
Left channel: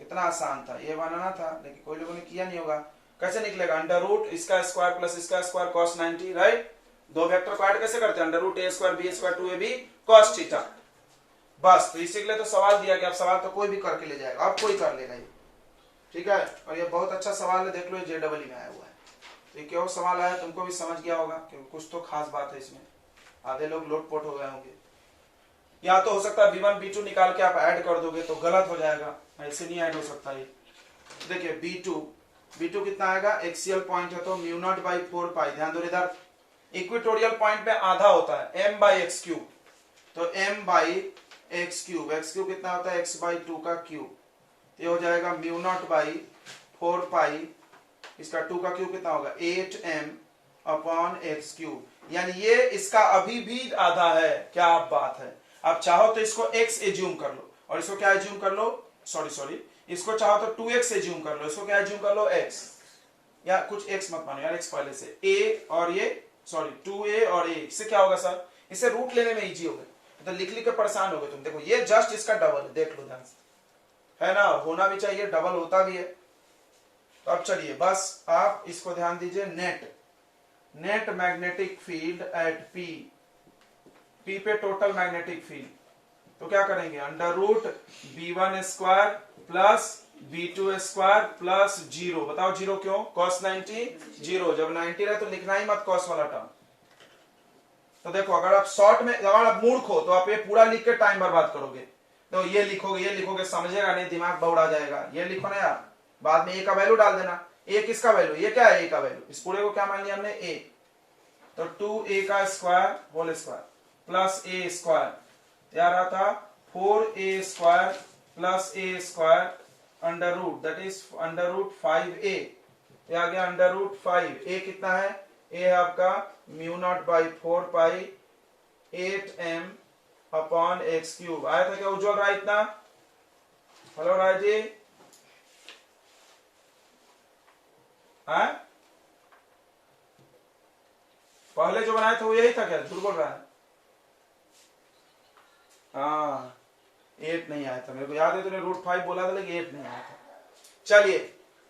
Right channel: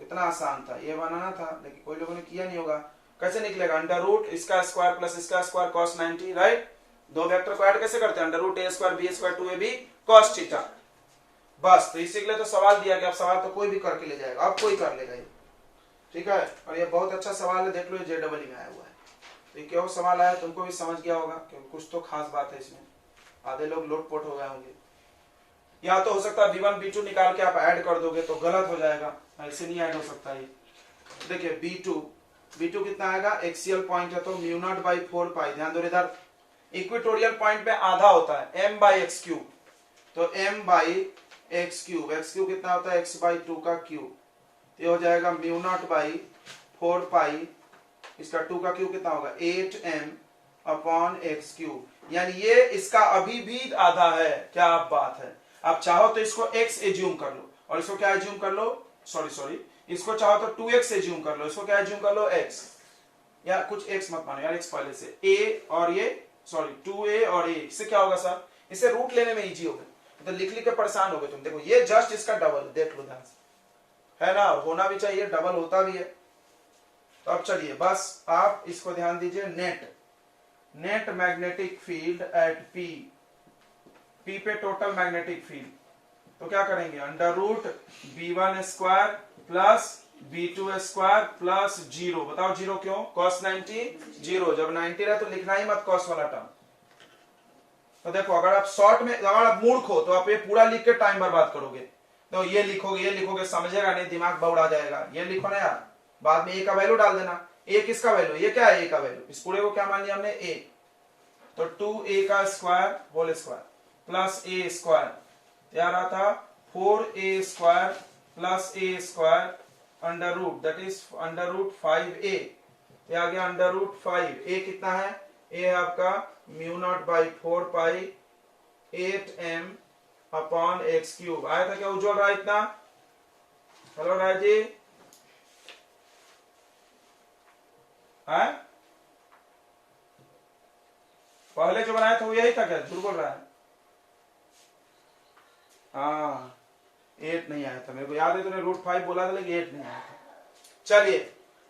कितना आसान था, ये बनाना था, लेकिन कोई लोगों ने किया नहीं होगा। कैसे निकलेगा? अंडर रूट इसका स्क्वायर प्लस इसका स्क्वायर cos 90, राइट? दो वेक्टर को ऐड कैसे करते हैं? Under root a square b square 2ab cos theta. बस, तो इसी के लिए तो सवाल दिया गया। अब सवाल तो कोई भी करके ले जाएगा, अब कोई कर लेगा ये, ठीक है? और ये बहुत अच्छा सवाल है, देख लो ये JEE में आया हुआ है। तो ये क्यों सवाल आया तुमको भी समझ गया होगा, क्योंकि कुछ तो खास बात है इसमें। आधे लोग लोटपोट हो गए होंगे। या तो हो सकता है B1 B2 निकाल के आप ऐड कर दोगे तो गलत हो जाएगा, ऐसे नहीं ऐड हो सकता ये। देखिए B2 कितना आएगा? एक्सियल पॉइंट है तो म्यू नॉट बाई 4 पाई। ध्यान दो इधर इक्वेटोरियल पॉइंट में आधा होता है m बाई एक्स क्यूब, तो m by x cube, x cube कितना होता है? x बाई 2 का क्यूब। ये हो जाएगा म्यू नॉट बाई 4 पाई, इसका 2 का क्यूब कितना होगा? 8m upon x cube. यानी ये इसका अभी भी आधा है। क्या बात है! आप चाहो तो इसको x एज्यूम कर लो, और इसको क्या एज्यूम कर लो? सॉरी इसको चाहो तो 2x से ज्यूम कर लो, इसको क्या ज्यूम कर लो x, या कुछ x मत मानो यार, x पहले से a और ये सॉरी 2a और a, इससे क्या होगा सर, इसे रूट लेने में इजी होगा, तो लिख लिख के परेशान हो गए तुम। देखो ये जस्ट इसका डबल, देख लो ध्यान से, है ना, और होना भी चाहिए, डबल होता भी है। तो अब चलिए बस आप इसको ध्यान दीजिए, net magnetic field at P पे टोटल मैग्नेटिक फील्ड, तो क्या करेंगे, under root b1 square plus b2 square plus 0, बताओ 0 क्यों, cos 90 0, जब 90 रहे तो लिखना ही मत cos वाला टर्म। तो देखो अगर आप शॉर्ट में, अगर आप मूर्ख हो तो आप ये पूरा लिख के टाइम बर्बाद करोगे, तो ये लिखोगे समझेगा नहीं, दिमाग बौड़ा जाएगा, ये लिखो ना यार, बाद में a का वैल्यू डाल देना, a किसका वैल्यू, ये क्या है a का वैल्यू, इस पूरे को क्या मान लिया हमने a, तो 2a का square whole square plus a square, यार रहा था 4a square plus a square under root, that is under root 5a, ये आ गया अंडर रूट 5, a कितना है, a है आपका mu naught by 4 pi 8m upon x cube, आया था क्या उज्जवल राय इतना, हेलो राय जी, पहले जो बनाया था वो यही था क्या, झूठ बोल रहा है, हाँ 8 नहीं आया था, मेरे को याद है तूने रूट 5 बोला था लेकिन 8 नहीं आया था। चलिए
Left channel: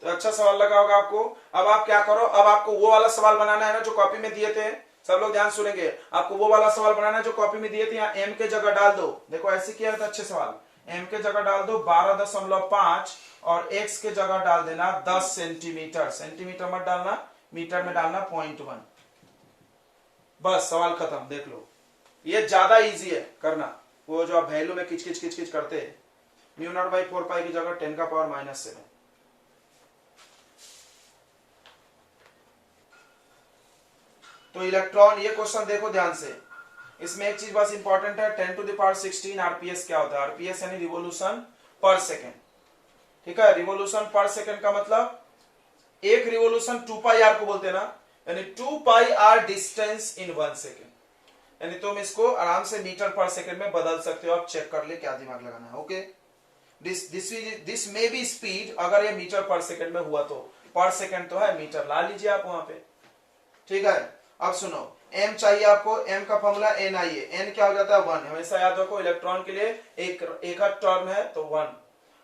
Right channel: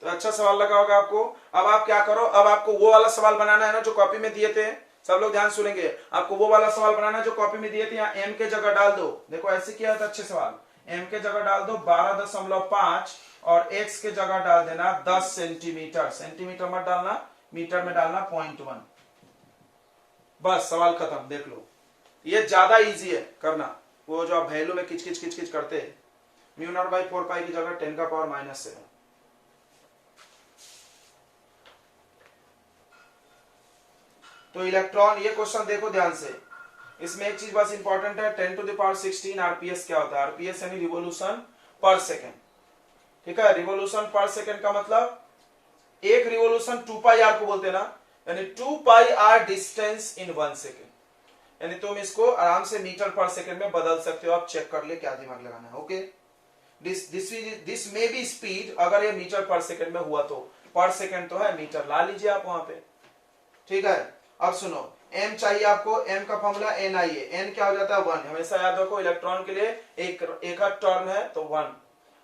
तो अच्छा सवाल लगा होगा आपको। अब आप क्या करो, अब आपको वो वाला सवाल बनाना है ना जो कॉपी में दिए थे, सब लोग ध्यान सुनेंगे, आपको वो वाला सवाल बनाना है जो कॉपी में दिए थे, यहाँ m के जगह डाल दो, देखो ऐसे किया था अच्छे सवाल, m के जगह डाल दो 12.5 और x के जगह डाल देना 10 सेंटीमीटर, सेंटीमीटर मत डालना, मीटर में डालना 0.1, बस सवाल खत्म। देख लो ये ज्यादा इजी है करना, वो जो आप वैल्यू में किच किच करते हैं, म्यू नॉट बाई 4 पाई की जगह 10 का पावर -7। तो इलेक्ट्रॉन, ये क्वेश्चन देखो ध्यान से, इसमें एक चीज बस इंपॉर्टेंट है, 10 टू द पावर 16 आरपीएस क्या होता है, आरपीएस यानी रिवोल्यूशन पर सेकेंड, ठीक है, रिवोल्यूशन पर सेकेंड का मतलब एक रिवोल्यूशन 2 पाई आर को बोलते हैं ना, यानी 2 पाई आर डिस्टेंस इन 1 सेकेंड, यानी तुम इसको आराम से मीटर पर सेकेंड में बदल सकते हो, आप चेक कर ले क्या दिमाग लगाना है, okay. This may be speed, अगर ये मीटर पर सेकेंड में हुआ तो, पर सेकेंड तो है, मीटर ला लीजिए आप वहां पे, ठीक है। अब सुनो, m चाहिए आपको, m का फॉर्मूला ni है, n क्या हो जाता है 1, हमेशा याद रखो इलेक्ट्रॉन के लिए एक टर्म है तो 1,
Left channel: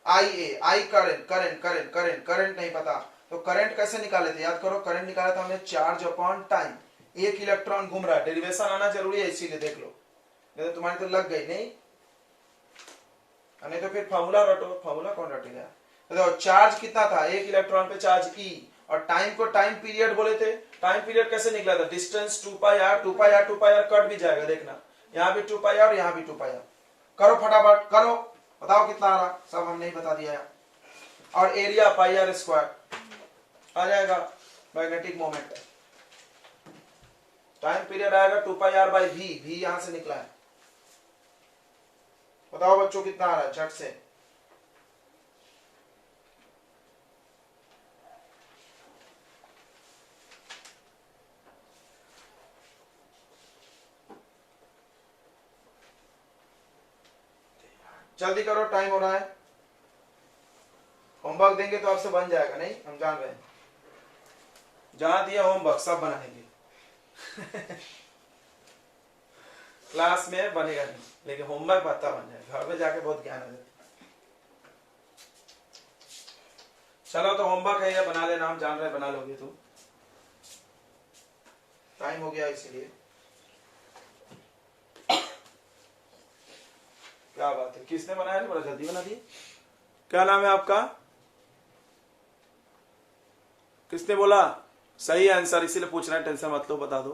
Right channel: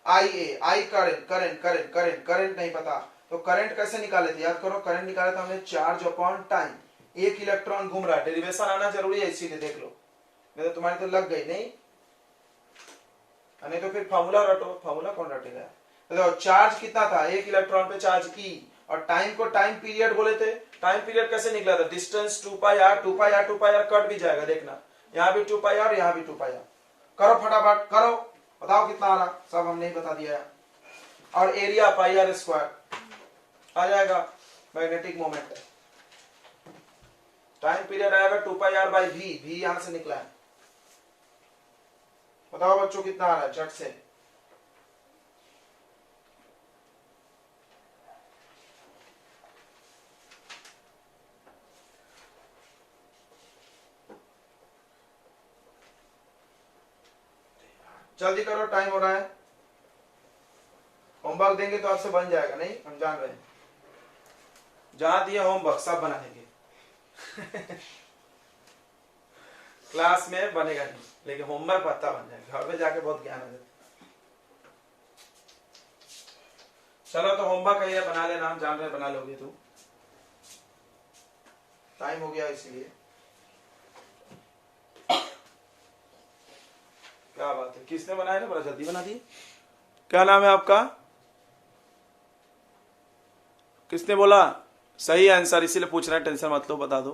i करंट नहीं पता, तो करंट कैसे निकाले थे, याद करो करंट निकाला था हमने चार्ज अपॉन टाइम, एक इलेक्ट्रॉन घूम रहा है, डेरिवेशन आना जरूरी है इसीलिए, देख लो, नहीं तो तुम्हारी तो लग गई, नहीं तो फिर फॉर्मूला रटो, फॉर्मूला कौन रटेगा, तो चार्ज कितना था, एक इलेक्ट्रॉन पे चार्ज E, और टाइम को टाइम पीरियड बोले थे, टाइम पीरियड कैसे निकला था, डिस्टेंस 2 पाई आर कट भी जाएगा, देखना यहाँ भी 2 पाई आर, यहाँ भी 2 पाई आर, करो फटाफट करो, बताओ कितना आ रहा, सब हमने ही बता दिया है, और एरिया पाई आर स्क्वायर आ जाएगा, मैग्नेटिक मोमेंट, टाइम पीरियड आएगा 2 पाई आर बाई वी यहां से निकला है, बताओ बच्चों कितना आ रहा है झट से, जल्दी करो टाइम हो रहा है, होमवर्क देंगे तो आपसे बन जाएगा, नहीं हम जान रहे हैं, जहां दिया होमवर्क सब बना देंगे क्लास में बनेगा नहीं, लेकिन होमवर्क पता बन जाएगा, घर में जाके बहुत ज्ञान है। चलो तो होमवर्क है ये बना लेना, हम जान रहे बना लोगे, तो टाइम हो गया इसीलिए, क्या बात है, किसने बनाया ना, बड़ा जल्दी बना दिए, क्या नाम है आपका, किसने बोला, सही आंसर, इसीलिए पूछ रहे हैं, टेंशन मत लो, बता दो,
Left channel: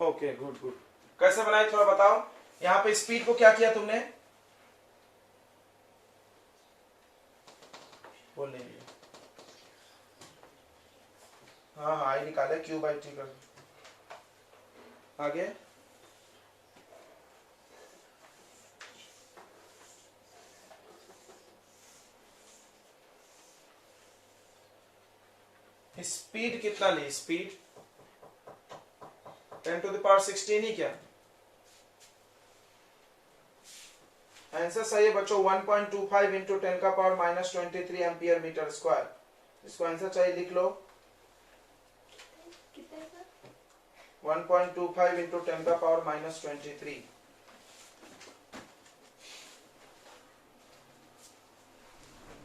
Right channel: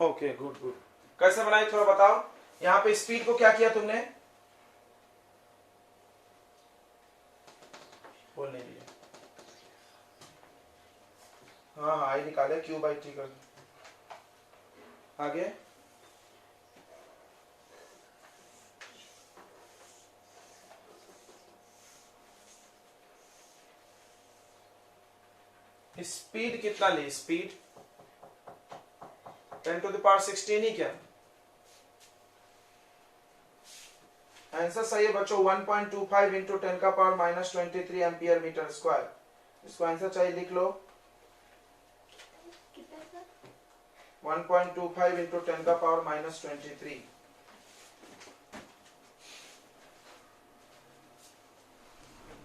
ओके गुड, कैसे बनाई थोड़ा बताओ, यहाँ पे स्पीड को क्या किया तुमने, बोलने दिया, हाँ आई निकाले, क्यू बाई टी कर, आगे स्पीड कितना ली, स्पीड 10 टू द पावर 16 ही क्या, आंसर सही है बच्चों 1.25 इंटू 10 का power minus 23 ampere metre square. इसको आंसर चाहिए लिख लो 1.25 इंटू 10 का पावर माइनस 23।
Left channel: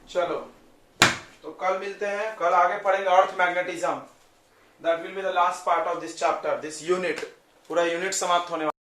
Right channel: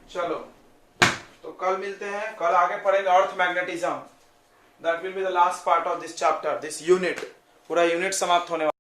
चलो तो कल मिलते हैं, कल आगे पढ़ेंगे earth magnetism. That will be the last part of this chapter, this unit. पूरा यूनिट समाप्त होने